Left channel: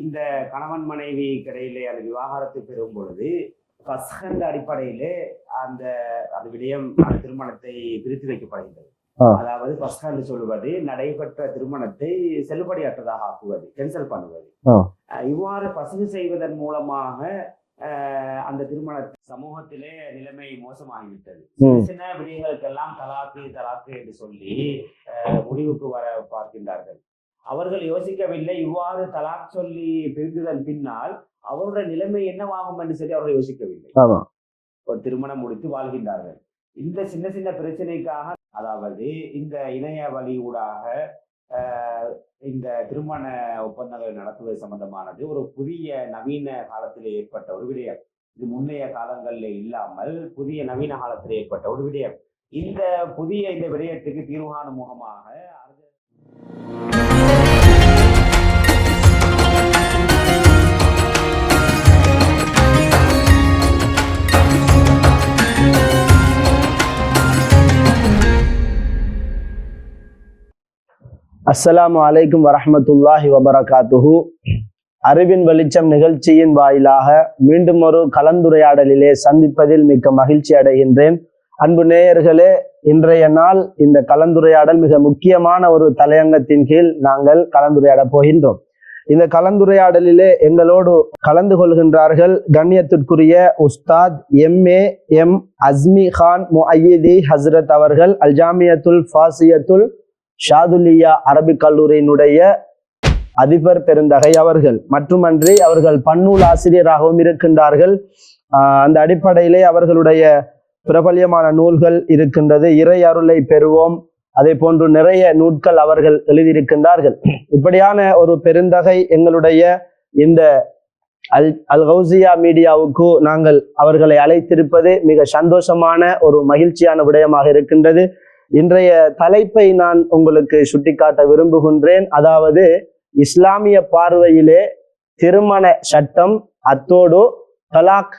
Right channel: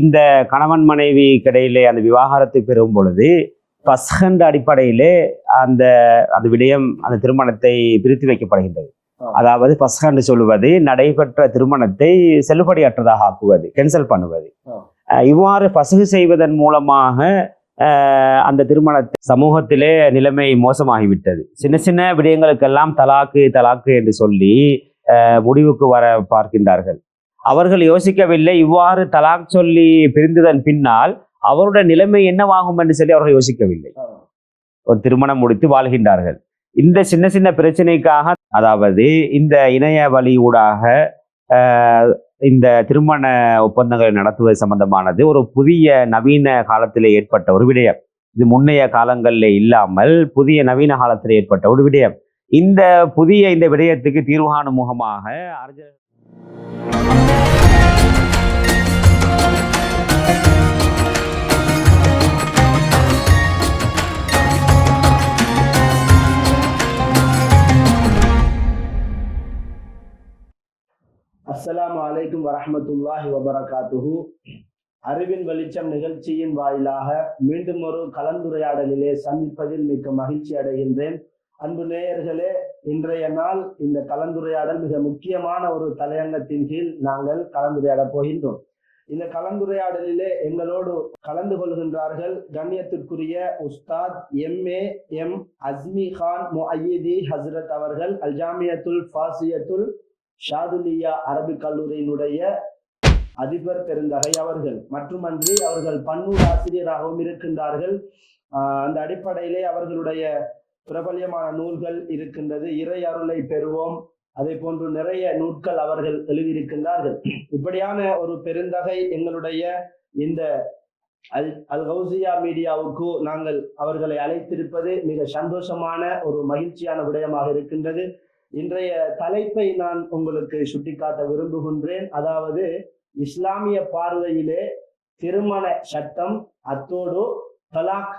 இந்த கணவன் மனைவி கிடையிலே அந்த விவாகரத்து பெறும் பொழுது பஸ்கண்ட அடிப்படையிலே அந்த அந்த விடயம் அந்த திருமணத்தை பிரித்து வைக்கப்படுகின்றது. அதாவது பஸ்கண்டு சொல்லுவது நடைபெற்ற திருமணத்தை செல்லுபடியற்றதாக ஆக்குவது, கேன்சல் பண்ணுவது. இவ்வாறு பசகு செய்வதன் மூலமாக அந்த திருமணத்தை சமூகத்திலே நிலைமை மோசமாகிவிட்டது. சின்ன சின்ன விடயங்களுக்கெல்லாம் தலாக்கு என்று சொல்லி முடிவுக்கு வர பார்க்கின்றார்கள். அவர்கள் யோசிக்கவில்லை, இவ்வாறு தலாக் சொல்லி பிரிந்ததன் பின்னால் அவருடைய நிலைமை என்னவாகும் என்று சொல்லி அவர்கள் யோசிக்கவில்லை. ஒரு திருமணம் முடித்து வாழ்கின்றார்கள். இந்த சின்ன சின்ன பிரச்சனைக்காக, அதாவது இந்த இணைய வழி ஊடாக இந்த திருமண ஒப்பந்தங்களை நடத்துவது சம்பந்தமானது ஒரு புதிய நவீன காலத்திலே ஏற்பட்ட ஒரு விடயம். இது முன்னைய காலங்களில் இல்லாமல் புதிய நவீன காலத்தில் ஏற்பட்ட ஒரு விடயம். இந்த புதிய இந்த விடயத்துக்கு தீர்வு காணும் முகமாக அஸ்ஸலாமு அலைக்கும் வரஹ்மத்துல்லாஹி வபரகாத்துஹு. அறிவின் வெளிச்சம் நிகழ்ச்சியின் வாயிலாக மீண்டும் ஒரு கலந்துரையாடலிலே சந்திப்பதில் மிக்க மகிழ்ச்சி அடைகின்றேன். அன்பு நேயர்களே, இன்றைய நாள் இந்த கலந்துரையாடல் மிக முக்கியமான ஒரு தலையங்கத்தின் கீழ் நாங்கள் கலந்துரையாட போகின்றோம். இந்த கலந்துரையாடலிலே எங்களோடு கலந்து கொள்கின்றார்கள் கண்ணியத்திற்குரிய உஸ்தாத் எம் அஸ்மி கான் முஅய்யிதி ஹஸ்ரத் அவர்கள், அல் ஜாமியத்துல் ஃபாசியத்துல் ஷாதுலியா அரபிக் கல்லூரியினுடைய அதிபர் பெருந்தகை அவர்கள். மட்டுமன்றி அவர்கள் பன்னூல் ஆசிரியராகவும் இருக்கின்றார்கள். அந்த அடிப்படையிலே அவர்களுடைய பிரபல்யமான நூல்கள் இருக்கின்றது. இறை அருளை பெறுவோம், அதே போன்று நிறைய நூல்கள் அவர்கள் எழுதியிருக்கின்றார்கள். இப்படியான ஒரு பெருந்தகை எங்களுடைய இந்த அல் கௌசியா மீடியாவுக்கு நாங்கள் அவர்களை அழைத்திருப்பது மிக சந்தோஷமான ஒரு மகிழ்ச்சியான விடயமாக இருக்கின்றது. இன்றைய தலைப்பை நான் உங்களுக்கு சுட்டிக்காட்ட விரும்புகின்றேன். அதாவது இஸ்லாமிய பார்வையிலே திருமண சட்டம், அத்தோடு தலாக்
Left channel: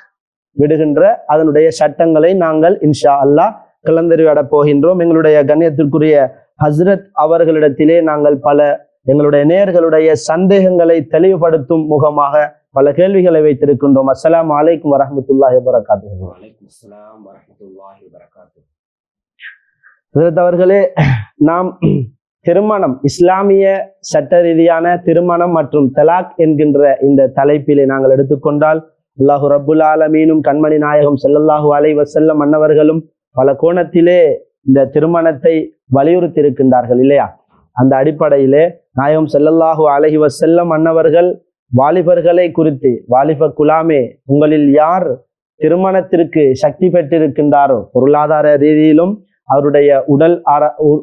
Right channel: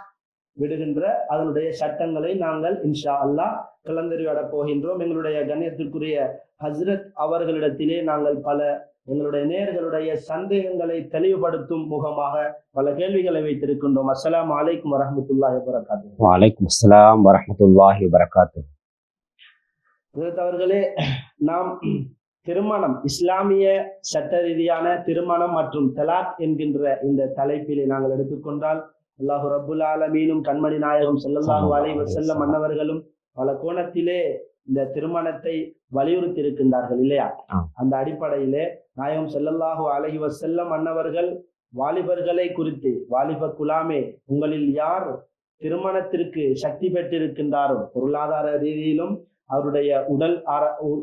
விடுகின்ற அதனுடைய சட்டங்களை நாங்கள் இன்ஷா அல்லாஹ் கலந்துரையாட போகின்றோம். எங்களுடைய கண்ணியத்திற்குரிய ஹஸ்ரத் அவர்களிடத்திலே நாங்கள் பல எங்களுடைய நேயர்களுடைய சந்தேகங்களை தெளிவுபடுத்தும் முகமாக பல கேள்விகளை வைத்திருக்கின்றோம். அஸ்ஸலாமு அலைக்கும் வரஹ்மத்துல்லாஹி வபரகாத்துஹு. வலைக்கும் அஸ்ஸலாம் வரஹ்மத்துல்லாஹி வபரகாத்துஹு. அவர்களே, நாம் திருமணம், இஸ்லாமிய சட்ட ரீதியான திருமணம் மற்றும் தலாக் என்கின்ற இந்த தலைப்பிலே நாங்கள் எடுத்துக்கொண்டால், அல்லாஹு ரப்புல் ஆலமீனும் கண்மணி நாயகம் ஸல்லல்லாஹு அலைஹி வஸல்லம் அன்னவர்களும் பல கோணத்திலே இந்த திருமணத்தை வலியுறுத்தி இருக்கின்றார்கள் இல்லையா? அந்த அடிப்படையிலே நாயகம் ஸல்லல்லாஹு அலைஹி வஸல்லம் அன்னவர்கள் வாலிபர்களை குறித்து, வாலிப குலாமே, உங்களில் யார் திருமணத்திற்கு சக்தி பெற்றிருக்கின்றாரோ, பொருளாதார ரீதியிலும் அவருடைய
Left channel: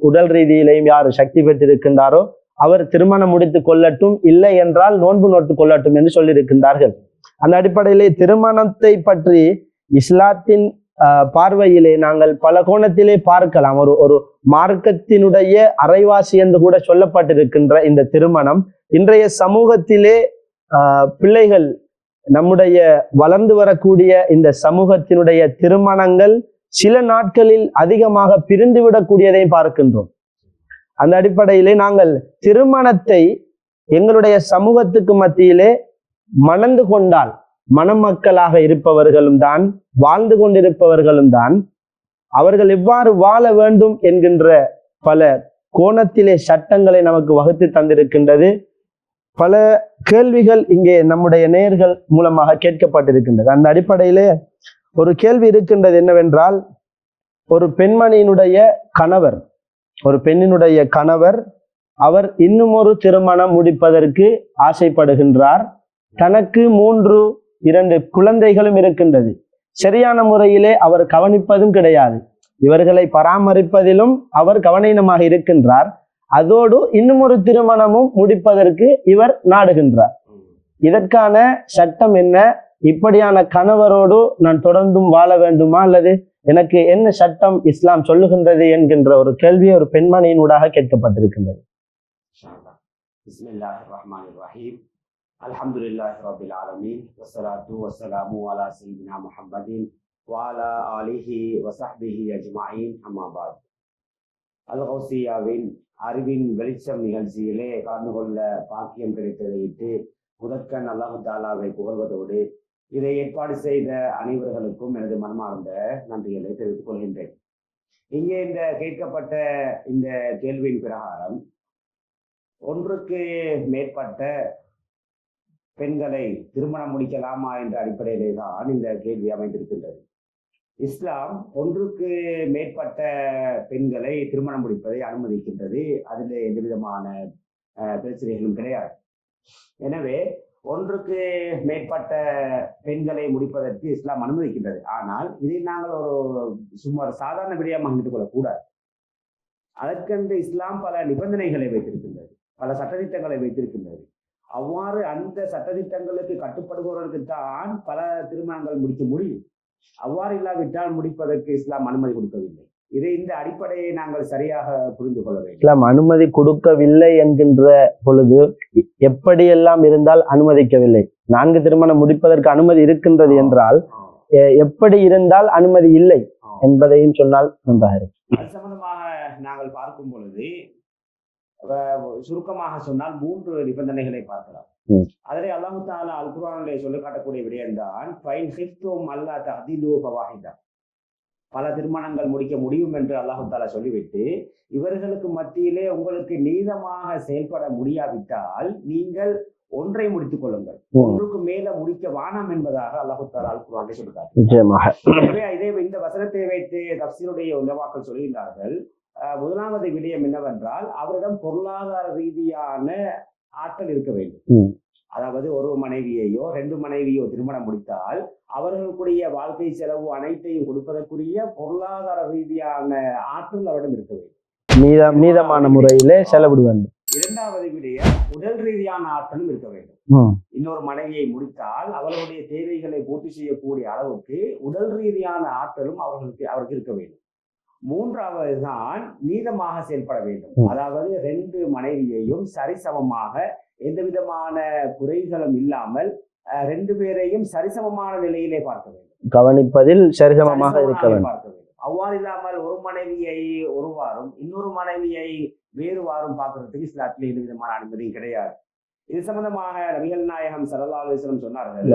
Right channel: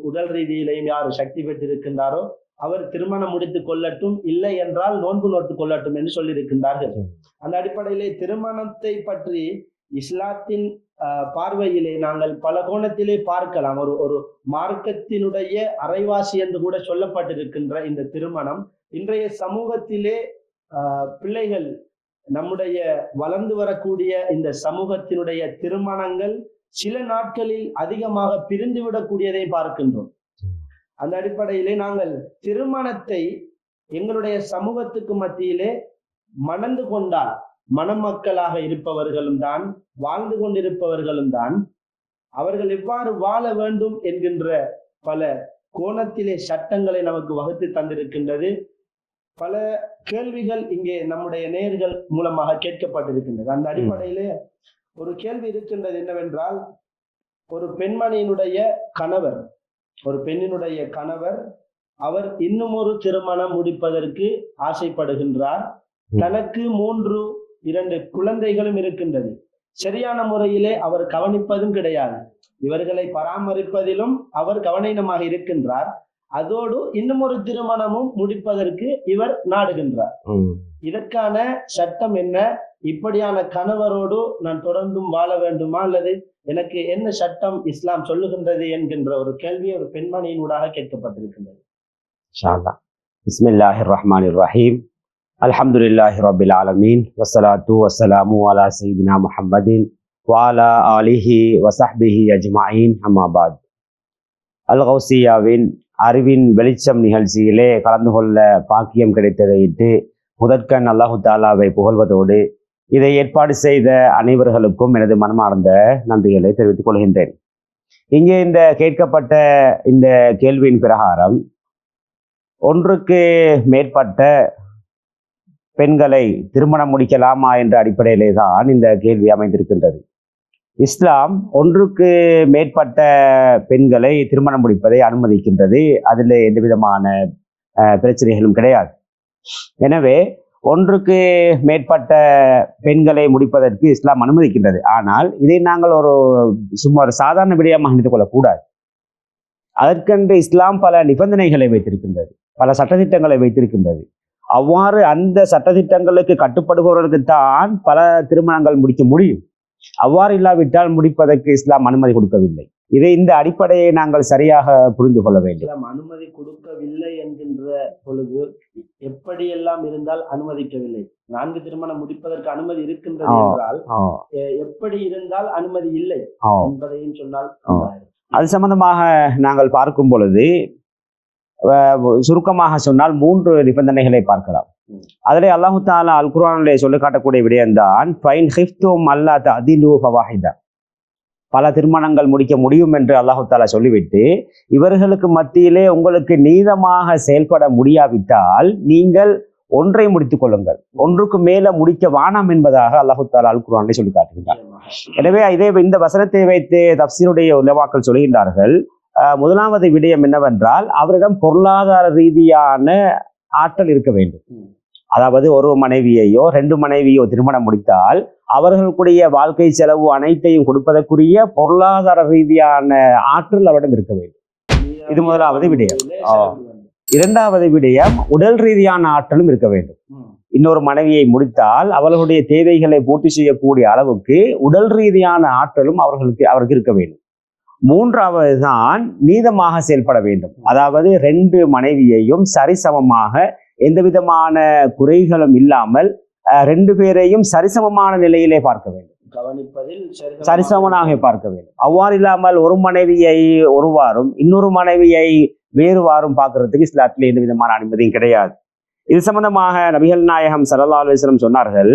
உடல் ரீதியிலையும் யார் சக்தி பெற்றிருக்கின்றாரோ அவர் திருமணம் முடித்து கொள்ளட்டும், இல்லை என்றால் நோன்பு நோட்டு கொள்ளட்டும் என்று சொல்லியிருக்கின்றார்கள். அந்த அடிப்படையிலே திருமணத்தை பற்றி இஸ்லாத்தின் பார்வையிலே நாங்கள் பல கோணத்திலே பார்க்கலாம். ஒரு மார்க்கத்தினுடைய அரைவாசி என்று கூட சொல்லப்பட்டிருக்கின்ற இந்த திருமணம் இன்றைய சமூகத்திலே பிள்ளைகள், நம்முடைய வளர்ந்து வரக்கூடிய இந்த சமூகத்தினுடைய திருமணங்கள் சில நாட்களில் அதிகமாக பிரிந்துவிடக்கூடியதை பார்க்கின்றோம். அந்த அடிப்படையிலே நாங்கள் திருமணத்தை எங்களுடைய சமூகத்துக்கு மத்தியிலே மணந்து கொண்டால், மணமக்களாக இருப்பவர்களும் தான், வாழ்ந்து கொண்டிருப்பவர்களும் தான், அவர்கள் எவ்வாறு வாழ வேண்டும் என்கின்ற பல கோணத்திலே சட்டங்களை நமக்கு வகுத்து தந்திருக்கின்றது. பல கேள்விகள் இங்கே நம்முடைய நேயர்கள் மூலமாக கேட்கப்பட்டிருக்கின்றது. அந்த அடிப்படையிலே ஒரு கேள்வி இருக்கின்றது என்னவென்றால், ஒரு பெண்மணியினுடைய கணவர், ஒரு பெண்ணினுடைய கணவர், அவர் இன்னும் ஒரு திருமணம் முடிப்பதற்கு ஆசைப்படுகின்றார். தனக்கு 2 குழந்தைகளும் இருக்கின்றது. சரியான முறையிலே அவர் கவனிப்பதும் கிடையாது. இவர்களை பராமரிப்பதிலும் அவர் கவனீனமாக இருக்கின்றார். அதோடு இன்னும் ஒரு திருமணமும் முடிப்பதற்கு இவர் நாடுகின்றார். இதற்கான சட்டம் என்ன? இப்படியான கணவரோடு நான் தொடர்ந்தும் வாழ வேண்டுமா, அல்லது எனக்கு என்ன சட்டம் இஸ்லாம் சொல்லுகின்றது என்கின்ற ஒரு கேள்வி ஒரு பெண்மணியினூடாக கேட்கப்பட்டிருக்கின்றது. பிஸ்மில்லாஹிர் ரஹ்மானிர் ரஹீம். அல்ஹம்துலில்லாஹி ரப்பில் ஆலமீன். வஸ்ஸலாத்து வஸ்ஸலாமு அலா சய்யிதினா முஹம்மதின் வ அலா ஆலிஹி வ ஸஹ்பிஹி அஜ்மஈன். அம்மா பாத். அல் கௌசியாவின் அறிவின் வெளிச்சம் நிகழ்ச்சியிலே கலந்து கொள்ள பாக்கியம் கிடைத்ததை இட்டு முதற்கண் அல்லாஹு தாலாவை புகழ்வதோடு இதை ஏற்பாடு செய்த அனைவர்களுக்கும் எனது மனமார்ந்த நன்றிகளை தெரிவித்துக் கொள்கின்றேன். இங்கே இந்த கேட்கப்பட்ட இந்த கேள்வியின் பிரகாரம் ஒன்றுக்கு மேற்பட்ட பெண்களை திருமணம் முடிக்கலாமா என்ற அடிப்படையிலே தான் இந்த கேள்வி அமைந்திருக்கின்றது. இஸ்லாம் ஒன்றுக்கு மேற்பட்ட பெண்களை திருமணம் முடிப்பதை அனுமதிக்கின்றது. அதில் எந்த விதமான பிரச்சனைகளும் கிடையாது. எனவே ஒன்றுக்கு மேற்பட்ட பெண்களை முடிப்பதற்கு இஸ்லாம் அனுமதிக்கின்றது. ஆனால் இதை நாங்கள் சும்மா ஒரு சாதாரண விடயமாக நினைத்துக் கொள்ளக்கூடாது. அதற்கென்று இஸ்லாம் பல நிபந்தனைகளை வைத்திருக்கின்றது, பல சட்டத்திட்டங்களை வைத்திருக்கின்றது. அவ்வாறு அந்த சட்டத்திட்டங்களுக்கு கட்டுப்படுபவர்களுக்கு தான் பல திருமணங்கள் முடிக்க முடியும். அவ்வாறு இல்லாவிட்டால் முடிப்பதற்கு இஸ்லாம் அனுமதி கொடுக்கவில்லை. இந்த அடிப்படையை நாங்கள் சரியாக புரிந்து கொள்ள வேண்டும். இஸ்லாம் அனுமதி கொடுக்கவில்லை என்கின்ற பொழுது எப்படியெல்லாம் இருந்தால் அனுமதிக்கவில்லை? 4 திருமணம் முடிப்பதற்கு அனுமதி இருக்கின்றது என்றால் எப்படி இருந்தால் அனுமதி இல்லை என்பதையும் சொன்னால் அது சம்பந்தமாக நாங்கள் பார்க்கும் பொழுது சுருக்கமாக சொன்னால் 3 நிபந்தனைகளை பார்க்கலாம். அதிலே அல்லாஹு தாலா அல் குர்ஆனிலே சொல்லி காட்டக்கூடிய விடயம்தான் ஃபைன் ஹிஃப்தும் அல்லா தஅதிலு ஃபவாஹிதா. பல திருமணங்கள் முடிக்க முடியும் என்று அல்லாஹு தாலா சொல்லிவிட்டு இவர்களுக்கு மத்தியிலே உங்களுக்கு நீதமாக செயல்பட முடியாவிட்டால் நீங்கள் ஒன்றை முடித்துக் கொள்ளுங்கள், ஒன்றுக்கு மேல முடிக்க வானம் என்பதாக அல்லாஹு தாலா அல் குர்ஆனிலே சொல்லி காட்டுகிறார். எனவே இந்த வசனத்தை வைத்து தஃப்சீருடைய உலமாக்கள் சொல்கின்றார்கள், முதலாவது விடயம் என்னவென்றால் அவரிடம் பொருளாதார ரீதியான ஆற்றல் இருக்க வேண்டும். அதாவது ஒரு மனைவியையோ 2 மனைவியோ திருமணம் முடித்தால் அவர்களுடைய வாழ்க்கை செலவு அனைத்தையும் கொடுப்பதற்குரிய பொருளாதார ரீதியான ஆற்றல் அவரிடம் இருக்க வேண்டும். இரண்டாவது விடயம் இரண்டாவது விடயம் உடல் ரீதியான ஆற்றலும் இருக்க வேண்டும். இன்னொரு மனைவியை முடித்தால் அவர்களுடைய தேவைகளை பூர்த்தி செய்யக்கூடிய அளவுக்கு உடல் ரீதியான ஆற்றலும் அவருக்கு இருக்க வேண்டும். மூன்றாவது தான் நீதமாக செயல்பட வேண்டும். அதாவது 2 மனைவியையும் சரிசமமாக எந்த விதமான குறைகளும் இல்லாமல் 2 பேரையும் சரிசமமான நிலையிலே பார்க்க வேண்டும், கவனிப்பதில் சரிசமனாக பார்க்க வேண்டும். அவ்வாறு இல்லாமல் ஒரு மனைவியை ஒருவாறும் இன்னொரு மனைவியை வேறுவாறும் பார்க்கறதுக்கு இஸ்லாத்திலே எந்த விதமான அனுமதியும் கிடையாது. இது சம்பந்தமாக நபிகள் நாயகம் ஸல்லல்லாஹு அலைஹி வஸல்லம் சொன்னார்கள்,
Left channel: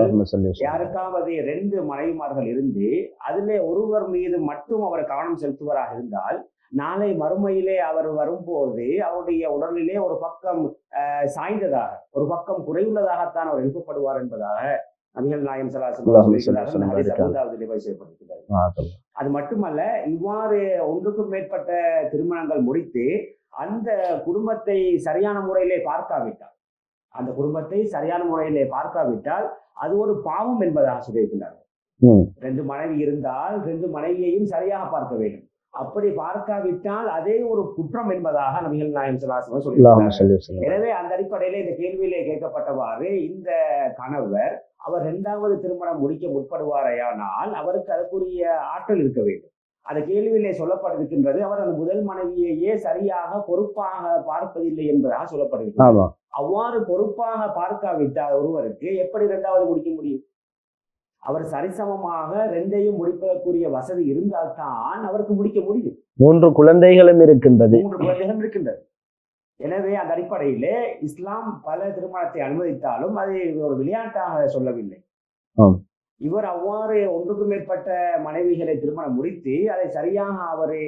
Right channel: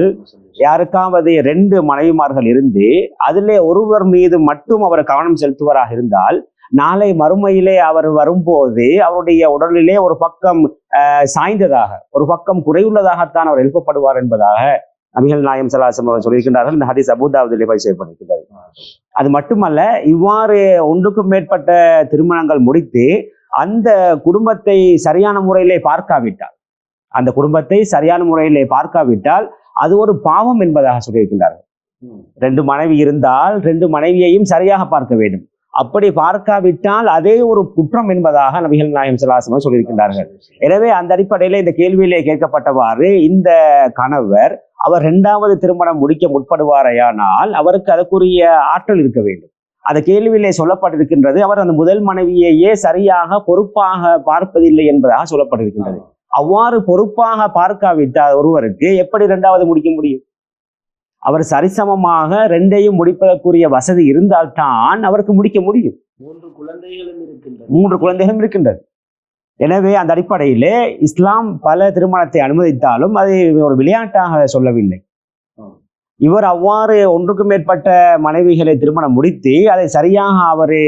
யாருக்காவது 2 மனைவிமார்கள் இருந்து அதிலே ஒருவர் மீது மட்டும் அவர் கவனம் செலுத்துவராக இருந்தால் நாளை மறுமையிலே அவர் வரும்போது அவருடைய உடலிலே ஒரு பக்கம் சாய்ந்ததாக ஒரு பக்கம் குறைவுள்ளதாகத்தான் அவர் எழுப்பப்படுவார் என்பதாக நபிகள் நாயகம் ஸல்லல்லாஹு அலைஹி வஸல்லம் சொல்லியிருக்கிறார்கள். இந்த ஹதீஸ் அபூ தாவூதிலே பதிவு செய்யப்பட்டிருக்கிறது. அது மட்டுமல்ல, இவ்வாறு ஒன்றுக்கும் மேற்பட்ட திருமணங்கள் முடித்து அந்த குடும்பத்தை சரியான முறையிலே பார்க்காவிட்டால் அது ஒரு பாவம் என்பதாக சொல்லியிருக்கிறார்கள். 2 மனைவி இருந்தால் 2 மனைவியையும் சரியாக பார்க்க வேண்டும். அப்படி பார்க்காவிட்டால் அதே ஒரு குற்றம் என்பதாக நபிகள் நாயகம் ஸல்லல்லாஹு அலைஹி வஸல்லம் சொல்லியிருக்கிறார்கள். எனவே அந்த அடிப்படையில இந்த கேள்வியிலே கேட்கப்பட்டவாறு இந்த கணவர் அவர் 2வது திருமணம் முடிக்க முற்படுவாரையானால் அவருக்கு அதற்குரிய ஆற்றல் இருக்க வேண்டும். அந்த கேள்வியிலே சொல்லப்பட்டிருக்கின்றது, அவர் அந்த முதல் மனைவியையே சரியாக பொறுப்பாக பார்ப்பதில்லை என்பதாக சொல்லப்பட்டிருக்கிறது. அவ்வாறு பொறுப்பாக பார்க்காவிட்டால் ஒருவருக்கு எப்படி 2வது முடிக்க முடியும்? அவர் சரிசமமாக 2ஐயும் முடிப்பதற்குரிய வசதி இருந்தால்தான் அவருக்கு முடிக்க முடியும். 3 குழந்தைகளும் இருக்கின்றது. எனவே அந்த அடிப்படையிலே இஸ்லாம் பல திருமணத்தை அனுமதித்தாலும் அதை ஒரு விளையாட்டாக சொல்லவில்லை. இவர் அவ்வாறு ஒன்றுக்கு மேற்பட்ட மனைவிகளை திருமணம் முடித்து அதை சரியாக அவரை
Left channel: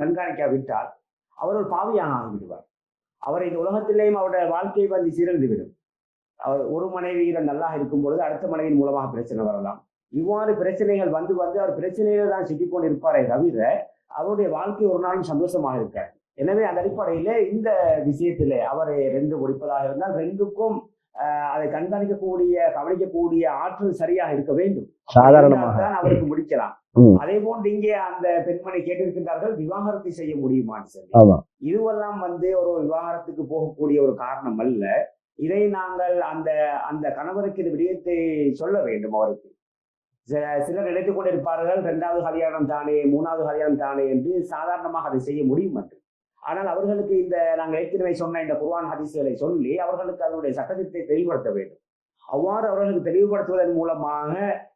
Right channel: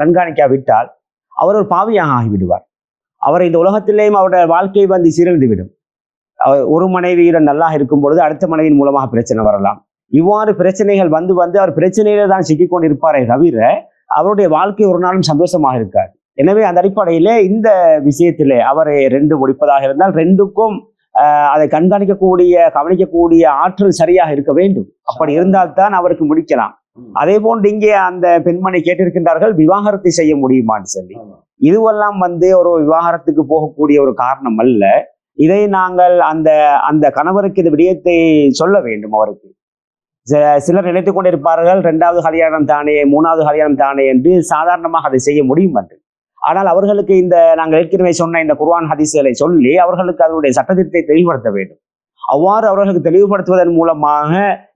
கண்காணிக்காவிட்டால் அவர் ஒரு பாவியாக ஆகிவிடுவார். அவர் இந்த உலகத்திலேயும் அவருடைய வாழ்க்கை சீரழிந்து விடும். ஒரு மனைவியுடன் நல்லா இருக்கும் பொழுது அடுத்த மனைவியின் மூலமாக பிரச்சனை வரலாம். இவ்வாறு பிரச்சனைகள் வந்து அவர் பிரச்சனையில தான் சிக்கிக்கொண்டிருப்பாரே தவிர அவருடைய வாழ்க்கை ஒரு நாளும் சந்தோஷமாக இருக்கார். எனவே அந்த அடிப்படையிலே இந்த விஷயத்திலே அவர் 2 முடிப்பதாக இருந்தால் 2க்கும் அதை கவனிக்கக்கூடிய ஆற்றல் சரியாக இருக்க வேண்டும். அப்படி இருந்தால்தான் அவருக்கு முடிக்கலாம். அதே போன்று இங்கே அந்த பெண்மணி கேட்டிருக்கின்றார்கள், விவாகரத்து செய்ய முடியுமான்னு சொல்லி. இதுவெல்லாம் ஒரு விவாகரத்துக்கு போகக்கூடிய ஒரு காரணம் அல்ல. இதை நாங்கள் அந்த கணவருக்கு இந்த விடயத்தை சொல்ல வேண்டும். அவருக்கு சிலர் நினைத்துக் கொண்டிருப்பார்கள் 2வது கல்யாணம் தானே 3வது கல்யாணம் தானே என்று சாதாரணமாக அதை செய்ய முடியும் என்று. ஆனால் அவர்களுக்கு நாங்கள் ஏற்கனவே சொன்ன இந்த குர்ஆன் ஹதீஸ்களை சொல்லி அவர்களுக்கு அதனுடைய சட்டத்திட்டத்தை தெளிவுபடுத்த வேண்டும். அவ்வாறு அவர்களுக்கு தெளிவுபடுத்துவதன் மூலமாக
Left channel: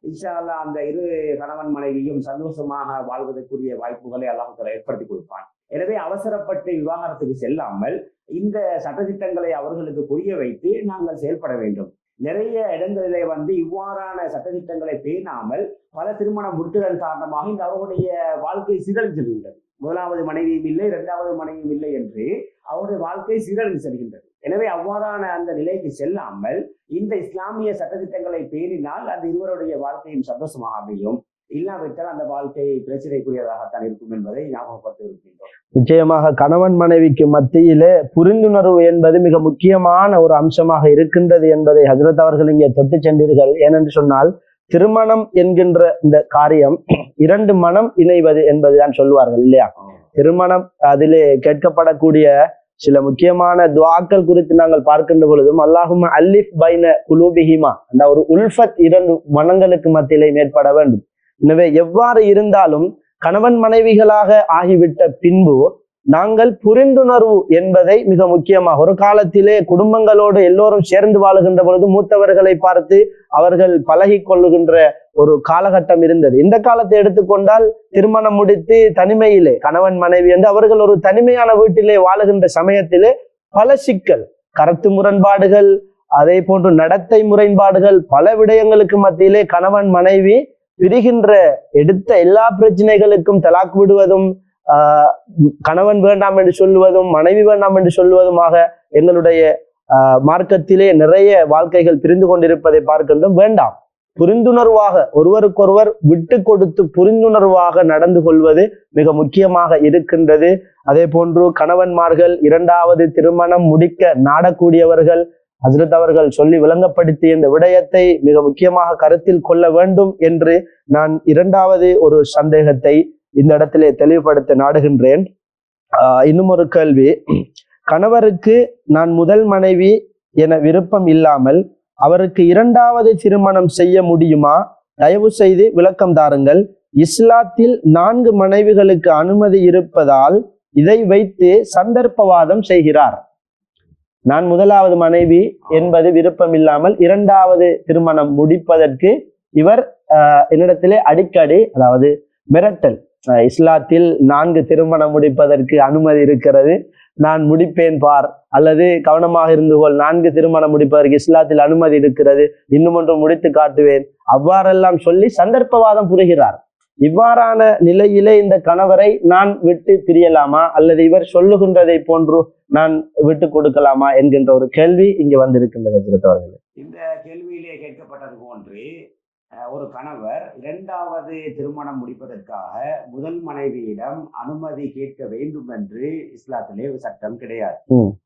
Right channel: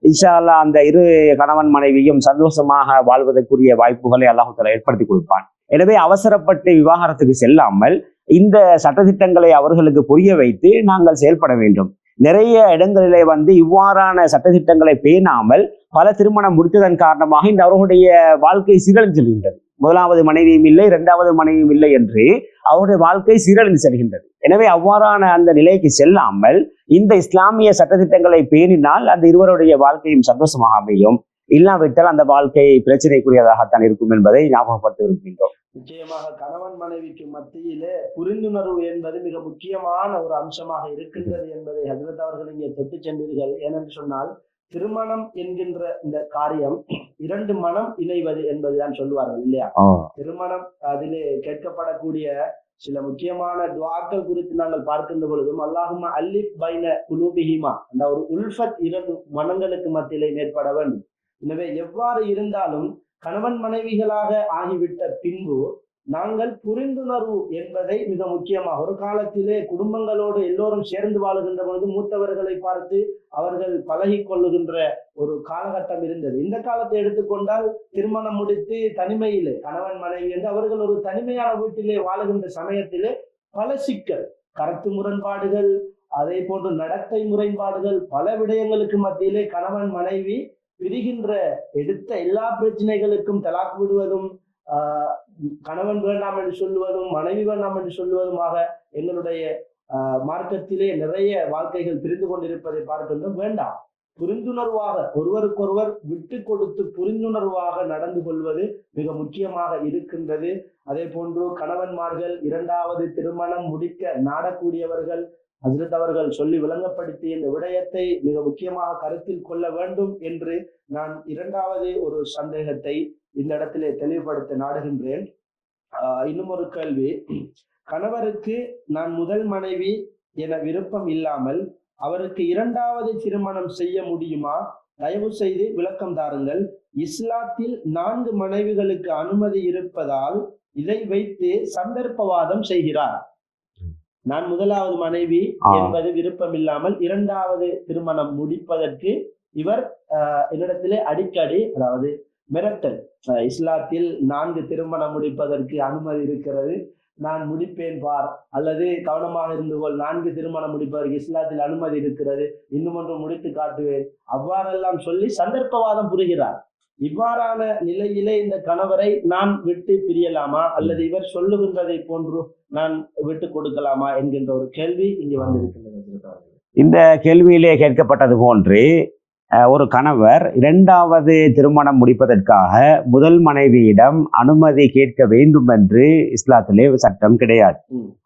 இன்ஷா அல்லாஹ் அந்த 2 கணவன் மனைவியும் சந்தோஷமாக வாழ்வதற்குரிய வாய்ப்புகளை அல்லாஹ் தஆலா ஏற்படுத்தி கொடுப்பான். எனவே அவசரப்பட்டு விவாகரத்துக்கு செல்லாமல் இந்த சட்டத்திட்டங்களை அவர்களுக்கு புரிய வைத்து நாங்கள் செயல்பட வேண்டும். நிறைய இடங்களிலே இவ்வாறான சட்டத்திட்டங்களை பேணாமல் பல திருமணம் முடித்ததன் காரணமாக இந்த அவர்களுடைய வாழ்க்கை சீரழிந்து செல்கின்றது. முதலாவது மனைவியும் இல்லை, இரண்டாவது மனைவியும் இல்லை என்று அவருடைய வாழ்க்கை சீரழிந்து செல்கின்றது. எனவே அவ்வாறான அந்த நிலைக்கு செல்லாமல் இந்த இஸ்லாமிய சட்டத்திட்டங்களை பேணினால் அந்த இருவருடைய வாழ்க்கையும் சந்தோஷமாக அமையும். இல்லாவிட்டால் அந்த வாழ்க்கை பிரச்சனைக்குரியதாகத்தான் இருக்கும் என்பதை ஞாபகப்படுத்த விரும்புகின்றோம். நிச்சயமாக கணவன் மனைவிக்கு மத்தியிலே புரிந்துணர்வு என்பது மிக முக்கியமான ஒரு அம்சமாக இருக்கின்றது என்பதை ஹஜ்ரத் அவர்கள் இங்கே தொட்டு சென்றீர்கள். ஏனென்று சொன்னால் திருமணம் என்கின்ற இந்த காரியம் இரண்டு மனம் இணைவது என்பதுதான் சொல்வார்கள் இல்லையா? திருமணம் அதிலே கேட்கப்படக்கூடிய சில முக்கியமான துஆக்கள் குறித்து நாங்கள் பார்க்கின்ற பொழுதும் அல்லாஹும்ம அல்லிஃப் பைன குலூபிஹிமா, அந்த ஒரு உல்ஃபத் இரண்டு மனங்களுக்கு மத்தியிலே மேற்பட வேண்டும். எனவே எவ்வாறு இருந்தாலும் கணவன் மனைவிகளாக ஆகிவிட்ட பின்பு நாங்கள் புரிந்துணர்வு என்பதை மிக முக்கியமாக ஒரு காலத்திலே குடும்பங்களோடு எல்லோரும் சேர்ந்து வாழுகின்ற பொழுது மூத்தவர்களை பார்த்து அவர்கள் பழகி கொள்ளுகின்ற ஒரு காலகட்டம் இருந்தது. இந்த காலத்தை எடுத்துக்கொண்டால் திருமணம் முடித்து தனிமையிலே கணவன் மனைவி என்று அவர்கள் ஒரு தனிமையான வீட்டிலே வாழுகின்ற சமயத்திலே பல சிக்கல், கருத்து முரண்பாடுகள், அதே போன்று நடத்தை முரண்பாடுகள், பல விடயங்களுக்கு மத்தியிலே கணவன் மனைவி பிரிகின்ற எடுத்த எல்லா பிரச்சனைகளுக்கும் தலாக் விடுவதும் கணவன் வேண்டாம் என்று சொல்லுவதும் மனைவி வேண்டாம் என்று சொல்லுவதுமாக எங்களுடைய மார்க்கத்திலே நிறைய வாழ்க்கைகள் பிரிந்து கொண்டிருப்பதை பார்க்கின்றோம். வேண்டாம், புரிந்துணர்வாக ஒருவருக்கொருவர் விட்டு கொடுத்து புரிந்துணர்வாக நடந்து கொள்வது மிக முக்கியமாக இருக்கின்றது. அதே போன்று கணவன்மார்கள் இரண்டாவது திருமணம் முடிக்க நாடக்கூடியவர்கள் ஹஜ்ரத் அவர்கள் சொல்லி விளங்கப்படுத்திய இந்த விடயத்தை மிக முக்கியமாக கருத்தில் கொள்ள வேண்டும் என்று நான் இரண்டாவது ஒரு சந்தேகத்தை இந்த இடத்திலே தெளிவுபடுத்த நாடுகின்றேன். இன்னும் ஒரு கேள்வி, கணவருக்கு நான் முதல் மனைவி என விருப்பம் இல்லாமல் அவருக்கு இரண்டாவது திருமணம் செய்ய முடியுமா? தயவு செய்து விளக்கம் தாருங்கள். இஸ்லாத்தில் 4 மனைவிகளுக்கு அனுமதி இருப்பதால் இதை வைத்து சந்தர்ப்பவாதம் செய்கிறார். நான் முதலாவது மனைவி என்பது விருப்பம் இல்லாமல் இரண்டாவது திருமணம் முடிப்பதற்கு இவர் என்னிடத்திலே அடிக்கடி, அதாவது மிரட்டல், இஸ்லாத்தில் 4 திருமணம் முடிப்பதற்கு அனுமதி இருக்கிறது, நான் முடிப்பேன் பார், அல்லது கவனமாக இருந்து கொள், 4 திருமணம் முடிப்பதற்கு இஸ்லாத்தில் அனுமதி இருக்கிறது, இன்னும் ஒன்று முடித்து காட்டுவேன், அவ்வாறெல்லாம் சொல்லி சந்தர்ப்பவாதம் புரிகிறார். இவ்வாறான நிலையிலே இந்த கணவரை நான் விட்டு பிரியலாமா அல்லது இவர் சொல்லுகின்றதை போன்று நான் விட்டு கொடுக்கலாமா என்கின்ற ஒரு கேள்வி இங்கே வந்திருக்கின்றது. இந்த கேள்வியிலே கேட்கப்பட்டது போன்று ஒரு கணவர் இரண்டாவது திருமணம் முடிப்பதற்காக முதல் மனைவியிடம் அனுமதி கேட்க வேண்டும் என்று இஸ்லாத்திலே சட்டம் கிடையாது.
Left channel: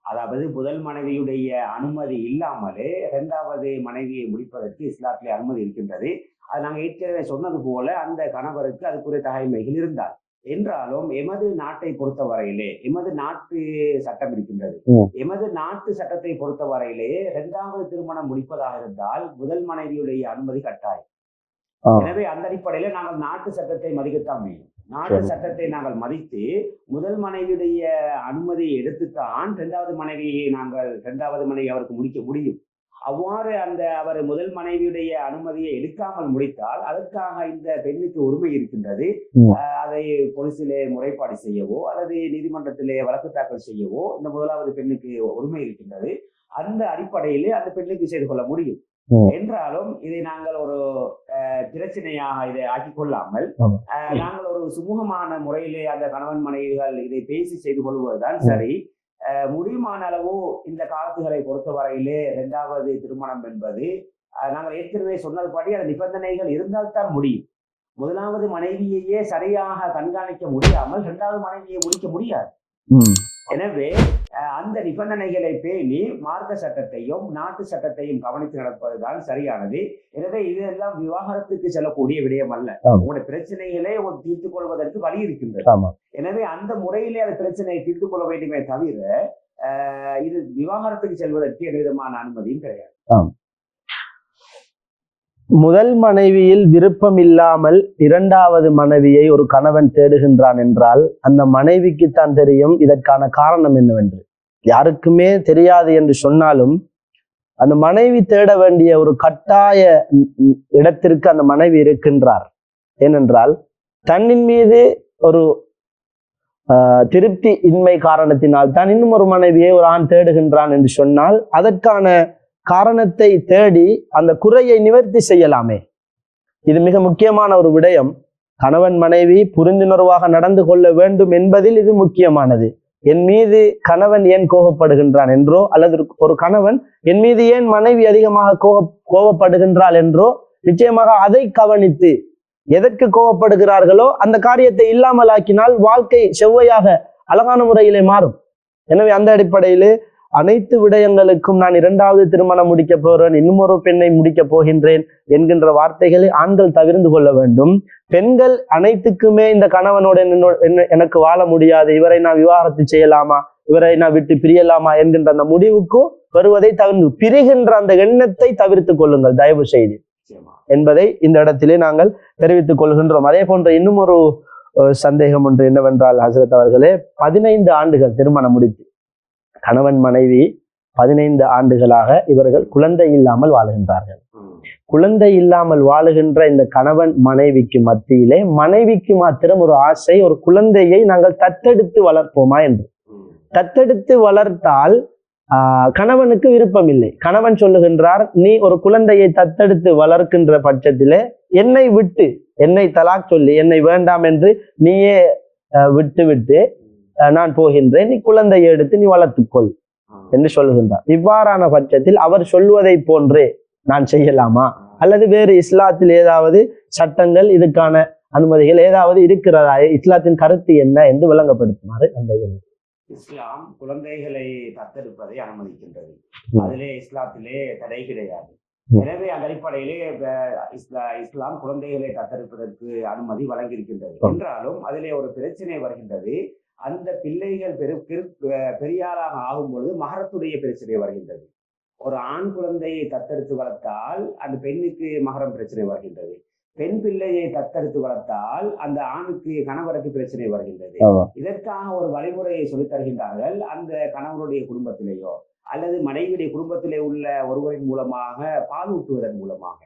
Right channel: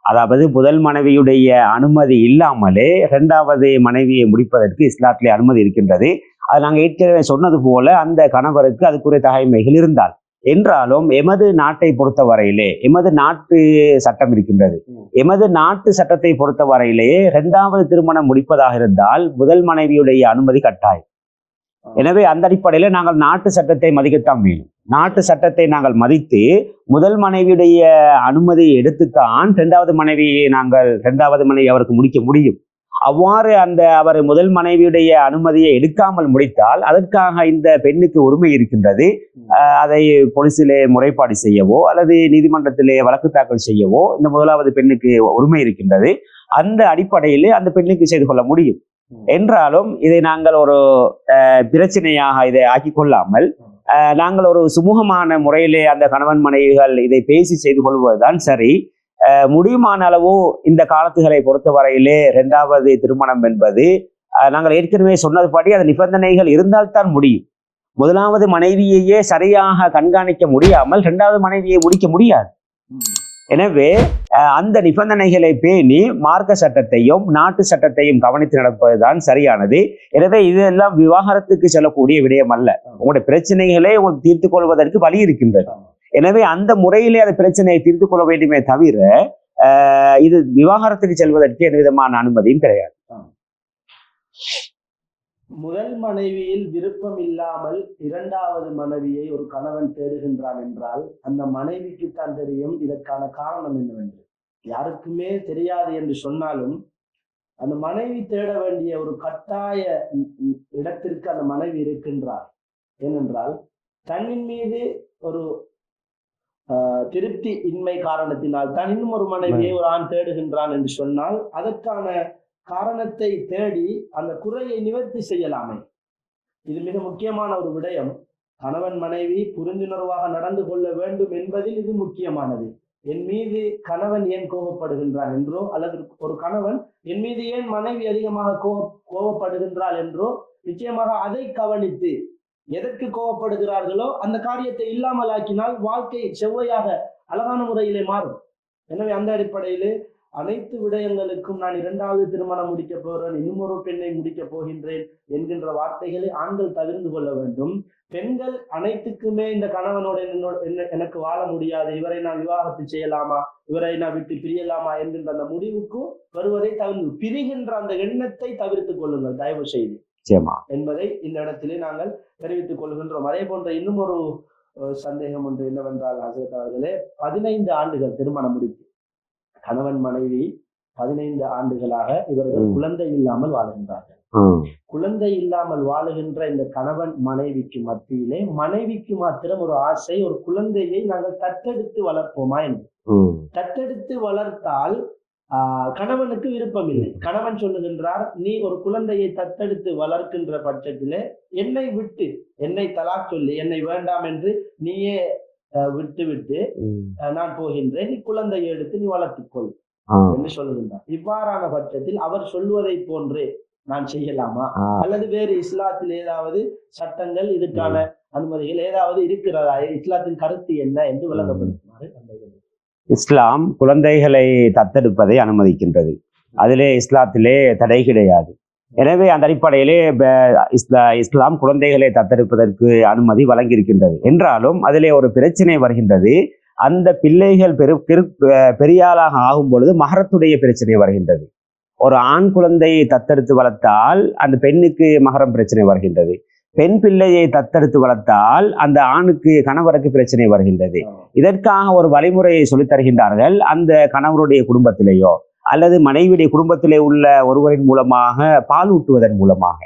அதாவது முதல் மனைவியுடைய அனுமதி இல்லாமலே இரண்டாவது மனைவியை முடிப்பதற்கு இஸ்லாத்திலே அனுமதி இருக்கின்றது. அது நாங்கள் ஏற்கனவே சொன்னது போல அந்த கணவருக்கு அதுக்குரிய தகைமைகள் இருந்தால் என்றாலும் எமது நாட்டை பொறுத்தவரையிலே எமது நாட்டு சட்டம் இருக்கின்றது. எமது நாட்டு சட்டத்தை பொறுத்தவரையிலேயே இரண்டாவது திருமணம் முடிப்பதாக இருந்தால் முதல் மனைவியுடைய அனுமதி கட்டாயம். எனவே அந்த அடிப்படையில நாங்கள் நாட்டு சட்டத்தை மதிக்கத்தான் வேணும். நாட்டு சட்டத்தை நாங்கள் மதித்து முதல் மனைவியுடைய அனுமதியை எடுத்துத்தான் இரண்டாவது மனைவி அவருக்கு முடிக்க முடியும். அவ்வாறு அவர் முதல் மனைவியுடைய அனுமதியை எடுக்காமல் முடித்தால் அதற்காக இந்த பெண்ணுக்கு உரிமை இருக்கின்றது. அதை போலீசிலே முறைப்பாடு செய்யவோ அல்லது நீதிமன்றத்திலே வழக்கு தாக்கல் செய்யவோ இந்த முதலாவது பெண்ணுக்கு உரிமை இருக்கின்றது. அந்த அடிப்படையிலே அந்த பெண்ணுக்கு செய்து கொள்ள முடியும். என்றாலும் இதை நாங்கள் ஒரு பிரச்சனையாக இதை ஆக்கி கொள்ளாமல் நாங்கள் ஒரு சுமூகமான முறையிலே அந்த கணவன் மனைவிகள் இதை பேசி செய்து கொள்வதுதான் சரி. முடியுமான அளவு இந்த காலத்துகளை பொறுத்தவரையிலே இரண்டாவது திருமணம் என்பது நாங்கள் ஏற்கனவே சொன்னதுபடி அது நிபந்தனைகள் இருந்தால்தான் முடியும். முதலாவது மனைவியையே சரியாக கண்காணிக்க முடியாமல் இரண்டாவது மனைவியை முடிக்க முடியாது. எனவே அந்த நிபந்தனைகளை பேணி மார்க்க சட்டத்தையும் நாட்டு சட்டத்தையும் கவனித்து நடப்பதுதான் சரியானது. எனவே இதெல்லாம் விவாகரத்துக்கு செல்லக்கூடிய விடயம் அல்ல. உங்களுடைய பிரச்சனைகளை உங்களுக்கு தீர்த்து கொள்வதற்கு வழி இருக்கின்றது. எனவே அந்த முறையிலே அந்த பிரச்சனையை தீர்த்து கொள்ள வேண்டுமே தவிர இது விவாகரத்துக்கு செல்வதற்கு எந்த விதமான அனுமதியும் கிடையாது. முதல் மனைவியில் விருப்பம் இல்லாமல் இரண்டாவது மனைவியை ஒரு கணவன் தேடுகின்றான் என்றால் அந்த மனைவிக்கு தான் தெரியும் இதற்கான காரணம் என்னவென்று. யாருக்குமே தெரியாது என்று சொன்னாலும் அந்த மனைவி தேட வேண்டிய ஒரு கட்டாய இடத்திற்கு அந்த மனைவி இருக்கின்றார். ஏனென்றால் தன்னின் மீது ஒரு திருப்தி இன்மை காரணத்தினால் தான் இன்னும் ஒரு மனைவியை ஒரு ஆண் தேடுகின்றான் என்று சொன்னால் அதற்கான காரணத்தை தேடி அந்த குறையை நிவர்த்தி செய்யலாமே. இது மிக முக்கியமான ஒரு விடயம். கணவன் மனைவி புரிந்துணர்வாக நடந்து கொள்ள வேண்டும் என்பதில் இது முக்கியமானது. என் மீது கணவன் ஏன் கோபப்படுகின்றான் என்றோ, அல்லது ஒரு கணவன் என் மீது ஏன் மனைவி அதிகமாக கோபப்படுகின்றாள் என்றோ, நிச்சயமாக அதை கவனித்து எதற்கு கோபப்படுகிறார்களோ அந்த காரியத்தை இல்லாமல் ஆக்கினால் வாழ்க்கை செவ்வையாக அழகான முறையிலே மாறும். எனவே அந்த அடிப்படையிலே அனைத்து விடயங்களுக்கும் நான் 2வது திருமணம் முடிக்க போறேன், இன்னும் ஒரு பெண்ணை முடிக்க போகின்றேன் என்கின்ற வார்த்தைகளை ஆண்கள் தவிர்த்து கொள்ள வேண்டும். பெண்கள் அனைத்துக்குமே இந்த கணவனோட எனக்கு வாழ முடியாது, இவரை நான் விவாகரத்து செய்யலாமா, இவரை நான் விட்டு பிரியலாமா என்கின்ற அந்த முடிவுக்கு வருவதை தவிர்த்து பிரிகின்ற அந்த எண்ணத்தை தவிர்த்து கொள்ளுங்கள் தயவு செய்து என்பதை இந்த இடத்திலே நாங்கள் தெரிவித்துக் கொள்கின்றோம். அதே போன்ற இன்னும் ஒரு சந்தேகம் ஒன்று என்னவென்றால், ஹசரத் அவர்களே, 15 ஆண்டுகள் திருமணம் முடித்து கணவன் மனைவி 15 ஆண்டுகளாக இவர்கள் குழந்தை இல்லாமல் வாழுகின்றார்கள். குழந்தை இல்லாமல் வாழுகின்ற இந்த கணவன் மனைவிக்கு மத்தியிலே மனைவிக்கு மாத்திரம் ஒரு ஆசை, ஒரு குழந்தையை நாங்கள் தத்தெடுத்து வளர்ப்போமா என்று. தத்தெடுத்து வளர்த்தால் கணவனுக்கு விருப்பம் இல்லை. கணவன் சொல்லுகின்றார், நீ ஒரு குழந்தையை தத்தெடுத்து வளர்க்கின்ற பட்சத்திலே என்னை விட்டு, என்னை தலாக் சொல்லி என்னை வேண்டாம் என்று நீயே விட்டு நான் போகின்றேன், நீ குழந்தையை எடுத்து நீ வளர்த்துக்கொள் என்று சொல்லுகின்றார். இவ்வாறான பட்சத்தில் அவர் சொல்வதை போன்றே நான் செய்யலாமா, அல்லது வேறு இஸ்லாத்தில் ஏதாவது சட்டங்கள் இதுக்கான அனுமதிகள் ஏதாவது இருக்கிறதா, இஸ்லாத்தின் கருத்து என்ன என்று விளங்கப்படுத்துமாறு அந்த இஸ்லாம் குழந்தைகளை தத்தெடுப்பதை அனுமதிக்கின்றது. அதிலே இஸ்லாத்திலே தடை கிடையாது. எனவே அந்த அடிப்படையிலே இஸ்லாம் குழந்தைகளை தத்தெடுப்பதற்கு அனுமதி வழங்கியிருக்கின்றது. என்றாலும் அதிலே ஒரு பிரச்சனை வருகின்றது. அந்த பிள்ளைகள் பெரியாளாக ஆகும் பொழுது மகரத்துடைய பிரச்சனை வருகின்றது. ஒரு ஆண் குழந்தையை தத்தெடுத்து வளர்த்தால் அந்த பெண்ணுக்கு மகரம் பிரச்சனை வருகின்றது. பெண் பிள்ளையை தத்தெடுத்து வளர்த்தால் அந்த ஆணுக்கு கணவருக்கு பிரச்சனை வருகின்றது. இதற்காக ஒரு வழிமுறையை சொல்லித் தருகின்றார்கள். அந்த கணவருடைய குடும்பத்திலேயோ அல்லது மனைவியுடைய குடும்பத்திலே உள்ள ஒருவரின் மூலமாக பால் ஊட்டுவதன் மூலமாக,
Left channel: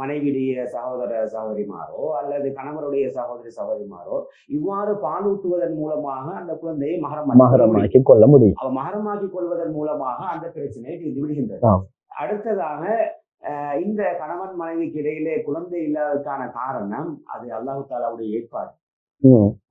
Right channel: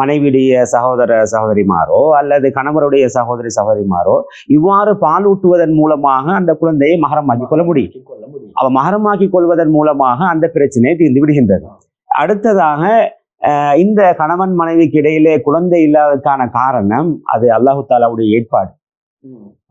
மனைவியுடைய சகோதர சகோதரிமாரோ அல்லது கணவருடைய சகோதரி சகோதரிமாரோ இவ்வாறு பால் ஊட்டுவதன் மூலமாக அந்த குழந்தையை மகரமாக்கி கொள்ள முடியும். அவ மகரமாக்கி கொள்வதன் மூலமாக அந்த பிரச்சனை தீர்ந்து விடுகின்றது. அடுத்ததாக இந்த கணவன் மனைவிக்கு இடையிலே குழந்தை இல்லாததுக்கான காரணம் அது அல்லாஹு தாலாவுடைய ஏற்பாடு.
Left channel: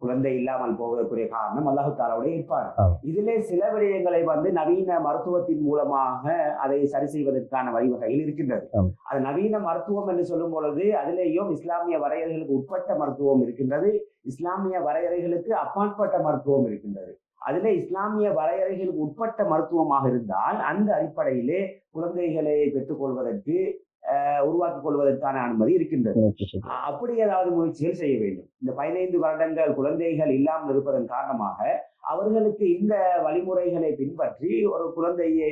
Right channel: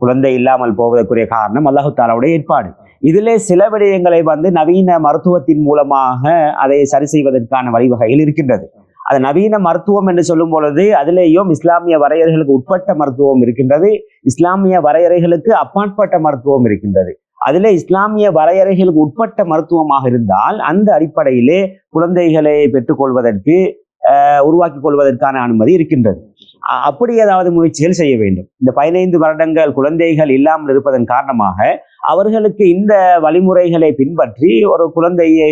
குழந்தை இல்லாமல் போவதற்குரிய காரணம் அல்லாஹு தாலாவுடைய ஏற்பாடு. இதிலே சில விடயங்களை நவீன மருத்துவத்தின் மூலமாக அதை சரி செய்வதற்கான வழிவகைகள் இருக்கின்றது. அது நவீன மருத்துவம் என்று சொல்லும் பொழுது அதிலேயும் இஸ்லாமிய வரையறைகளுக்கு உட்பட்ட மருத்துவம் இருக்கின்றது, இஸ்லாமிய வரையறைகளுக்கு அப்பாற்பட்ட மருத்துவம் இருக்கின்றது. அதிலே இஸ்லாமிய வரையறைகளுக்கு உட்பட்ட மருத்துவமாக இருந்தால் அந்த அடிப்படையிலே குழந்தைகளை பெற்றுக்கொள்வதற்கு உருவாக்கி கொள்வதற்கான அனுமதி இருக்கின்றது. அப்படி ஏதாவது முயற்சிகள் செய்ய வேண்டும். இந்த 15 வருடங்கள் குழந்தைகள் இல்லாமல் இருப்பதன் காரணமாக அவர்களுக்கு இந்த வழிமுறைகளை பின்பற்றி ஒரு குழந்தையை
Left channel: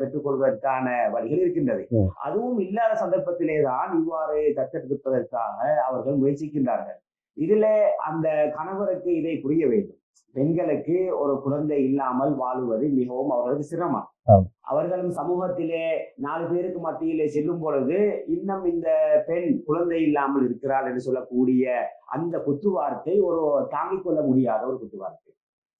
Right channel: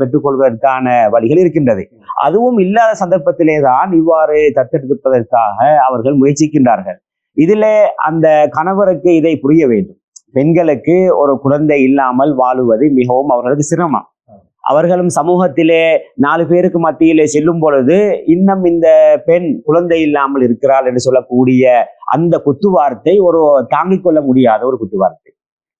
பெற்றுக்கொள்வதற்கான வழிகள் இருக்கின்றது. அதுவும் இல்லாத சந்தர்ப்பத்திலே தான் இவ்வாறு தத்தெடுப்பதற்காக அவர்கள் முயற்சிக்கின்றார்கள். இதிலே அந்த கணவருக்கு இதை புரிய வேண்டும். பெண்களுக்கு ஒரு குழந்தை இல்லாமல் வாழுவது மிகவும் அவர்களுக்கு சிரமம். அவர்களும் சமூகத்திலே 4 பேருக்கு மத்தியிலே செல்லும் பொழுது இன்னும் இந்த பெண் குழந்தை இல்லாமல் இருக்கிறாள் என்று சொல்லக்கூடிய அந்த குத்துவார்த்தை ஒரு தாங்கிக் கொள்ள முடியாத ஒரு குத்துவார்த்தை.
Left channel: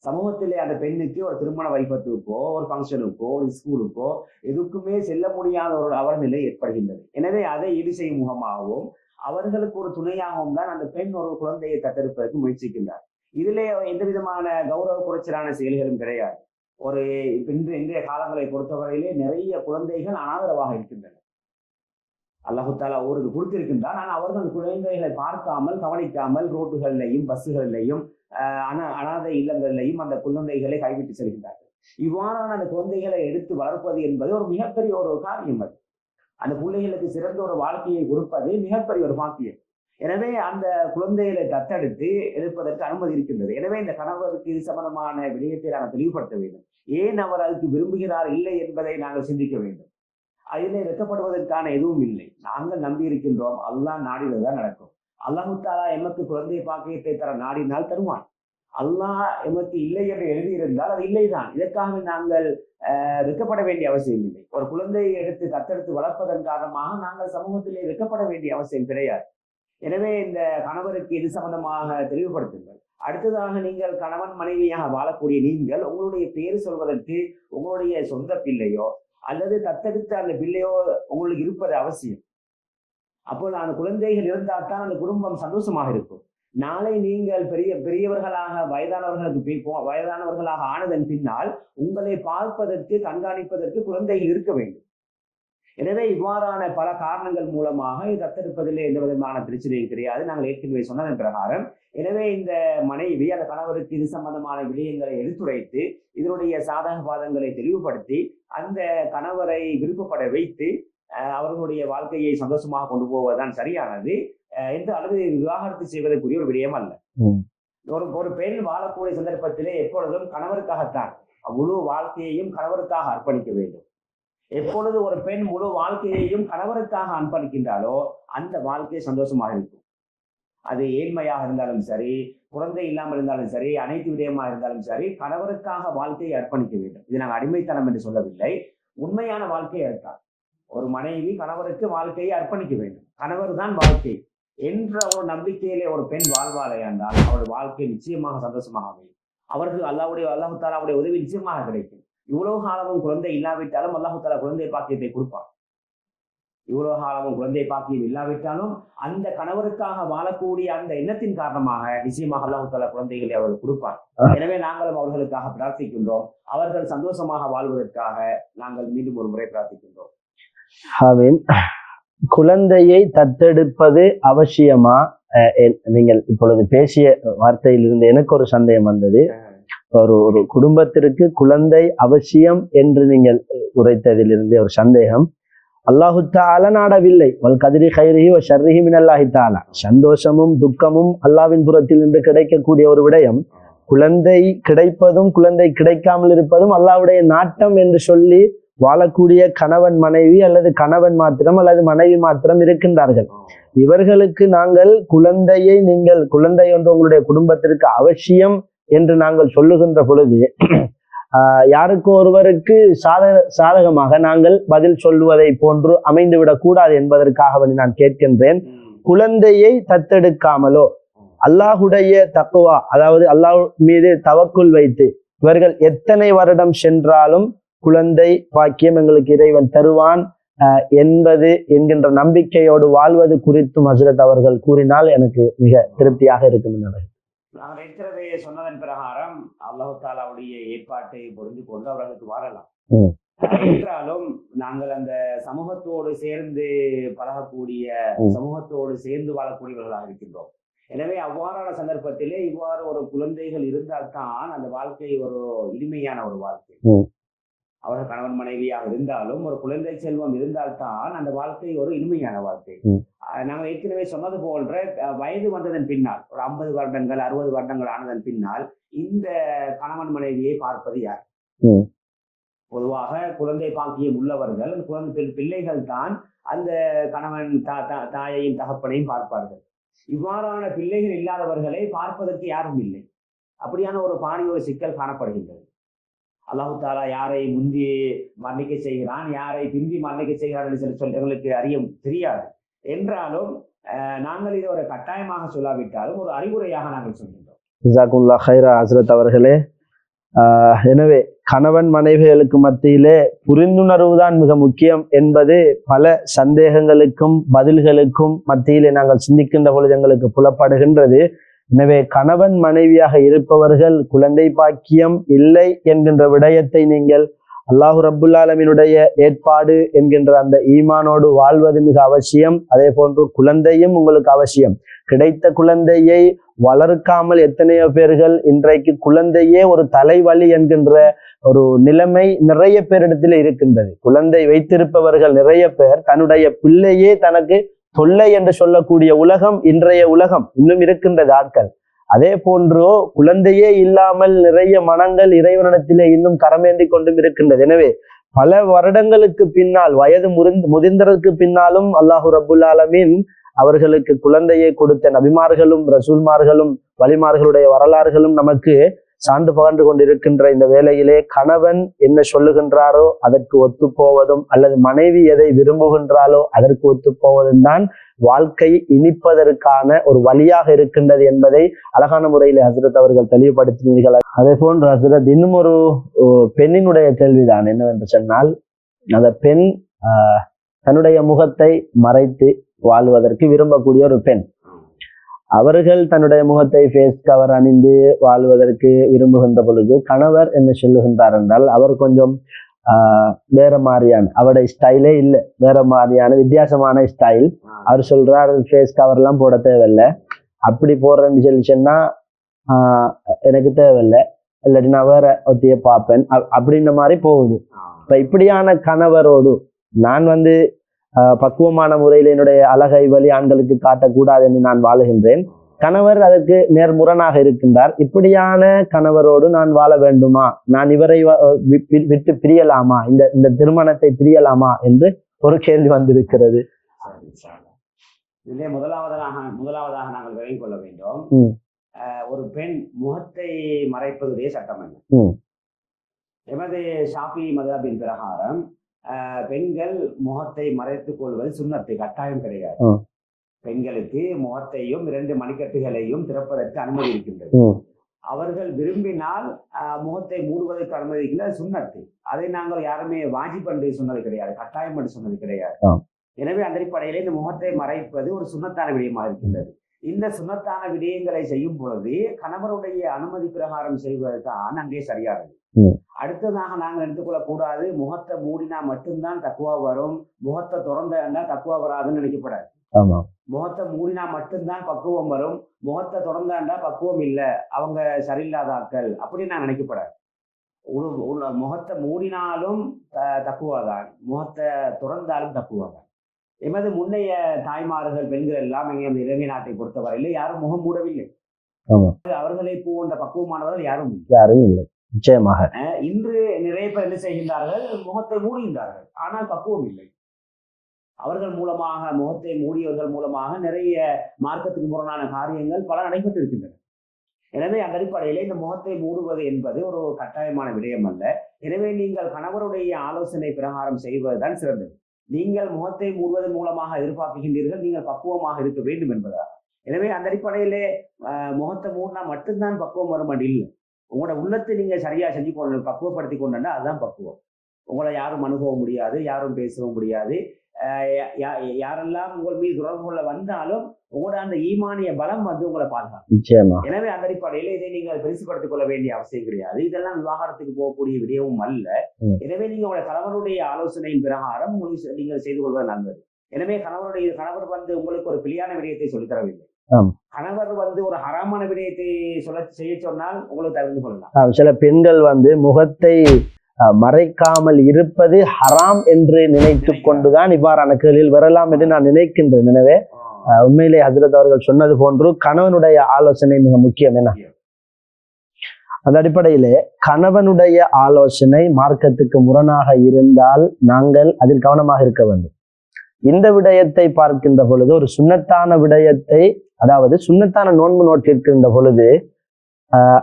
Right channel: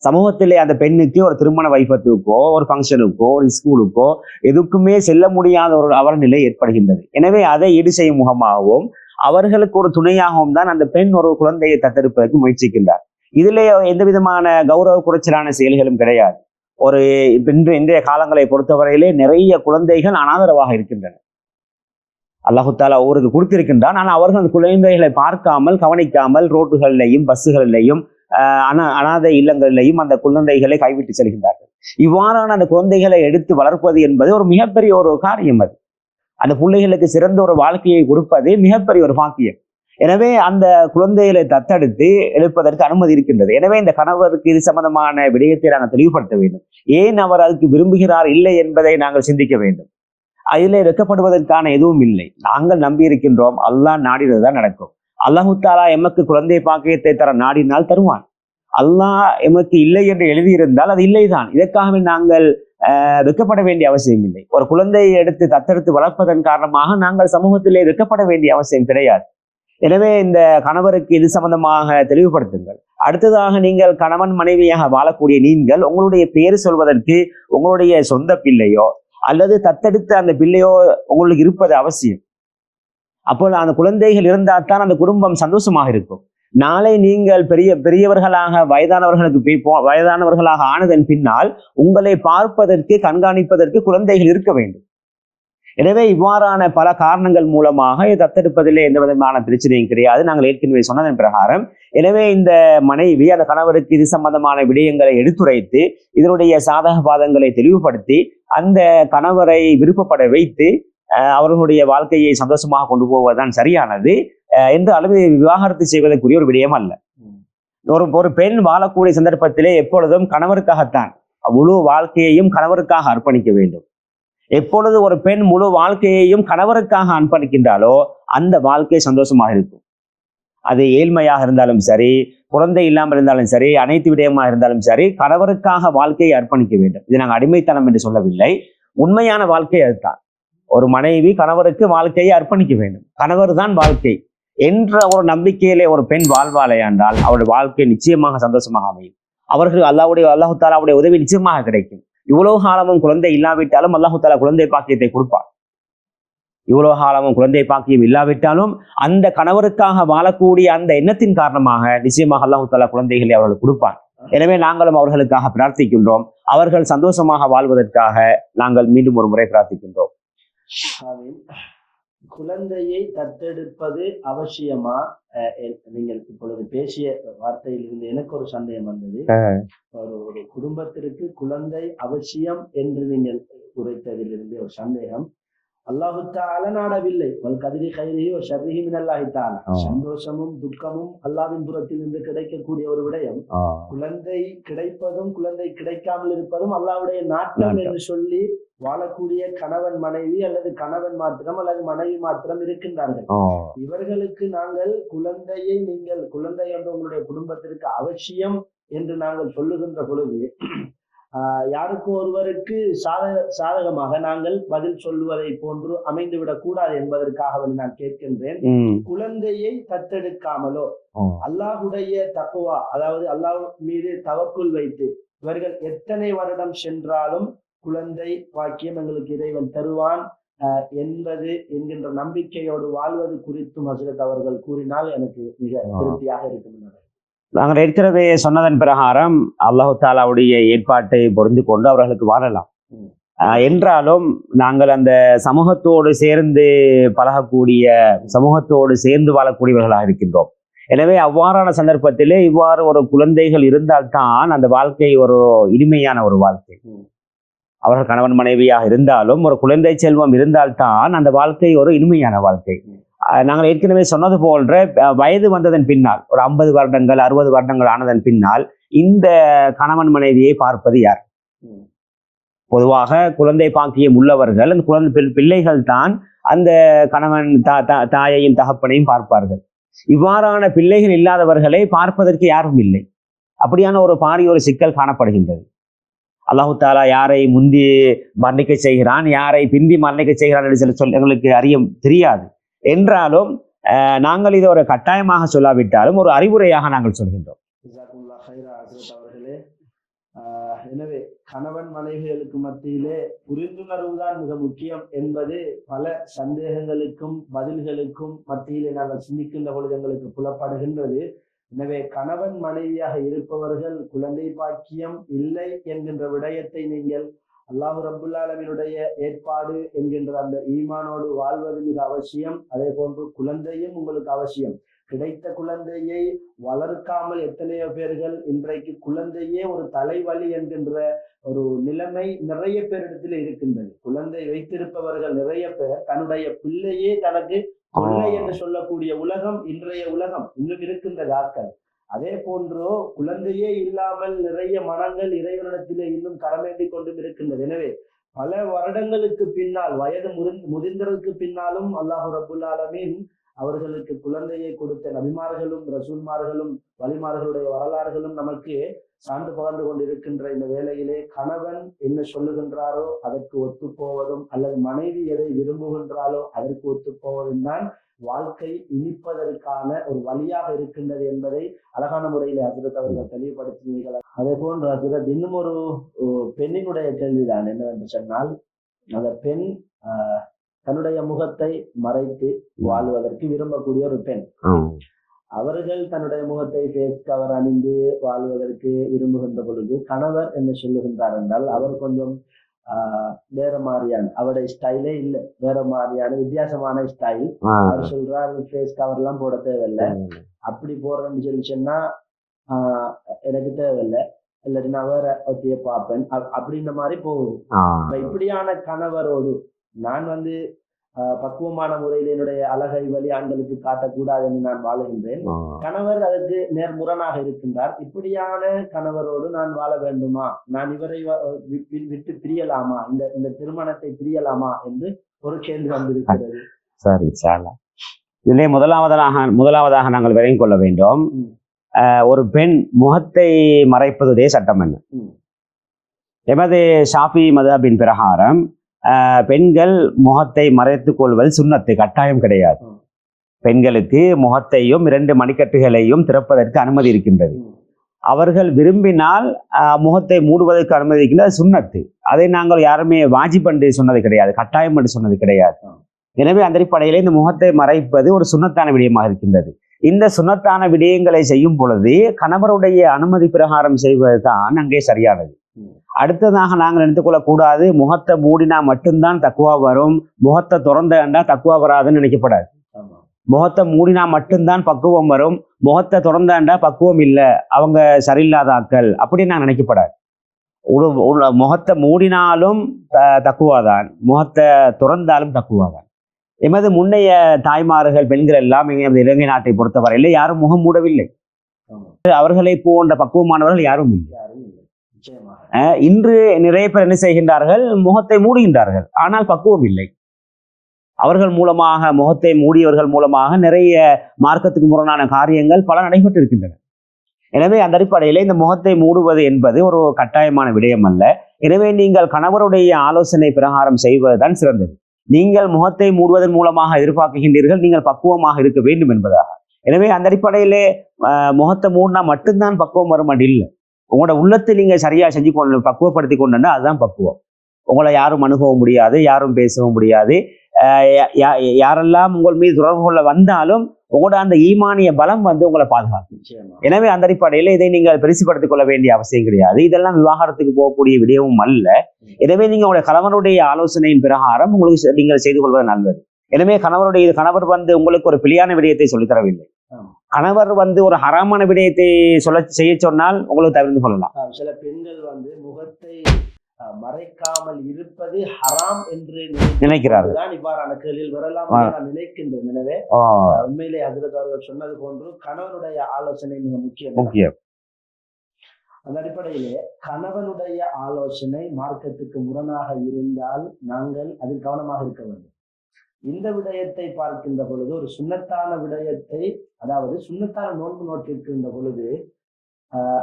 சமூகத்திலே அந்த பெண்ணுக்கு ஒரு திருமண வைபத்துக்கோ ஒரு ஃபங்க்ஷனுக்கோ ஒரு ஸ்கூலுக்கோ எதுக்குமே செல்ல முடியாத ஒரு அவர் நிலை ஏற்படுகின்றது. எனவே அதை ஈடு செய்யும் முகமாகவும் அவர்களுக்கு ஒரு துணையாகவும் தான் அந்த பெண் ஒரு குழந்தையை தத்தெடுப்பதற்கு முயற்சிக்கின்றார். இதிலே எந்த விதமான கௌரவ குறைச்சலான செயல்களும் கிடையாது. ஒரு இன்றைய காலங்களை பொறுத்தவரையிலே நிறைய குழந்தைகள் அனாதரவாக இருக்கின்றன. அல்லாஹு தாலா ஒவ்வொருக்கு கொடுத்திருக்கின்றான். ஆனால் அவர்கள் அந்த குழந்தைகளை பார்க்காமல் கவனிக்காமல் ரோட்டுகளிலையும் பஸ்ஸுகளிலையும் அனாதை இல்லங்களிலையும் அந்த குழந்தைகளை கைவிட்டு செல்கின்றார்கள். இவ்வாறான அந்த குழந்தைகளை எடுத்து வளர்ப்பது என்பது ஒரு மிகப்பெரிய ஒரு காரியம். அது அந்த பிள்ளைகளுக்கு சிறந்த ஒரு வாழ்க்கையை கொடுப்பது மிகப்பெரிய ஒரு பாக்கியம். எனவே அந்த குழந்தைகளை தத்தெடுத்து எழுப்பதற்கு அனுமதி இருக்கின்றது. எனவே இந்த கணவருக்கு இது சம்பந்தமான விடயத்தை நாங்கள் தெளிவுபடுத்த வேண்டும். ஏன் அவர் அதுக்கு விரும்புகிறார் இல்லை என்பதை நாங்கள் சிந்திக்க வேண்டும். அதில் வெட்கப்படுவதற்கான எதுவும் இல்லை. நாங்கள் நம்பி இருக்கின்றோம். அல்லாஹ் நாடினதுதான் நடக்கும். அல்லாஹு தாலா எமக்கு குழந்தை பாக்கியத்தை தர நாடினால் தருவான். அல்லாஹ் எமக்கு இல்லை என்று எழுதியிருந்தால் அது இல்லைதான். இதற்காகவே நாங்கள் வெட்கப்பட வேண்டிய அவசியம் இல்லை. ஒரு குழந்தையை எடுத்து தத்தெடுத்து வளர்ப்பதன் காரணமாக நாங்கள் சமூகத்திலே வெட்கப்பட வேண்டிய அவசியம் கிடையாது. எனவே இந்த கணவருக்கு இது சம்பந்தமாக தெளிவுபடுத்துங்கள். அடுத்ததாக, நீங்கள் கணவன் மனைவியாக வாழக்கூடிய நீங்கள் உங்களுடைய பேர் சொல்வதற்கு உங்களுடைய சொந்த பிள்ளையோ அல்லது தத்தெடுத்த அந்த பிள்ளையோ உங்களுக்கு இருப்பது அவசியம். அப்போ அந்த குழந்தைகள் இருந்தால் தான் அந்த குடும்பம் சந்தோஷமாக இருக்கும். நாளை நீங்கள் பெரியவர்களாக வயதானவர்களாக ஆனதன் பின்னால் உங்களை பார்ப்பதற்கு, கண்காணிப்பதற்கு குழந்தைகள் இருக்க வேண்டும். எனவே இவ்வாறான பல காரணங்கள் மூலமாக தத்தெடுப்பதிலே எந்த விதமான பிரச்சனையும் கிடையாது. நாங்கள் ஏற்கனவே சொன்னதன் பிரகாரம். எனவே இந்த மனைவி அந்த கணவருக்கு இது சம்பந்தமான விடயங்களை எடுத்துரைத்து இதனுடைய சாதக பாதங்களை தெளிவுபடுத்தி அந்த கணவரை விருப்பப்பட வைத்து அவர்களுடைய வாழ்க்கையை சந்தோஷமாக கொண்டு போவதுதான் சரியானது. எந்த அளவு விவாகரத்து செய்வதற்குரிய ஒரு விடயம் அல்ல. ஒரு பெண் வாழக்கூடிய சந்தர்ப்பத்திலே எப்பொழுதும் கணவருக்காகத்தான் முழு வாழ்க்கையையும் கணவருக்காக அர்ப்பணிக்க வேண்டும். எப்பொழுது ஒரு பெண் முழு வாழ்க்கையையும் கணவருக்காக அர்ப்பணிக்கின்றாலோ அந்த வாழ்க்கை சந்தோஷமாக இருக்கும். அது ஏழ்மையாக இருந்தாலும் சரி, குழந்தை இல்லாமல் இருந்தாலும் சரி, அனைத்து விடயமாக இருந்தாலும் சரி, கணவருக்காக வாழ்க்கையை அர்ப்பணிக்க வேண்டும். இது நாங்கள் அடிமைத்தனம் என்று சொல்லவில்லை. உண்மையான வாழ்க்கை அதுதான். ஒரு மனைவி கணவருக்கு வாழ்க்கையை அர்ப்பணிக்க வேண்டும். கணவர் தான் வாழ்க்கை என்ற ஒரு நம்பிக்கையிலே ஒரு பெண் வாழ்வாளே என்றால் அவருடைய வாழ்க்கை நிச்சயமாக சந்தோஷமாக அமையும். அவர்கள் அல்லாஹு தாலாவுடைய உதவி நிச்சயமாக கிடைக்கும். இவ்வளவு காலமும் குழந்தை இல்லாவிட்டாலும் அல்லாஹு தாலா குழந்தை பாக்கியத்தை கொடுப்பார். இவ்வளவு காலமும் குழந்தை பாக்கியம் இல்லாவிட்டாலும் அந்த கணவருக்காக வாழக்கூடிய அந்த எண்ணத்தின் காரணமாக நிச்சயமாக அல்லாஹு தாலா குழந்தைகளை அவர்களுக்கு கொடுப்பார். எனவே நாங்களும் அவர்களுக்காக பிரார்த்திக்கின்றோம். அவர்கள் சந்தோஷமாக வாழ்வதற்காக நாங்கள் மீண்டும் ஒரு முறை பிரார்த்திக்கின்றோம். ஆமீன். குழந்தையை தத்தெடுப்பது அவசியமா? நீங்கள் இப்பொழுது பேசிய வார்த்தையிலிருந்து எனக்கு ஒரு சந்தேகம் வந்தது. ஒரு குடும்பத்திற்கு குழந்தை அவசியம் என்று நீங்கள் உரைத்ததிலிருந்து ஒரு சந்தேகம். அல்லாஹு தஆலா நாடவில்லை. வல் கதிரி கைரிஹி வ ஷர்ரிஹி மினல்லாஹி தஆலா. சந்தோஷமும் துக்கமும் அல்லாஹ்வின் புறத்தில் இருந்து கிடைக்கக்கூடிய ஒரு விடயம். குழந்தை கிடைப்பதும் குழந்தை கிடைக்காமல் இருப்பதும் அல்லாஹ்வுடைய நாட்டம் என்று சொல்லி வாழக்கூடிய கணவன் மனைவி அல்லது கணவன் மாத்திரம் அல்லது மனைவி மாத்திரம் இருக்கின்றார்கள். இவர்களுக்கு நாங்கள் நீங்கள் குழந்தை ஒன்று உங்களுடைய குடும்பத்திற்கு அவசியம் என்று நாங்கள் சொல்லுகின்ற பொழுது யாருக்கு ஒருவருக்கு சாதகமாக நாங்கள் பதில் சொல்லுவதை போன்று அமைந்துவிடக் கூடாது என்பதற்காக நான் கேட்கின்றேன். குழந்தையை தத்தெடுக்காமலோ அல்லாஹுடைய தக்வா, அதாவது அல்லாஹ் மீது தவக்குல் வைத்து இவர்கள் எத்தனை வருடம் சென்றாலும் குழந்தை பாக்கியம் எங்களுக்கு இறைவன் தருவான் என்கின்ற நம்பிக்கையோடு வாழ்வது குறித்தும் ஹஸ்ரத் அவர்கள் கூறினால் எனக்கு மிக திருப்தியாக இருக்கும். நாங்கள் ஏற்கனவே சொன்னதன் பிரகாரம் அல்லாஹு தாலாவுடைய ஏற்பாட்டை பொருந்து கொண்டு அவர்களுக்கு வாழலாம். என்றாலும் நாங்கள் அந்த சமூகத்தோடு சேர்ந்து பழகக்கூடிய, சமூகத்தோடு சேர்ந்து வாழக்கூடியவர்களாக இருக்கின்றோம். எனவே அவ்வாறான சந்தர்ப்பத்திலே இவ்வாறு ஒரு குழந்தைகள் இருந்தால்தான் அந்த வாழ்க்கை ஒரு இனிமையான ஒரு வாழ்க்கை. அவர்கள் கணவன் மனைவியாக இருந்தாலும் ஒரு குழந்தை செல்வம் இருந்தால்தான் அந்த வாழ்க்கை ஒரு இனிமையான வாழ்க்கை. நாங்கள் ஏற்கனவே சொன்னது போன்ற வயது வந்ததன் பின்னால் ஒரு 50 வருடங்கள் 60 வருடங்கள் ஆனதன் பின்னால் இந்த கணவன் மனைவியை பார்ப்பது யார்? பொதுவாக குழந்தை பாக்கியம் உள்ளவர்கள் அந்த குழந்தை பிள்ளைகள் தான் அந்த கணவன் தாயையும் தகப்பனையும் பார்ப்பார்கள். இவ்வாறான பிள்ளைகள் இல்லாதவர்களை பார்ப்பதற்கு யாரும் இல்லை. அப்படியான ஒரு பாரிய ஒரு சிக்கல் காணப்படுகின்றது. அல்லாஹு தாலா யாரை முந்தி மரணிக்க செய்கிறான், யாரை பிந்தி மரணிக்க செய்கிறான் என்று சொல்ல எங்களுக்கு தெரியாது. என்றாலும் நாங்கள் இதை ஒரு கட்டாயமாக சொல்லாவிட்டாலும் ஒரு அறிவுரையாக நாங்கள் சொல்கின்றோம். ஜஸாக்குல்லாஹ் ஹைரா ஹஸ்ரத் அவர்களே. எனவே கணவன் மனைவிகளுக்கு மத்தியிலே புரிந்துணர்வு தான் மிக முக்கியம் என்பது பல சந்தேகங்களுக்கும் பதில்களுக்கும் மத்தியிலே நாங்கள் சிந்திக்கின்ற பொழுது எங்களுக்கு புலப்படுகின்றது. எனவே கணவன் மனைவியாக இருப்பவர்கள் குழந்தை பாக்கியம் இல்லை என்கின்ற விடயத்தை நீங்கள் அல்லாஹு ரப்புல் ஆலமீனுடைய ஏற்பாடு என்கின்ற அந்த ஈமானோடு வாழ்வது மிக அவசியம். அதே போன்று குழந்தையும் உங்களுக்கு அவசியம். கிடைத்த குழந்தையை வளர்க்காமல் எத்தனையோ பேர்கள் இன்றைக்கு குழந்தையே ஒரு தலைவலி என்கின்ற ஒரு நிலைமை நிறைய பேரிடத்தில் இருக்கின்றது. குழந்தை வைத்திருப்பவர்கள் நிறைய பேர் தன்னுடைய பிள்ளையே தனக்கு கொள்ளை என்று சொல்லக்கூடிய உலகம் இன்றைய உலகம் இன்னும் இருக்கின்றது ஆட்கள். அதே போன்றோ குழந்தையே இல்லாமல் நிறைய மனங்கள் இறைவனிடத்திலே இன்னும் கரமேந்தி கொண்டும் இருக்கின்றது. எனவே பல வருடங்களுக்கு பின்னால் வயது முதிர்ந்ததற்கு பின்னாலும் அல்லாஹு ரப்புல் ஆலமீன் அவர்களுக்கு குழந்தையை கொடுத்த நபிமார்களும் ரசூல்மார்களும் வலிமார்களுடைய வரலாறுகளும் நமக்கு சான்று பகர்ந்து கொண்டிருக்கின்ற இந்த வேளையிலே கணவன் என்ன சொல்லுகின்றாரோ அதற்கு ஒத்து போவதும் அல்லது மனைவி எதை விரும்புகின்றாலோ அதற்கு ஒத்து போவதும் தான் வாழ்க்கை இனிப்பதற்கான ஒரு வழியாக இருக்கின்றது என்பதை அழகான முறையில் ஹசரத் அவர்கள் தெளிவுபடுத்தினீர்கள். அதே போன்று ஹசரத் இன்னும் ஒரு பெண்ணினுடைய கேள்விதான் என்னவென்று சொன்னால், அந்த பெண் தன்னுடைய முகத்தை மறைத்து வாழ்வதற்கு விரும்பக்கூடிய ஒரு பெண். அவர்கள் தன்னுடைய முகத்தை ஃபேஸ் கவர் அணிந்து வாழ்வதற்கு விரும்புகின்ற பொழுது கணவர் என்ன சொல்லுகின்றார் என்றால், அவர் கொஞ்சம் வேற மாதிரியான அவருடைய ஸ்டைலே இல்லை, வேற மாதிரியான வித்தியாசமான ஸ்டைல். அவர் சொல்றாரு ஃபேஸ் கவர் எல்லாம் போட தேவையில்லை, அப்படி போடுறேன்னு சொல்லி சொன்னா எனக்கு தேவையில்லை, இல்லாட்டி நான் வேற ஒத்திய பார்ப்பேன் அப்படின்ற மாதிரி போகுது. இப்ப இப்படியான கணவரோடு நான் பக்குவமான முறையில் என்னுடைய அழகை வழி ஆண்களுக்கு காட்டக்கூடாது என்று நான் வாழுகின்றேன். கணவர் அதற்கு நேர்முரணாக இருக்கின்றார். இப்படியான கணவரோடு நான் வாழ வேண்டுமா, நான் இவரை விட்டு பிரியலாமா, இந்த திருமணத்தை பிரியலாமா என்று ஒரு கேள்வி வந்திருக்கிறது. சரி சார், இதிலே முதலாவதாக நாங்கள் விளங்கிக் கொள்ள வேண்டும், ஒரு பெண் முகத்தை மறைப்பதுடைய சட்டம் என்ன? எமது ஷாஃபி மதுஹபின் பிரகாரம் பெண்கள் முகத்தை மறைத்துக் கொள்வது சுன்னத்து, கட்டாயம் கிடையாது. பெண்களுக்கு முகத்தையும் 2 மணிக்கட்டுகளையும் திறப்பதற்கு அனுமதி இருக்கின்றது. அவர்கள் விரும்பினால் முகத்தை மூடுவதற்கு அனுமதி இருக்கின்றது, சுன்னத்து. அதை நாங்கள் யாருமே வாஜிப் என்று சொன்னது கிடையாது, கட்டாயம் என்று சொன்னது கிடையாது. எனவே அந்த அடிப்படையிலே இந்த முகத்தை மறைப்பது ஒரு சுன்னத்தான விடயமாக இருக்கின்றது. இந்த சுன்னத்தான விடயங்களை செய்யும் பொழுது கணவருடைய அனுமதி பிரகாரம் செய்வதுதான் அங்கே சரியானது. அடுத்ததாக நாங்கள் நினைத்துக் கூடாது, முகத்தை மூடினா மட்டும்தான் தக்குவா வரும், முகத்தை திறந்தா தக்குவா வராதுன்னு நினைக்கப்படாது. முகத்தை மூடினா மட்டும்தான் பக்குவம் வரும், முகத்தை திறந்தாண்டா பக்குவம் இல்லை, அவங்க சரியில்லாத ஆட்கள் அப்படின்னு நான் நினைக்கப்படாது. முகத்தை மூடினாலும் தக்குவாதான், முகத்தை திறந்தாலும் தக்குவாதான். எமது முன்னைய தாய்மார்கள் பெண்கள் எல்லாம் இலங்கை நாட்டை பொறுத்தவரையில் யாரும் முகம் மூடவில்லை. அவர்களை போன்ற பக்குவமானவர்கள் யாரும் இல்லை. நிச்சயமாக இன்று நிறைய பேர் என்ன செய்கின்றார்கள், முகத்தை மூடுகின்றார்கள், ஆனால் பக்குவம் இல்லை. அவர்கள் மூலமாக, முகத்தை மூடியவர்கள் மூலமாக நிறைய மார்க்கத்துக்கு முரணான காரியங்கள் பல நடைபெற்று இருக்கின்றன. எனவே அந்த அடிப்படையிலே இந்த முகத்தை மூடுவது என்பது ஒரு கட்டாயமான விடயம் அல்ல. எனவே நீங்கள் கணவருடைய ஆலோசனை பிரகாரம் செய்வதுதான் சிறந்தது. நீங்கள் முகத்தை மூடுவதன் மூலமாக எதிர்பார்க்கின்றீர்கள் நீங்கள் பக்குவமாக இருக்க வேண்டும் என்பதாக. எனவே அந்த அடிப்படையிலே முகத்தை மூடினா மட்டும்தான் பக்குவம் வரும் அப்படி இல்லை. உங்களோட உள்ளத்தை நீங்க சரியா செஞ்சு கொண்டு பக்குவப்படுத்தி கொண்டா அதுதான் பக்குவம். உங்களை யாரும் அணுகவும் முடியாது, யாரும் பேசவும் முடியாது. யாரெல்லாம் உங்கள் மீது தொடர்பு கொள்ள வந்தாலும் உங்களோட அந்த ஈமானிய பலம் உங்களை பாதுகாக்கும். நிச்சயமா. எனவே அந்த அடிப்படையில இதை நீங்கள் பெருசுபடுத்திக் கொள்ள வேண்டிய அவசியம் கிடையாது. இதெல்லாம் விவாகரத்துக்கு போகக்கூடிய விடயமும் அல்ல. எனவே நீங்க உங்களுடைய கணவனுடைய ஆலோசனையின் பிரகாரம் உங்களுக்கு நீங்கள் செய்து கொள்வது நல்லது. எனவே கணவர் உங்களுக்கு ஒரு பிழையான விடயத்தை சொல்லித்தரவில்லை. கணவர் ஒரு ஹராமான விடயத்தை செய்ய சொன்னால் உங்களுக்கு தவிர்த்து கொள்ளலாம். சில பெண்கள் முகத்தை மறைக்காமல் இருப்பது ஹராம் என்று நினைக்கிறார்கள். இவ்வாறான கேள்வியில் வரலாம் என்று நான் நினைக்கின்றேன். எனவே உண்மையிலே ஹஜ்ரத் அவர்கள் சொன்னது போன்று கணவனுடைய ஆலோசனை மிக முக்கியம். அந்த அடிப்படையிலே கணவனுடைய ஆலோசனை மார்க்கத்துக்கு முரணாக இருந்தால் நாங்கள் அதில் கவனமாக இருக்க வேண்டும். இந்த விடயத்தை பார்க்கின்ற பொழுது ஒரு சுன்னத்தான விடயத்தை, அதாவது சுன்னத்தான நோன்பு நோட்டிருக்கின்ற பொழுது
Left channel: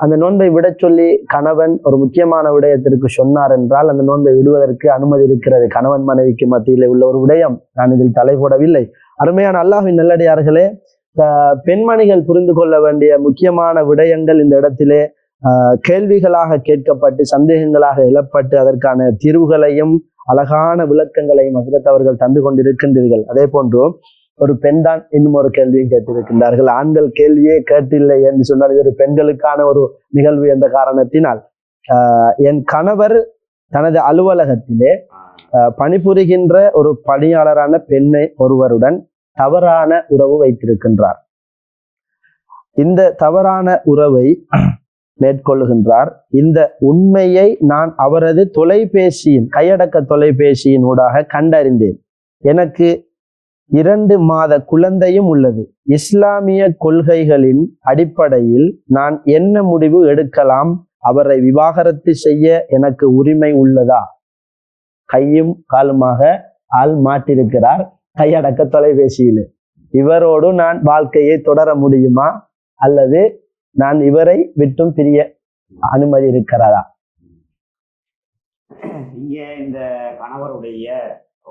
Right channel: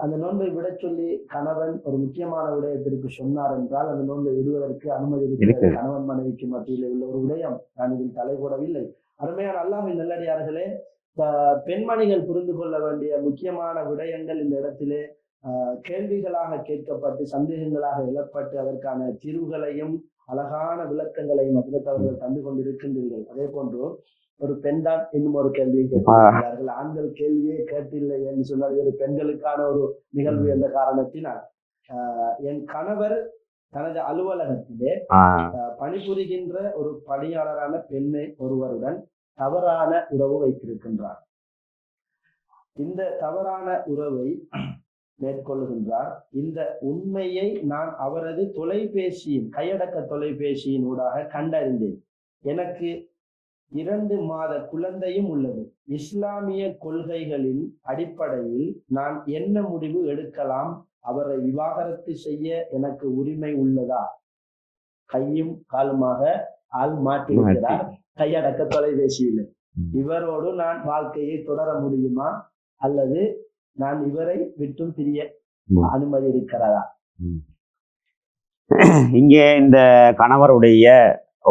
அந்த நோன்பை விட சொல்லி கணவன் ஒரு முக்கியமான விடயத்திற்கு சொன்னார் என்றால் அந்த நோன்பை விடுவதற்கு அனுமதி இருக்கிறது. கணவன் மனைவிக்கு மத்தியிலே உள்ள ஒரு விடயம், நான் இதில் தலை போடவில்லை. அருமையான அல்லாஹ்வின் நல்லடியார்களே, பெண்மணிகள் புரிந்து கொள்ள வேண்டிய முக்கியமான விடயங்கள் இந்த இடத்திலே கேள்விகளாக கேட்கப்பட்டு சந்தேகங்களாக எழப்பட்டு அதற்கான தீர்வுகளையும் அழகான விளக்கங்களையும் ஹஜ்ரத் அவர்கள் தந்து கொண்டிருக்கின்றீர்கள். அதே போன்று ஒரு பெண் தான் இன்னும் ஒரு கேள்வியும் கேட்டிருக்கின்றார்கள். ஆண்கள் கேள்வியே கேட்டில்லை என்று சொன்னால் இது ஒரு பெண்களுக்கான ஒரு நிகழ்வு என்ற காரணத்தினால், என் கணவர் தனது அலுவலகத்திலே பணிபுரிகின்ற ஒரு பணியாளரான பெண்ணை ஒருவருடன் தவறான உறவு வைத்திருக்கின்றார். இந்த தவறான உறவை மேற்கொள்ளுகின்றார். இந்த உண்மையை நான் அவரது கையடக்க தொலைபேசியின் ஊடாக கண்டறிந்தேன். எனக்கு 2 மாத குழந்தையும் உள்ளது. இஸ்லாமிய கொள்கைகளின் அடிப்படையில் நான் என்ன முடிவு எடுக்கலாம்? அவரை விவாகரத்து செய்ய எனக்கு உரிமை உள்ளதா? கையும் காலுமாக ஆள் மாட்டிருக்கிறார் கையடக்க தொலைபேசியில். இவரோடு நான் வாழ்க்கையை தொடர முடியுமா அல்லது நான் இவரை விட்டும் பிரிய அனுமதி இருக்கிறதா? இங்கே இந்த கணவருடைய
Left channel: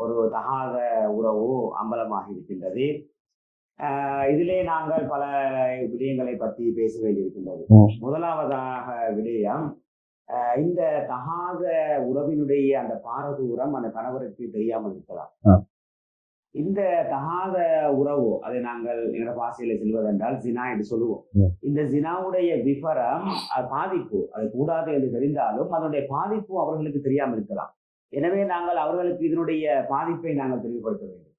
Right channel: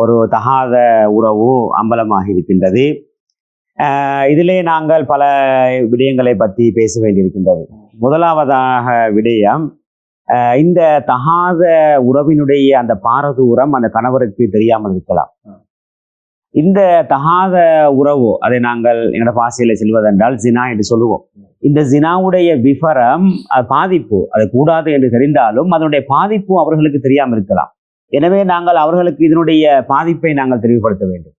ஒரு தகாத உறவு அம்பலமாக இருக்கின்றது. இதிலே நாங்கள் பல விடயங்களை பற்றி பேச வேண்டியிருக்கின்றது. முதலாவதாக விடயம், இந்த தகாத உறவினுடைய அந்த பாரதூரம் அந்த கணவருக்கு தெரியாமல் இருக்கலாம். இந்த தகாத உறவு, அதை நாங்கள் எங்களோட பாசையில செல்வதென்றால் ஜினா என்று சொல்லுவோம். இந்த ஜினாவுடைய விபரம், பாதிப்பு, அது கூடாது என்று தெரிந்தாலும் அதனுடைய பாதிப்பு அவர்களுக்கு தெரியாமல் இருக்கலாம். எனவே நாங்கள் அவர்களுக்கு இதனுடைய பாதிப்பை நாங்கள் தெளிவுபடுத்த வேண்டும்.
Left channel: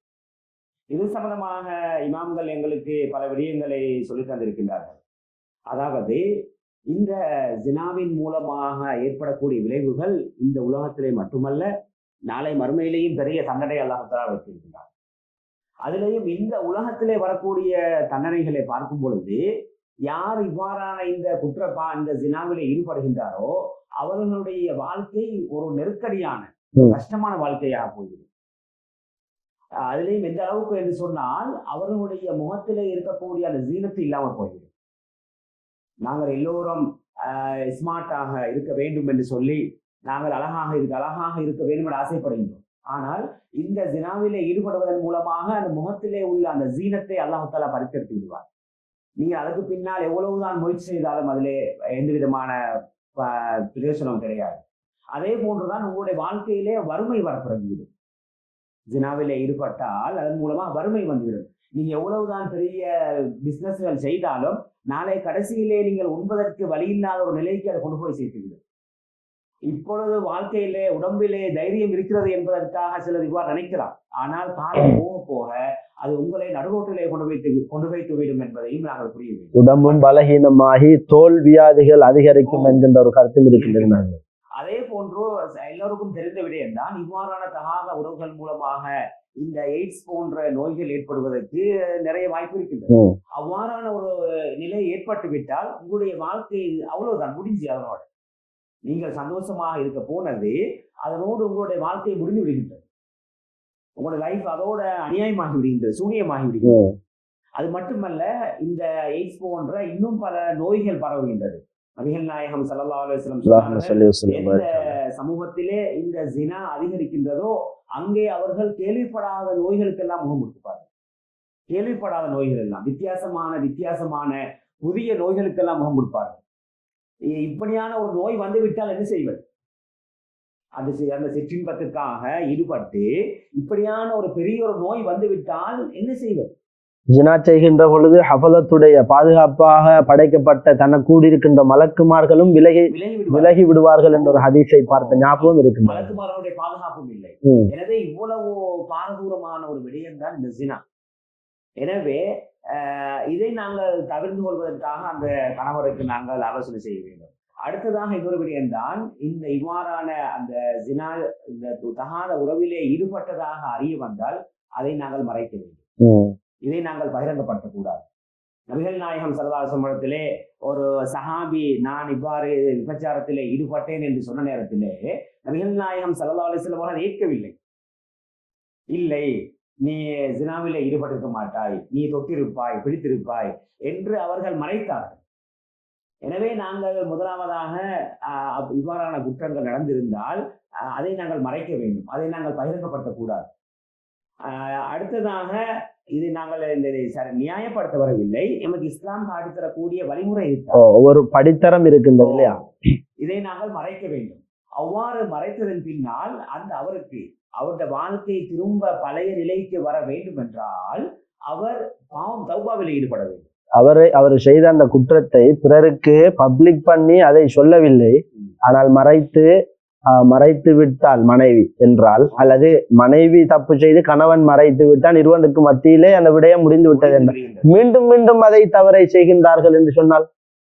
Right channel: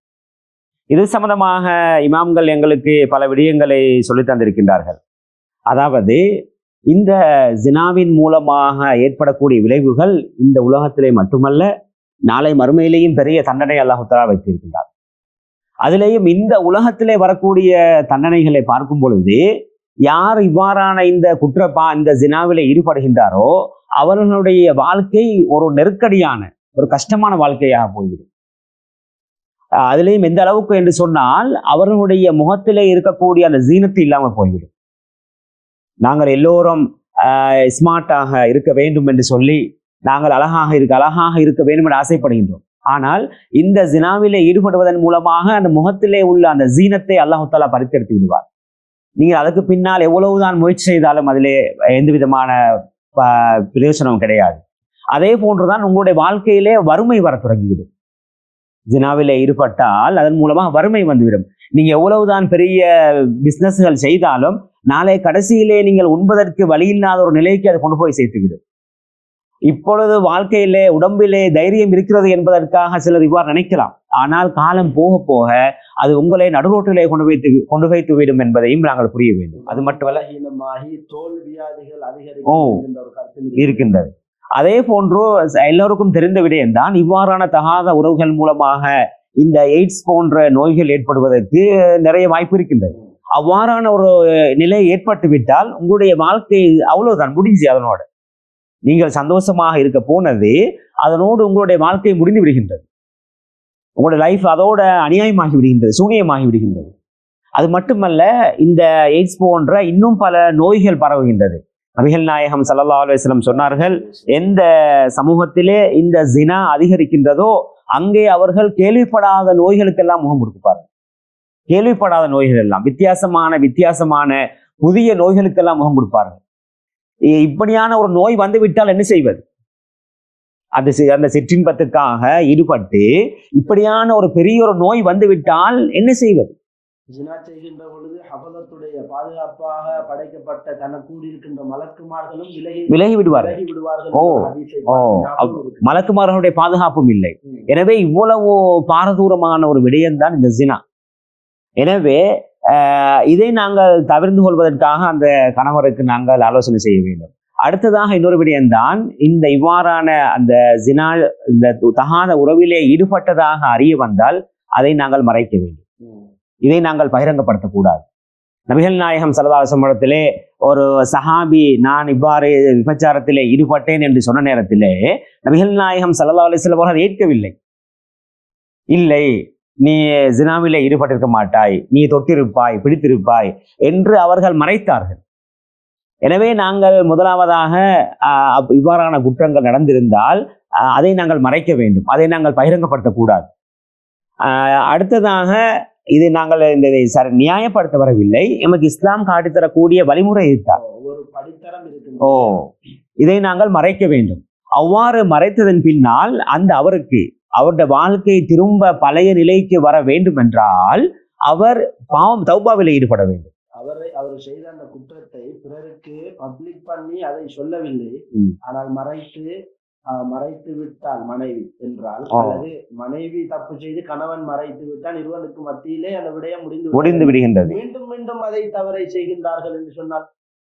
இது சம்பந்தமாக இமாம்கள் எங்களுக்கு பல விடயங்களை சொல்லித் தந்திருக்கின்றார்கள். அதாவது இந்த ஜினாவின் மூலமாக ஏற்படக்கூடிய விளைவுகள் இந்த உலகத்திலே மட்டுமல்ல, நாளை மறுமையிலேயும் பெரிய தண்டனை அல்லாஹ் தஆலா வைத்திருக்கின்றார். அதிலேயும் இந்த உலகத்திலே வரக்கூடிய தண்டனைகளை பார்க்கும் பொழுது, யார் இவ்வாறான இந்த இந்த ஜினாவிலே ஈடுபடுகின்றாரோ அவர்களுடைய வாழ்க்கை ஒரு நெருக்கடியான, ஒரு கஷ்டமான வாழ்க்கையாக போய்விடும். அதிலேயும் எந்த அளவுக்கு என்று சொன்னால், அவர்களுடைய முகத்திலே இருக்கக்கூடிய அந்த ஜீனத்து இல்லாமல் போய்விடும். நாங்கள் எல்லோரும் ஸ்மார்ட்டாக இருக்க வேண்டும் என்று சொல்லி நாங்கள் அழகாக இருக்க வேண்டும் என்று ஆசைப்படுகின்றோம். ஆனால் இந்த ஜினாவிலே ஈடுபடுவதன் மூலமாக அந்த முகத்திலே உள்ள அந்த ஜீனத்தை அல்லாஹ் தஆலா பறித்தெடுத்து விடுவார். நீங்கள் அதுக்கு பின்னால் எவ்வளவுதான் முயற்சி செய்தாலும் அதிலே எந்த விதமான பிரயோசனம் கிடையாது. அதே போன்றுதான் உங்களுடைய வாழ்க்கையிலே வறுமை வர தொடங்கிவிடும். ஜினாவிலே ஈடுபட்டால் அதன் மூலமாக வறுமை வந்துவிடும். நீங்க எவ்வளவுதான் பெரிய பிசினஸ்கள் செய்தாலும் நாளை கடைசியிலே நீங்கள் உண்பதற்கு வழி இல்லாத ஒரு நிலைக்கு அதை கொண்டு போய் சேர்த்துவிடும். இப்பொழுது வாழ்க்கையிலே உடம்பிலே தைரியம் இருக்கிறது என்பதற்காக சிலர் இவ்வாறு நினைக்கலாம். ஆனால் காலம் போக போக அது உங்களை நடுரோட்டிலே கொண்டு வைத்து விடும் என்பதையும் நாங்கள் புரிய வேண்டும். உடம்பு பலகீனமாகி தோல் வியாதிகள் அதிகரிக்கும் என்கின்ற ஒரு கருத்து இருக்கின்றது. அதே போன்று எல்லோருக்கும் தெரிந்த விடயம்தான், இவ்வாறான தகாத உறவுகள் மூலமாக இந்த எய்ட்ஸ் போன்ற நோய்கள் ஏற்படுவதற்கு நிறைய வாய்ப்பு இருக்கின்றது. அவ்வாறான ஒரு நிலை ஏற்பட்டு விட்டால் உங்களுடைய வாழ்க்கை அவ்வளவுதான், முடிஞ்சு. அதனோடு நீங்கள் சந்தோஷமாக இருக்க போனது அதனோடு உங்களுடைய வாழ்க்கை முடிந்து விடுகின்றது. உங்களுடைய லைஃப் அதோட அநியாயமாகி விடுகின்றது, சூனியமாகி விடுகின்றது. அது மட்டுமல்ல, இந்த எய்ட்ஸ் போன்ற இன்னும் பல நோய்கள் பரவுகின்றது. நபிகள் நாயகம் ஸல்லல்லாஹு அலைஹி வஸல்லம் சொன்னார்கள், எந்த சமூகத்திலே இந்த ஜினா அதிகரிக்கின்றதோ அங்கே அவர்கள் கேள்விப்படாத நோய்களுக்கெல்லாம் முகம் கொடுப்பார்கள். கேள்விப்படாத நோய்கள் எல்லாம், வித்தியாசமான புதிய நோய்களுக்கெல்லாம் முகம் கொடுப்பார்கள். இப்படியான ஒரு நோய் வந்து விட்டால் என்ன செய்வது? அந்த சிற்றின்பத்துக்காக ஈடுபட்டு இப்படியான ஒரு பெரிய ஒரு நோய் வந்து விட்டால் என்ன செய்வது? ஜினா செய்கின்ற பொழுது ஹஃபலத்துடைய பாதுகாப்பாக படைக்கப்பட்ட தனக்கு கூடியிருக்கின்ற மலக்குமார்களும் விலகி விடுவார்கள் என்ற ஹதீஸை பார்த்த ஞாபகம் இருக்கு. மலக்குமார்களுடைய பாதுகாப்பும் இல்லை. எனவே இவ்வளவு பாரதூரமான ஒரு விடயம்தான் இந்த ஜினா. எனவே இதை நாங்கள் தவிர்த்து கொள்வதற்காக அந்த கணவருக்கு நாங்கள் ஆலோசனை செய்ய வேண்டும். அடுத்ததாக இன்னொரு விடயம்தான், இந்த இவ்வாறான அந்த ஜினா, இந்த தகாத உறவிலே ஈடுபட்டதாக அறிய வந்தால் அதை நாங்கள் மறைக்க வேண்டும். இதை நாங்கள் பகிரங்கப்படுத்தக்கூடாது. நபிகள் நாயகம் ஸல்லல்லாஹு அலைஹி வஸல்லத்திலே ஒரு சஹாபி நான் இவ்வாறு விபச்சாரத்திலே ஈடுபட்டேன் என்று சொன்ன நேரத்திலே நபிகள் நாயகம் ஸல்லல்லாஹு அலைஹி வஸல்லம் அவர்கள் ஏற்கவில்லை. இல்லை, நீ ஜினாவிலே ஈடுபட்டிருக்க மாட்டாய், நீ தொட்டிருப்பாய், பிடித்திருப்பாய் என்று அவர்கள் மறைத்தார்கள். எனவே நாங்கள் முதலாவதாக இவ்வாறான குற்றங்கள் நடந்திருந்தால் அதை நாங்கள் மறைக்க வேண்டும், அதை நாங்கள் பகிரங்கப்படுத்தக்கூடாது. அடுத்ததாக இதை நாங்கள் நியாயப்படுத்த வரவில்லை, எமக்கு இஸ்லாம் காட்டித்தரக்கூடிய வழிமுறை ஒரு படித்தரம் இருக்கின்றது. இதை நாங்கள் மறைக்க வேண்டும். அவ்வாறு மறைத்ததன் பின்னால் அவருடைய வாழ்க்கை திரும்ப பழைய நிலைக்கு வர வேண்டும் என்றால் அவர் தௌபாவிலே ஈடுபட வேண்டும். அவர் செய்த அந்த குற்றத்தை பிறருக்கு பப்ளிக் பண்ணி அதை சொல்லவில்லை, ஆனால் மறைத்து விட்டால் மனைவி என்றால், அல்லது மனைவி தப்பு செய்து கணவன் மறைத்து விட்டால் இருவனுக்கு மத்தியிலே அந்த விடயம் முடிந்து விடுகின்றது. மீண்டும் அதை தவறை செய்கின்றார்கள் என்று சொன்னால்,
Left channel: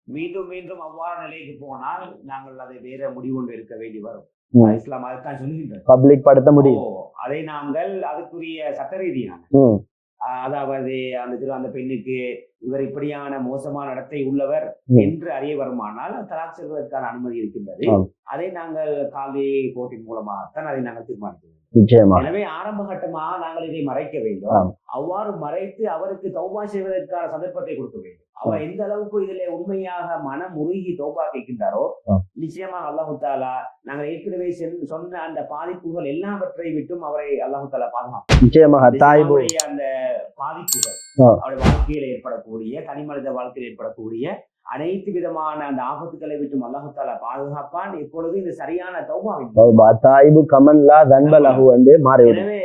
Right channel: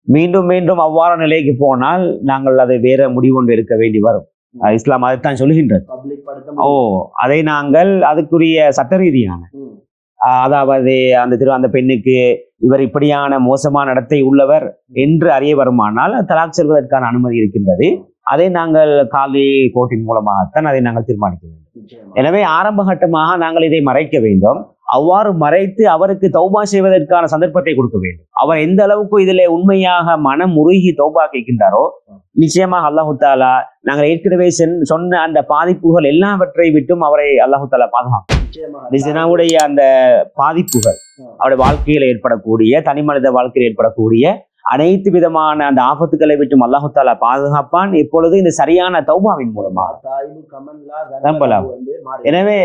மீண்டும் அவ்வாறு நிலைக்கு போனால் நாங்கள் அதை வேற முடிவொன்று எடுக்க வேண்டி வரும். இஸ்லாம் அதைத்தான் சொல்கின்றது, பப்ளிக் படுத்த முடியும். அதை நாங்கள் அதுக்குரிய சட்ட ரீதியான, அதாவது அந்த பெண்ணுக்கு இவர் இப்படியான மோசமான நடத்தை உள்ளவர் என்று அறிய வருமானால் தலாக் செல்வதற்கான அனுமதி இருக்கின்றது. அதை நாங்கள் காலி கோர்ட்டின் மூலமாகத்தான் அதை நாங்கள் தீர்மானிக்க வேண்டும். நிச்சயமா. எனவே ஆரம்ப கட்டமாக நாங்கள் இதை மறைக்க வேண்டும். அவ்வாறு மறைத்து அவருக்கு தௌபா செய்வதற்கான சந்தர்ப்பத்தை கொடுக்க வேண்டும். அவர் எந்த அளவுக்கு இதிலே உண்மையாக மனம் உருகி தௌபா கேட்கின்றாரோ நிச்சயமாக அல்லாஹு தாலா நாங்கள் ஏற்கனவே சொன்ன அந்த பாதிப்புகள் எல்லாவற்றை விட்டும் அவரை அல்லாஹு தாலா பாதுகாக்கும். நிச்சயமாக அந்த பாதிப்புகள் அவருடைய வாழ்க்கையில் ஏற்படக்கூடிய தனி மனித வாழ்க்கையில் ஏற்படக்கூடிய அனைத்து விதமான அந்த ஆபத்துக்களை விட்டும் அல்லாஹு தாலா பாதுகாப்பான். இப்பொழுது இந்த சரியான தௌபாவின் எனவே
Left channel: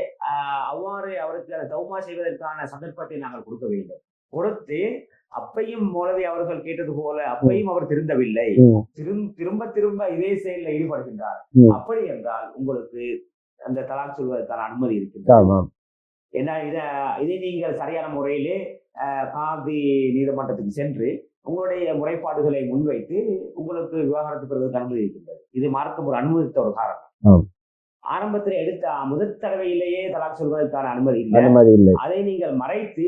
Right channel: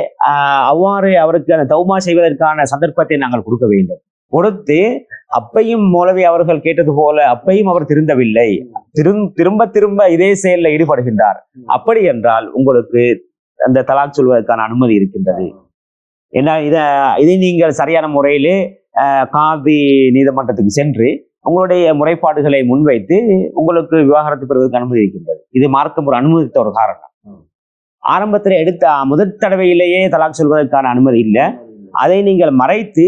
அவ்வாறு அவருக்கு அந்த தௌபா செய்வதற்கான சந்தர்ப்பத்தை நாங்கள் கொடுக்க வேண்டும். கொடுத்து அப்பையும் மௌலவி அவர்கள் கேட்டது போல அப்பையும் அவர் திருந்தவில்லை, திரும்ப திரும்ப இதே செயல்ல ஈடுபடுகின்றார். அப்படி என்றால் உங்களுக்கு அந்த தலாக் சொல்வதற்கான அனுமதி இருக்கின்றது. ஏன்னா இதை நீங்கள் சரியான முறையிலே காதி நீதிமன்றத்துக்கு சென்று உங்களுடைய முறைப்பாடுகளை முன்வைத்து உங்களுக்கு விவாகரத்து பெறுவதற்கு அனுமதி இருக்கின்றது. இது மார்க்கம் ஒரு அனுமதித்த ஒரு காரணம். ஆரம்பத்தில் எடுத்த முதல் தடவையிலேயே தலாக் சொல்வதற்கான அனுமதி இல்லை. அதை நீங்கள் மறைத்து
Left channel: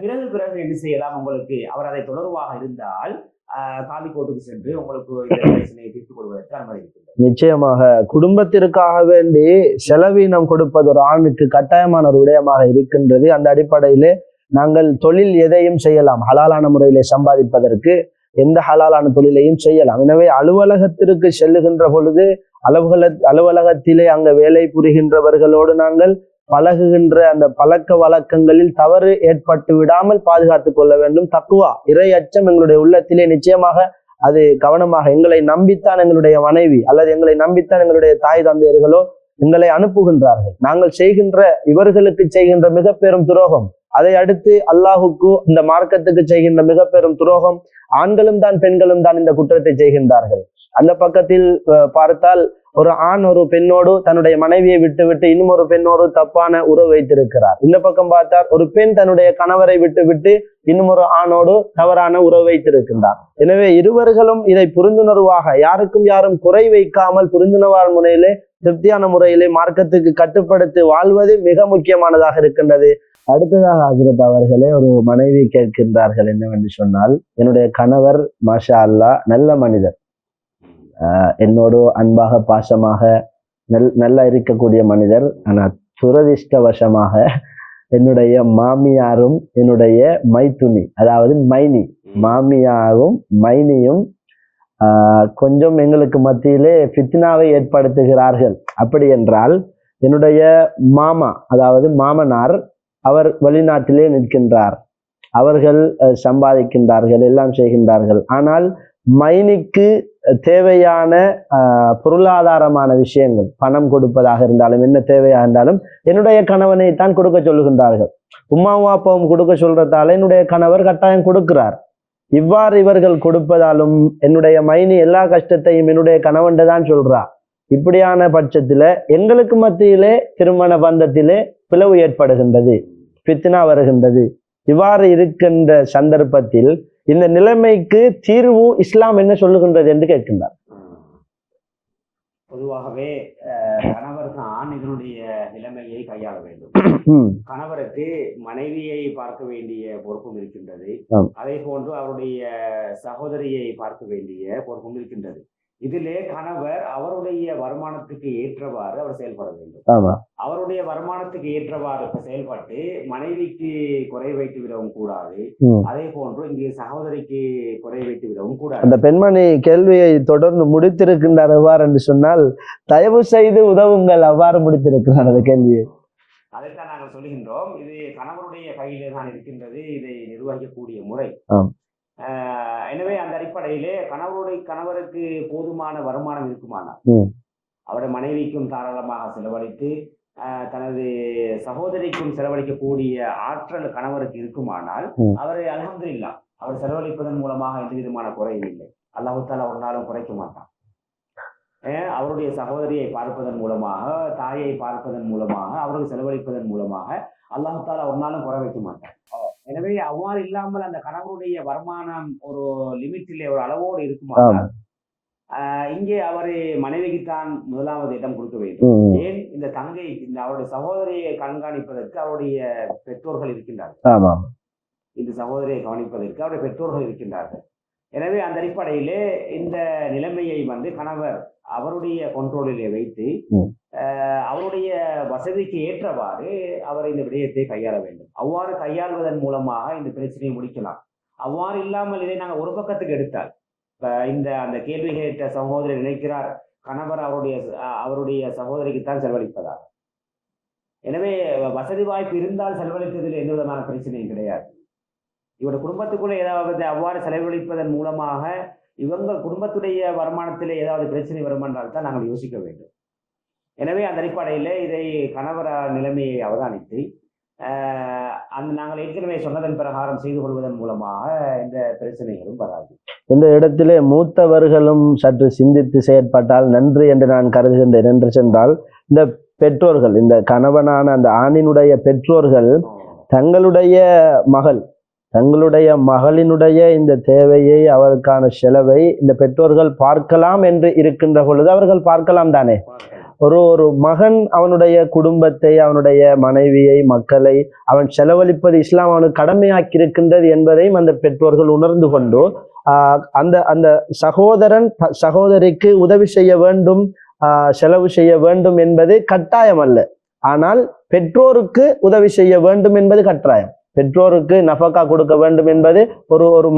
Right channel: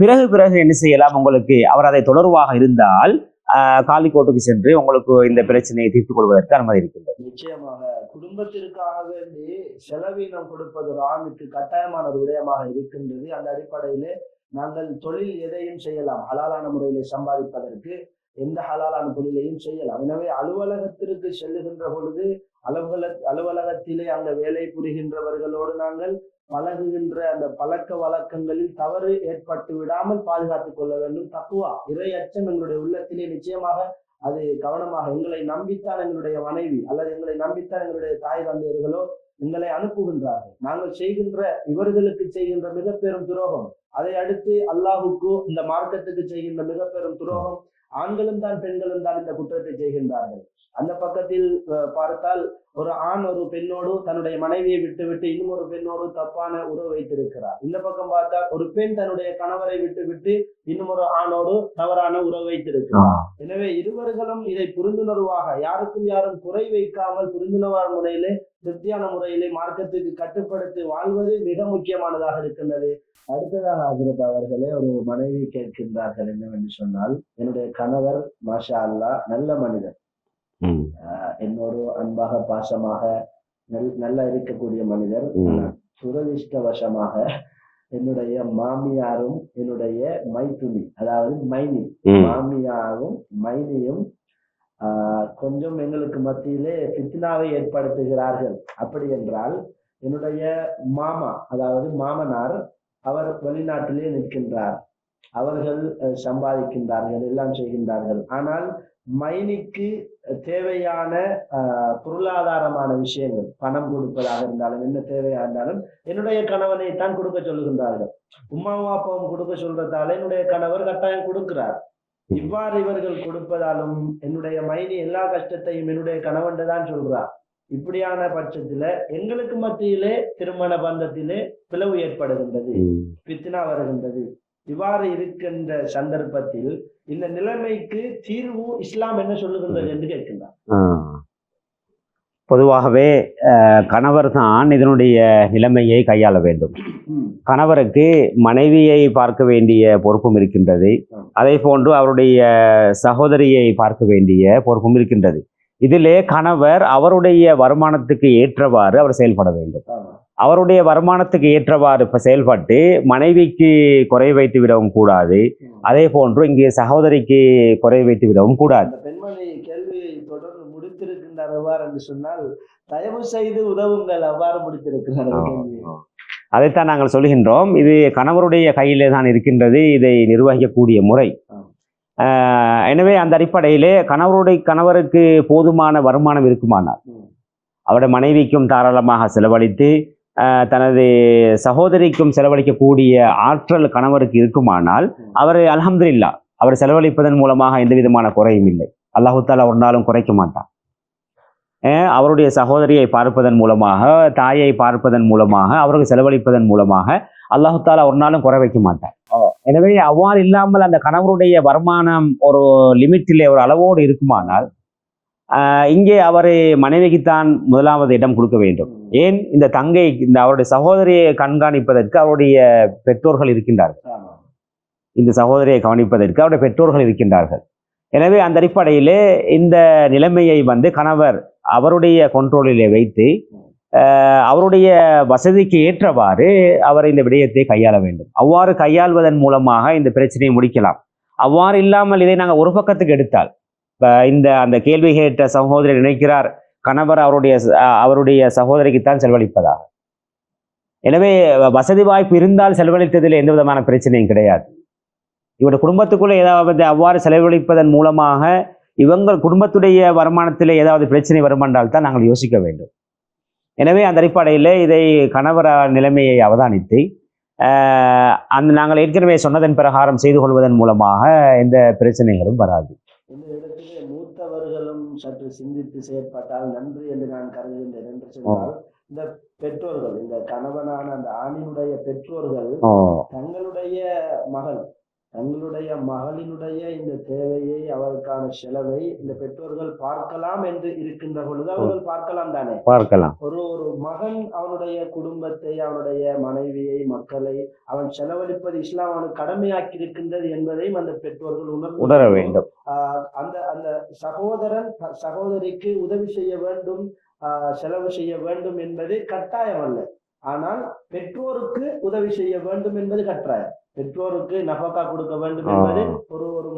பிறகு என்ன செய்யலாம்? உங்களுக்கு அவர் அதை தொடர்பாக இருந்தால் காலி கோர்ட்டுக்கு சென்று உங்களுக்கு இந்த பிரச்சனையை தீர்த்துக் கொள்வதற்கு அனுமதி இருக்கின்றது. நிச்சயமாக குடும்பத்திற்காக வேண்டி செலவீனம் கொடுப்பது ஒரு ஆணுக்கு கட்டாயமான ஒரு விடயமாக இருக்கின்றது. அந்த அடிப்படையிலே நாங்கள் தொழில் எதையும் செய்யலாம், ஹலாலான முறையிலே சம்பாதிப்பதற்கு எந்த ஹலாலான தொழிலையும் செய்யலாம். எனவே அலுவலகத்திற்கு செல்லுகின்ற பொழுது அலுவலகத்திலே அங்க வேலை புரிகின்றவர்களோடு நாங்கள் பழகுகின்ற அந்த பழக்க வழக்கங்களில் தவறு ஏற்பட்டு விடாமல் பாதுகாத்துக் கொள்ள வேண்டும். தக்குவா, இறை அச்சம் எங்களுடைய உள்ளத்திலே நிச்சயமாக அது கவனமாக எங்களை நம்பித்தான் எங்களுடைய மனைவி அல்லது எங்களை நம்பித்தான் எங்களுடைய தாய் தந்தையர்களோ எங்களை அனுப்புகின்றார்கள். நாங்கள் செய்கின்ற இவர்களுக்கு செய்கின்ற மிக பெரும் துரோகம், அதை அடுத்து அல்லாஹுக்கு இந்த மார்க்கத்துக்கு செய்கின்ற மிக பெரும் துரோகம். ஆண்களும் தான் பெண்களும் தான் இந்த குற்றத்தை செய்கின்றார்கள். அந்த பக்கத்தில் பார்த்தால் ஒரு ஆண் ஒரு பெண்ணோடு தன்னுடைய மனைவியை விட்டு இன்னும் ஒரு பெண்ணோடு தப்பான உறவு வைத்திருக்கிறார். இந்த பக்கம் பார்த்தால் ஒரு பெண் தன்னுடைய கணவரை விட்டு இன்னும் ஒரு ஆணோடு தவறான உறவு வைத்திருக்கிறார். எனவே இருவர்களும் இதை புரிந்துணர்வாக யாருக்கும் யாரும் குறை வைக்காமல் புரிந்துணர்வான முறையிலே திருப்தியான முறையிலே மார்க்கத்துக்கு கட்டுப்படுத்தி வாழ்வது மிக முக்கியமானதாக இருக்கின்றது. அடுத்ததாக ஹஜ்ரத் அவர்களே ஒரு மனைவி கேட்கின்றார்கள் என்னவென்று சொன்னால், என்னுடைய கணவர் மாஷா அல்லா நல்ல மனிதர், என்னோடு அன்பாக பாசமாக நல்லா இருக்கக்கூடிய மனிதர். ஆனால் துரதிர்ஷ்டவசமாக என்னுடைய மாமியாரும் என்னுடைய மைத்துனி அதாவது மைனி மாமியாரும் மைனியும் கொஞ்சம் எங்களுக்கு மத்தியிலே ஃபித்னாவை ஏற்படுத்துகிறார்கள். அப்படி என்றால் என்னுடைய மாமா அதாவது மாமனார் அவர் வெளிநாட்டிலே நிற்கின்றார், அவர்கள் சம்பாதிக்கின்றார்கள், எல்லாம் செய்கின்றார்கள். ஆனால் மைனிக்கு தேவையான பொருளாதாரமான விஷயங்கள், பணம் கொடுப்பதாக இருந்தாலும் என்ன தேவையாக இருந்தாலும் என்னுடைய கணவனை தான் கொடுக்க சொல்லுகின்றார்கள். உம்மாவும் அப்பாவும் கொடுக்க சொல்றதால என்னுடைய கணவர் கட்டாயம் கொடுக்கிறார். இவ்வாறு இவர்கள் கொடுப்பதாலும் என்னுடைய மைனி எல்லா கஷ்டத்தையும் என்னுடைய கணவன் தான் சொல்றார். இப்படியான பட்சத்துல எங்களுக்கு மத்தியிலே திருமண பந்தத்திலே பிளவு ஏற்படுகின்றது, பித்னா வருகின்றது. இவ்வாறு இருக்கின்ற சந்தர்ப்பத்தில் இந்த நிலைமைக்கு தீர்வு இஸ்லாம் என்ன சொல்லுகின்றது என்று கேட்கின்றார். பொதுவாகவே கணவர் தான் இதனுடைய நிலைமையை கையாள வேண்டும். கணவருக்கு மனைவியை பார்க்க வேண்டிய பொறுப்பும் இருக்கின்றது, அதே போன்று அவருடைய சகோதரியை பார்க்க வேண்டிய பொறுப்பும் இருக்கின்றது. இதிலே கணவர் அவருடைய வருமானத்துக்கு ஏற்றவாறு அவர் செயல்பட வேண்டும். அவருடைய வருமானத்துக்கு ஏற்றவாறு இப்ப செயல்பட்டு மனைவிக்கு குறை வைத்து விடவும் கூடாது, அதே போன்று இங்கே சகோதரிக்கு குறை வைத்து விடவும் கூடாது. அந்த பெண்மணி கேள்வியை தொடர்ந்து முடித்திருக்கின்றார். எவ்வாறு என்று சொன்னால், தயவு செய்து உதவுங்கள், அவ்வாறு முடித்திருக்கிறார் அந்த கேள்வியை. அதைத்தான் நாங்கள் சொல்கின்றோம். இது கணவருடைய கையிலே தான் இருக்கின்றது இதை நிர்வகிக்கக்கூடிய முறை. எனவே அந்த அடிப்படையிலே கணவருக்கு போதுமான வருமானம் இருக்குமானால் அவருடைய மனைவிக்கும் தாராளமாக செலவழித்து தனது சகோதரிக்கும் செலவழிக்கக்கூடிய ஆற்றல் கணவருக்கு இருக்குமானால் அவர் அல்ஹம்துலில்லாஹ் அவர் செலவழிப்பதன் மூலமாக எந்த விதமான குறையும் இல்லை. அல்லாஹு தஆலா ஒரு நாளும் குறைக்க மாட்டான். அவருடைய சகோதரியை பார்ப்பதன் மூலமாக, தாயை பார்ப்பதன் மூலமாக, அவருக்கு செலவழிப்பதன் மூலமாக அல்லாஹு தஆலா ஒரு நாளும் குறை வைக்க மாட்டார். எனவே அவ்வாறு இல்லாமல் அந்த கணவருடைய வருமானம் ஒரு லிமிட்டிலே ஒரு அளவோடு இருக்குமானால் இங்கே அவர் மனைவிக்குத்தான் முதலாவது இடம் கொடுக்க வேண்டும். ஏன் இந்த தங்கை இந்த அவருடைய சகோதரியை கண்காணிப்பதற்கு அவருடைய பெற்றோர்கள் இருக்கின்றார்கள். இந்த சகோதரியை கவனிப்பதற்கு அவருடைய பெற்றோர்கள் இருக்கின்றார்கள். எனவே அந்த அடிப்படையிலே இந்த நிலைமையை கணவர் அவருடைய கண்ட்ரோலிலே வைத்து அவருடைய வசதிக்கு ஏற்றவாறு அவர் இந்த விடயத்தை கையாள வேண்டும். அவ்வாறு கையாள்வதன் மூலமாக இந்த பிரச்சனையை முடிக்கலாம். அவ்வாறு இல்லாமல் இதை நாங்கள் ஒரு பக்கத்துக்கு எடுத்தால், அந்த கேள்வி கேட்ட சகோதரர் நினைக்கிறார் கணவர் அவருடைய சகோதரிக்குத்தான் செலவழிப்பதாக. எனவே வசதி வாய்ப்பு இருந்தால் செலவழித்ததில் எந்த விதமான பிரச்சனையும் கிடையாது. இவருடைய குடும்பத்துக்குள்ள ஏதாவது அவ்வாறு செலவழிப்பதன் மூலமாக இவங்கள் குடும்பத்துடைய வருமானத்தில் ஏதாவது பிரச்சனை வருமென்றால் தான் நாங்கள் யோசிக்க வேண்டும். எனவே அந்த அடிப்படையில் இதை கணவர் நிலைமையை அவதானித்து நாங்கள் ஏற்கனவே சொன்னதன் பிரகாரம் செய்து கொள்வதன் மூலமாக எந்த பிரச்சனைகளும் வராது. இந்த இடத்திலே மூத்தவர்களும் சற்று சிந்தித்து செயற்பட்டால் நன்று என்று நான் கருதுகின்றேன். என்று சென்றால், இந்த பெற்றோர்கள், இந்த கணவனான அந்த ஆணினுடைய பெற்றோர்கள் தங்களுடைய மகளினுடைய இந்த தேவையை, அவருக்கான செலவை இந்த பெற்றோர்கள் பார்க்கலாம் என்று இருக்கின்ற பொழுது அவர்கள் பார்க்கலாம் தானே, பார்க்கலாம். ஒரு மகன் அவனுடைய குடும்பத்தை, அவனுடைய மனைவியை, மக்களை அவன் செலவழிப்பது இஸ்லாம் அவனுக்கு கடமையாக்கி இருக்கின்றது என்பதையும் அந்த பெற்றோர்கள் உணர்ந்து கொண்டு அந்த சகோதரன் சகோதரிக்கு உதவி செய்ய வேண்டும், செலவு செய்ய வேண்டும் என்பது கட்டாயம் அல்ல. ஆனால் பெற்றோருக்கு உதவி செய்ய வேண்டும் என்பது கட்டாயம். பெற்றோருக்கு நஃபகா கொடுக்க வேண்டும் என்பது ஒரு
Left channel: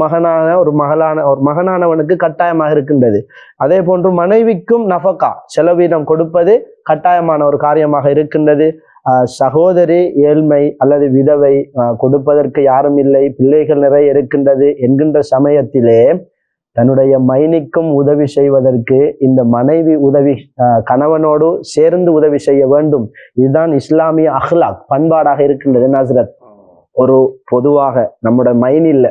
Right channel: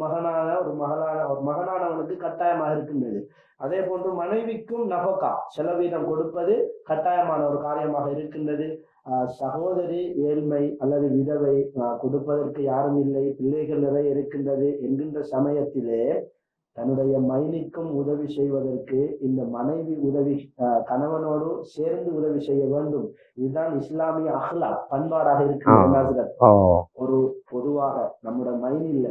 மகனானவனுக்கு கட்டாயமாக இருக்கின்றது. அதே போன்று மனைவிக்கும் நஃபகா செலவீனம் கொடுப்பது கட்டாயமான ஒரு காரியமாக இருக்கின்றது. சகோதரி ஏழ்மை அல்லது விதவை, கொடுப்பதற்கு யாரும் இல்லை, பிள்ளைகள் நிறைய இருக்கின்றது என்கின்ற சமயத்திலே தன்னுடைய மைனிக்கும் உதவி செய்வதற்கு இந்த மனைவி கணவனோடு சேர்ந்து உதவி செய்ய வேண்டும். இதுதான் இஸ்லாமிய அஹ்லாக், பண்பாடாக இருக்கின்றது. நஸ்ரத், ஒரு பொதுவாக நம்முடைய மைனில்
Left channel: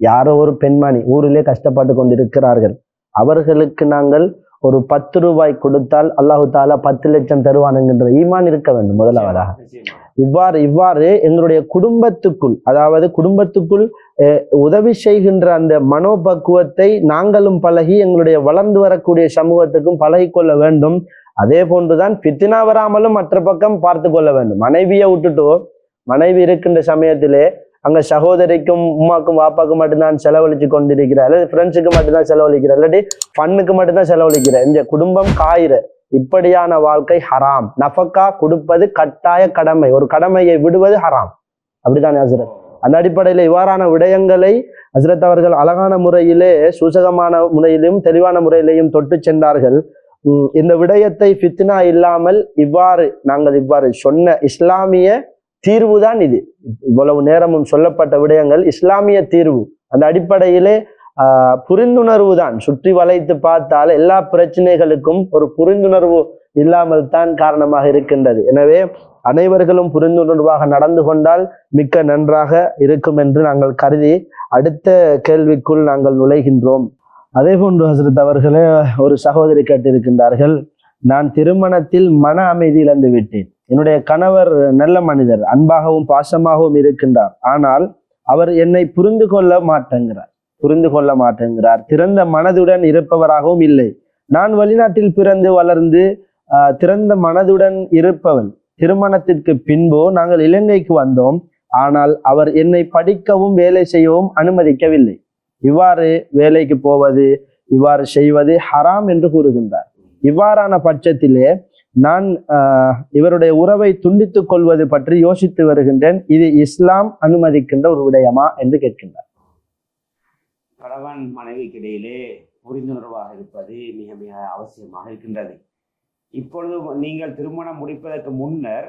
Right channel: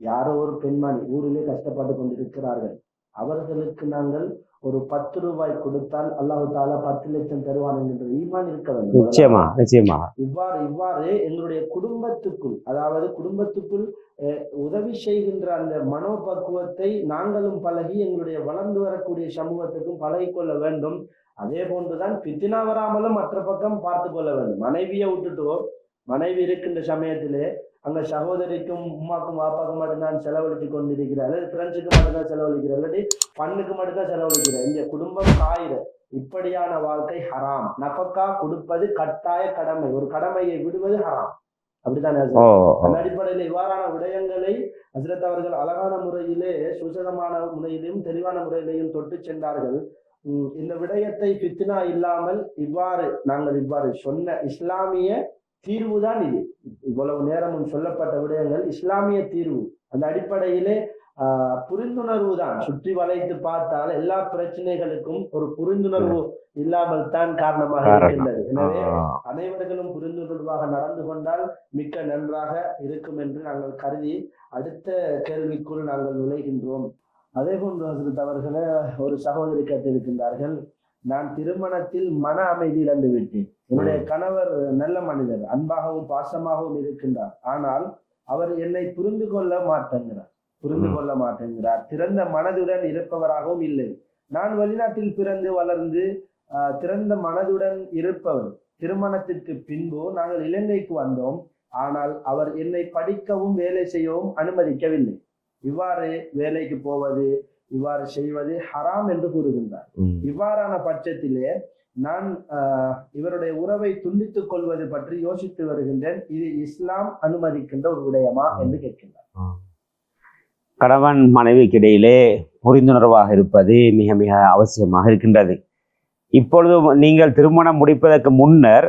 யாரோ ஒரு பெண்மணி ஊரிலே கஷ்டப்பட்டு கொண்டிருக்கிறார்கள், அவர்களுக்கு நாங்கள் ஒரு 10 ரூபாய் கொடுத்தால் அல்லாஹு தாலா 10 லட்சம் தருவான் என்கின்ற ஈமான் இருக்க வேண்டும். நிச்சயமா இவ்வாறு எங்களுடைய குடும்பத்துக்குள், அதாவது குடும்பத்துக்குள் உதவி செய்கின்ற அந்த மனோபக்குவத்தை நாங்களும் பழகி எங்களுடைய வளர்ந்து வரக்கூடிய சமூகத்துக்கும் பழகிக்கொள்ள வேண்டும். அதே போன்றுதான் ஃபித்னா வராமலும் மற்ற பக்கம் பார்த்து கொள்ள வேண்டும். மனைவியை விட்டுட்டோ, மனைவி இருக்கின்ற சமயத்திலே அங்க சகோதரிக்கும் உமாக்கும் வாப்பாக்கும் மட்டும்தான் செலவழிச்சு கொண்டிருக்கிறார், அல்லது ஃப்ரெண்ட்ஸுக்கு மட்டும்தான் செலவழிக்கிறார், இல்லாட்டி பண்ணுக்கு மட்டும்தான் செலவழிக்கிறார். இந்த குடும்பம் காயிற இப்படியான வாழ்க்கை ஹராம். நஃபக்கா கொடுப்பது கட்டாய கடமை, ஒரு கடமையை விடுவது ஹராம். அப்படித்தானே ஹஸ்ரத்? அந்த அடிப்படையில இவ்வாறான விடயங்களை ஹஸ்ரத் அவர்கள் அழகான முறையிலே, சூசகமான முறையிலும் தெளிவான முறையிலையும் தொட்டு சென்றார்கள். இந்த விடயத்தை ஃபித்னா இல்லாமல் நாங்கள் இவ்வாறு சொன்ன இஸ்லாமிய தீர்வுதான் இது. இவ்வளவு நேரமும் சொல்லப்பட்ட விடயங்கள் இஸ்லாமிய தீர்வு. அந்த அடிப்படையிலே புரிந்துணர்வு தான். சுற்றி வளைத்து பார்த்தால் எல்லா பிரச்சனைகளுக்கும் ஒரு புரிந்துணர்வு இல்லாமல் தான் காரணமாக இருக்கின்றது. எனவே அனைவர்களும் புரிந்துணர்வாக நடந்து கொண்டால் மிக்க நன்றாக இருக்கும் என்று நாங்கள் கருதி அடுத்த கேள்விக்குள் நாங்கள் நுழைகின்றோம். அதே போன்று ஹஸ்ரத் அவர்களே, ஒரு சகோதரி கேட்டிருக்கின்றார்கள், நான் திருமணத்தில் மன அமைதி இழந்து விட்டேன். என்னுடைய கணவர் நல்ல மனிதர், அன்பாகவும் பாசமாகவும் இருக்கின்றார். ஆனால் அவர் என்னை புரிந்து கொள்ள மாட்டேங்கிறார். திறந்த மனதுடன் இருப்பவராகவும் இல்லை. நான் வெளிநாட்டில் பிறந்து வளர்ந்து திறந்த மனதுடன் இருப்பவன். திருமணத்திற்கு பின்பு நாங்கள் இலங்கைக்கு வந்தோம். ஆனால் அவர் என்னை படிக்கவும் வேலை செய்யவும் அனுமதிக்கவில்லை. இவ்வாறு வேலைக்கு போவது, இவ்வாறு செய்வது ஹராம் என்று கூறுகின்றார். இவ்வாறான பட்சத்திலே நான் இவருடைய உறவை துண்டித்துக் கொள்வது பற்றி யோசித்து வருகின்றேன். இது இஸ்லாம் அனுமதிக்கின்ற ஒரு விடயமா என்று கேட்கின்றார். கணவன் மனைவிக்கு இடையிலே புரிந்துணர்வாக இருப்பது மிக மிக அவசியமாக இருக்கின்றது. இப்பொழுது நீங்கள் திருமணம் முடிப்பதற்கு முன்னர்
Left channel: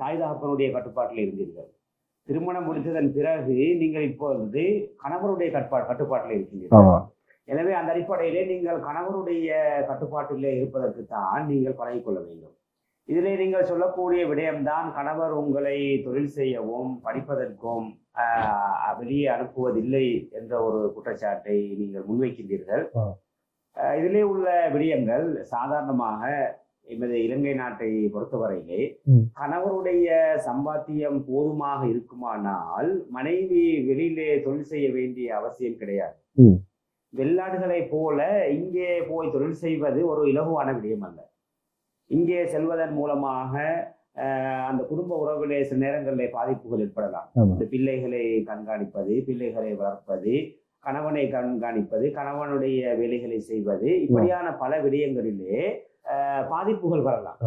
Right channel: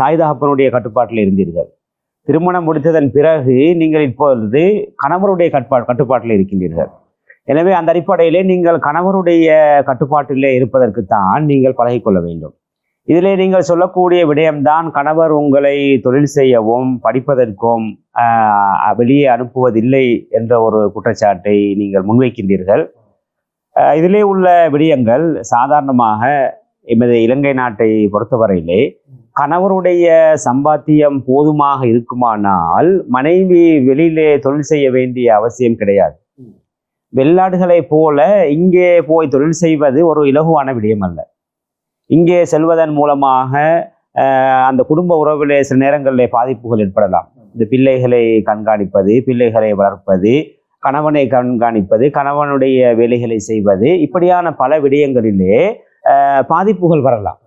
தாய் தகப்பனுடைய கட்டுப்பாட்டில் இருந்தீர்கள். திருமணம் முடித்ததன் பிறகு நீங்கள் இப்பொழுது கணவருடைய கட்டுப்பாட்டில் இருக்கின்றீர்கள். எனவே அந்த அடிப்படையிலே நீங்கள் கணவருடைய கட்டுப்பாட்டிலே இருப்பதற்குத்தான் நீங்கள் பழகிக்கொள்ள வேண்டும். இதிலே நீங்கள் சொல்லக்கூடிய விடயம்தான், கணவர் உங்களை தொழில் செய்யவும் படிப்பதற்கும் வெளியே அனுப்புவதில்லை என்ற ஒரு குற்றச்சாட்டை நீங்கள் முன்வைக்கின்றீர்கள். இதிலே உள்ள விடயங்கள் சாதாரணமாக எமது இலங்கை நாட்டை பொறுத்தவரையிலே கணவருடைய சம்பாத்தியம் போதுமாக இருக்குமானால் மனைவி வெளியிலே தொழில் செய்ய வேண்டிய அவசியம் கிடையாது. வெளிநாடுகளை போல இங்கே போய் தொழில் செய்வது ஒரு இலகுவான விடயம் அல்ல. இங்கே செல்வதன் மூலமாக அந்த குடும்ப உறவிலே சில நேரங்களில் பாதிப்புகள் ஏற்படலாம். இந்த பிள்ளைகளை கண்காணிப்பது, பிள்ளைகளை வளர்ப்பது, கணவனை கண்காணிப்பது, கணவனுடைய வேலைகளை செய்வது, இப்படியான பல விடயங்களிலே பாதிப்புகள் வரலாம்.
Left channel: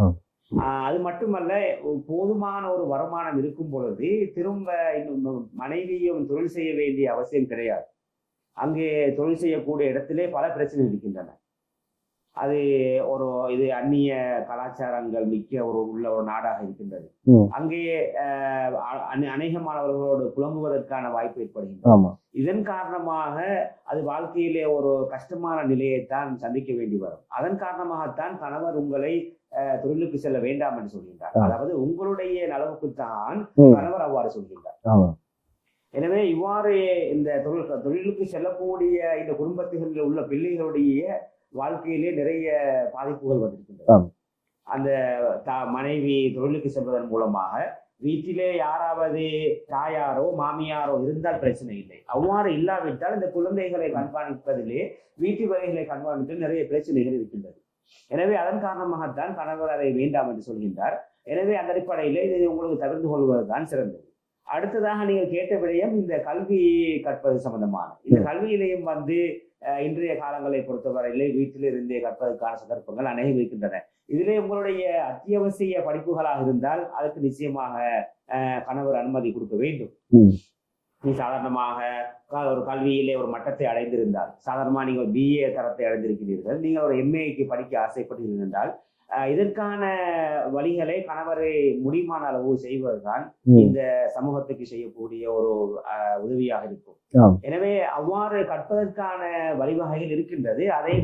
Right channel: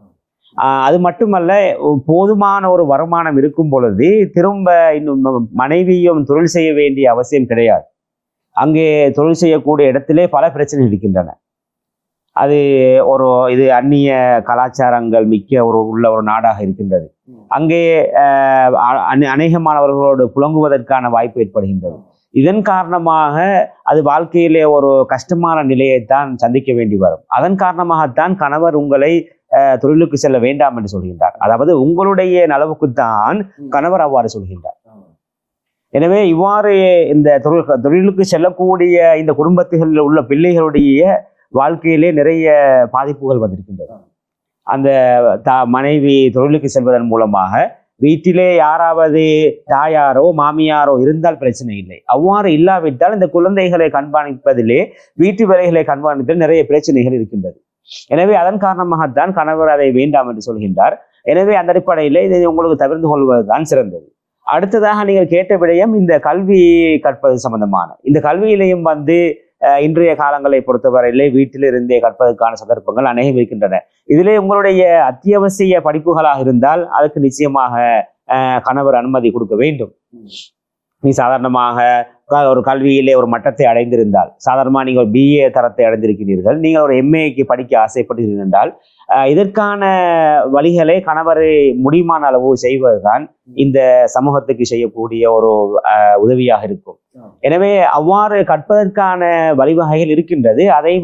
அது மட்டுமல்ல, போதுமான ஒரு வருமானம் இருக்கும் பொழுது திரும்ப இன்னும் மனைவியும் தொழில் செய்ய வேண்டிய அவசியம் கிடையாது. அங்கே தொழில் செய்யக்கூடிய இடத்திலே பல பிரச்சனைகள் இருக்கின்றன. அது இது அந்நிய கலாச்சாரங்கள் மிக்க உள்ள ஒரு நாடாக இருக்கின்றது. அங்கே அநேகமானவர்களோடு புழங்குவதற்கான வாய்ப்பு ஏற்படுகின்றது. இதன் காரணமாக அது வாழ்க்கையிலே ஒரு கஷ்டமான நிலையைத்தான் சந்திக்க வேண்டி வரும். அதன் காரணமாகத்தான் கணவர் உங்களை தொழிலுக்கு செல்ல வேண்டாம் என்று சொல்கின்றார். அதாவது உங்களுடைய நலவுக்குத்தான் கணவர் அவ்வாறு சொல்கின்றார். எனவே இவ்வாறு இந்த தொழிலுக்கு செல்லக்கூடிய இந்த குடும்பத்தில் உள்ள பிள்ளைகளுடைய வாழ்க்கையிலே நிறைய பாதிப்புகள் வந்திருக்கின்றது. அந்த மனைவி தொழிலுக்கு செல்வதன் மூலமாக வீட்டிலே யாராவது தாயாரோ மாமியாரோ இருந்தால் பிரச்சனை இல்லை. அவ்வாறு இல்லாவிட்டால் இந்த குழந்தைகளை கண்காணிப்பதிலே, வீட்டு வேலைகளை கண்காணிப்பதில் நிறைய பிரச்சனைகள் இருக்கின்றது. எனவே அதன் காரணமாகத்தான் கணவர் அதை வேண்டாம் என்று சொல்கின்றார். எனவே அந்த அடிப்படையில் இதை உங்களுக்கு தவிர்த்து கொள்வதுதான் சிறந்தது. அடுத்ததாக நீங்கள் கேட்ட விடயம் இந்த கல்வி கற்பது சம்பந்தமான. இந்த கல்வியிலையும் இன்றைய காலங்களை பொறுத்தவரையிலே வீட்டிலிருந்தே கற்பதற்கான சந்தர்ப்பங்கள் அநேகம் இருக்கின்றன. இதிலே உங்களுடைய அத்தியாவசிய படிப்புகளாக இருந்தால் அதுக்கு நிச்சயமாக கணவர் அனுமதி கொடுக்க வேண்டும். நீ சாதாரணமாக ஒரு கல்வியிலே ஒரு மட்டத்தை அடைந்திருந்தால், சாதாரணமாக நீங்கள் BA தரத்தை அடைந்திருக்கிறீர்கள், நீங்கள் ஒரு MAக்கு படிக்க ஆசைப்படுகிறீர்கள் என்றால் இதற்கான வழிகளை கணவரை முடியுமான அளவு செய்வதுதான் இந்த சமூகத்துக்கு செய்யக்கூடிய ஒரு உதவியாக இருக்கும். எனவே அவ்வாறு கற்பதற்கான வழிவகைகள் இருக்கின்றது. அதை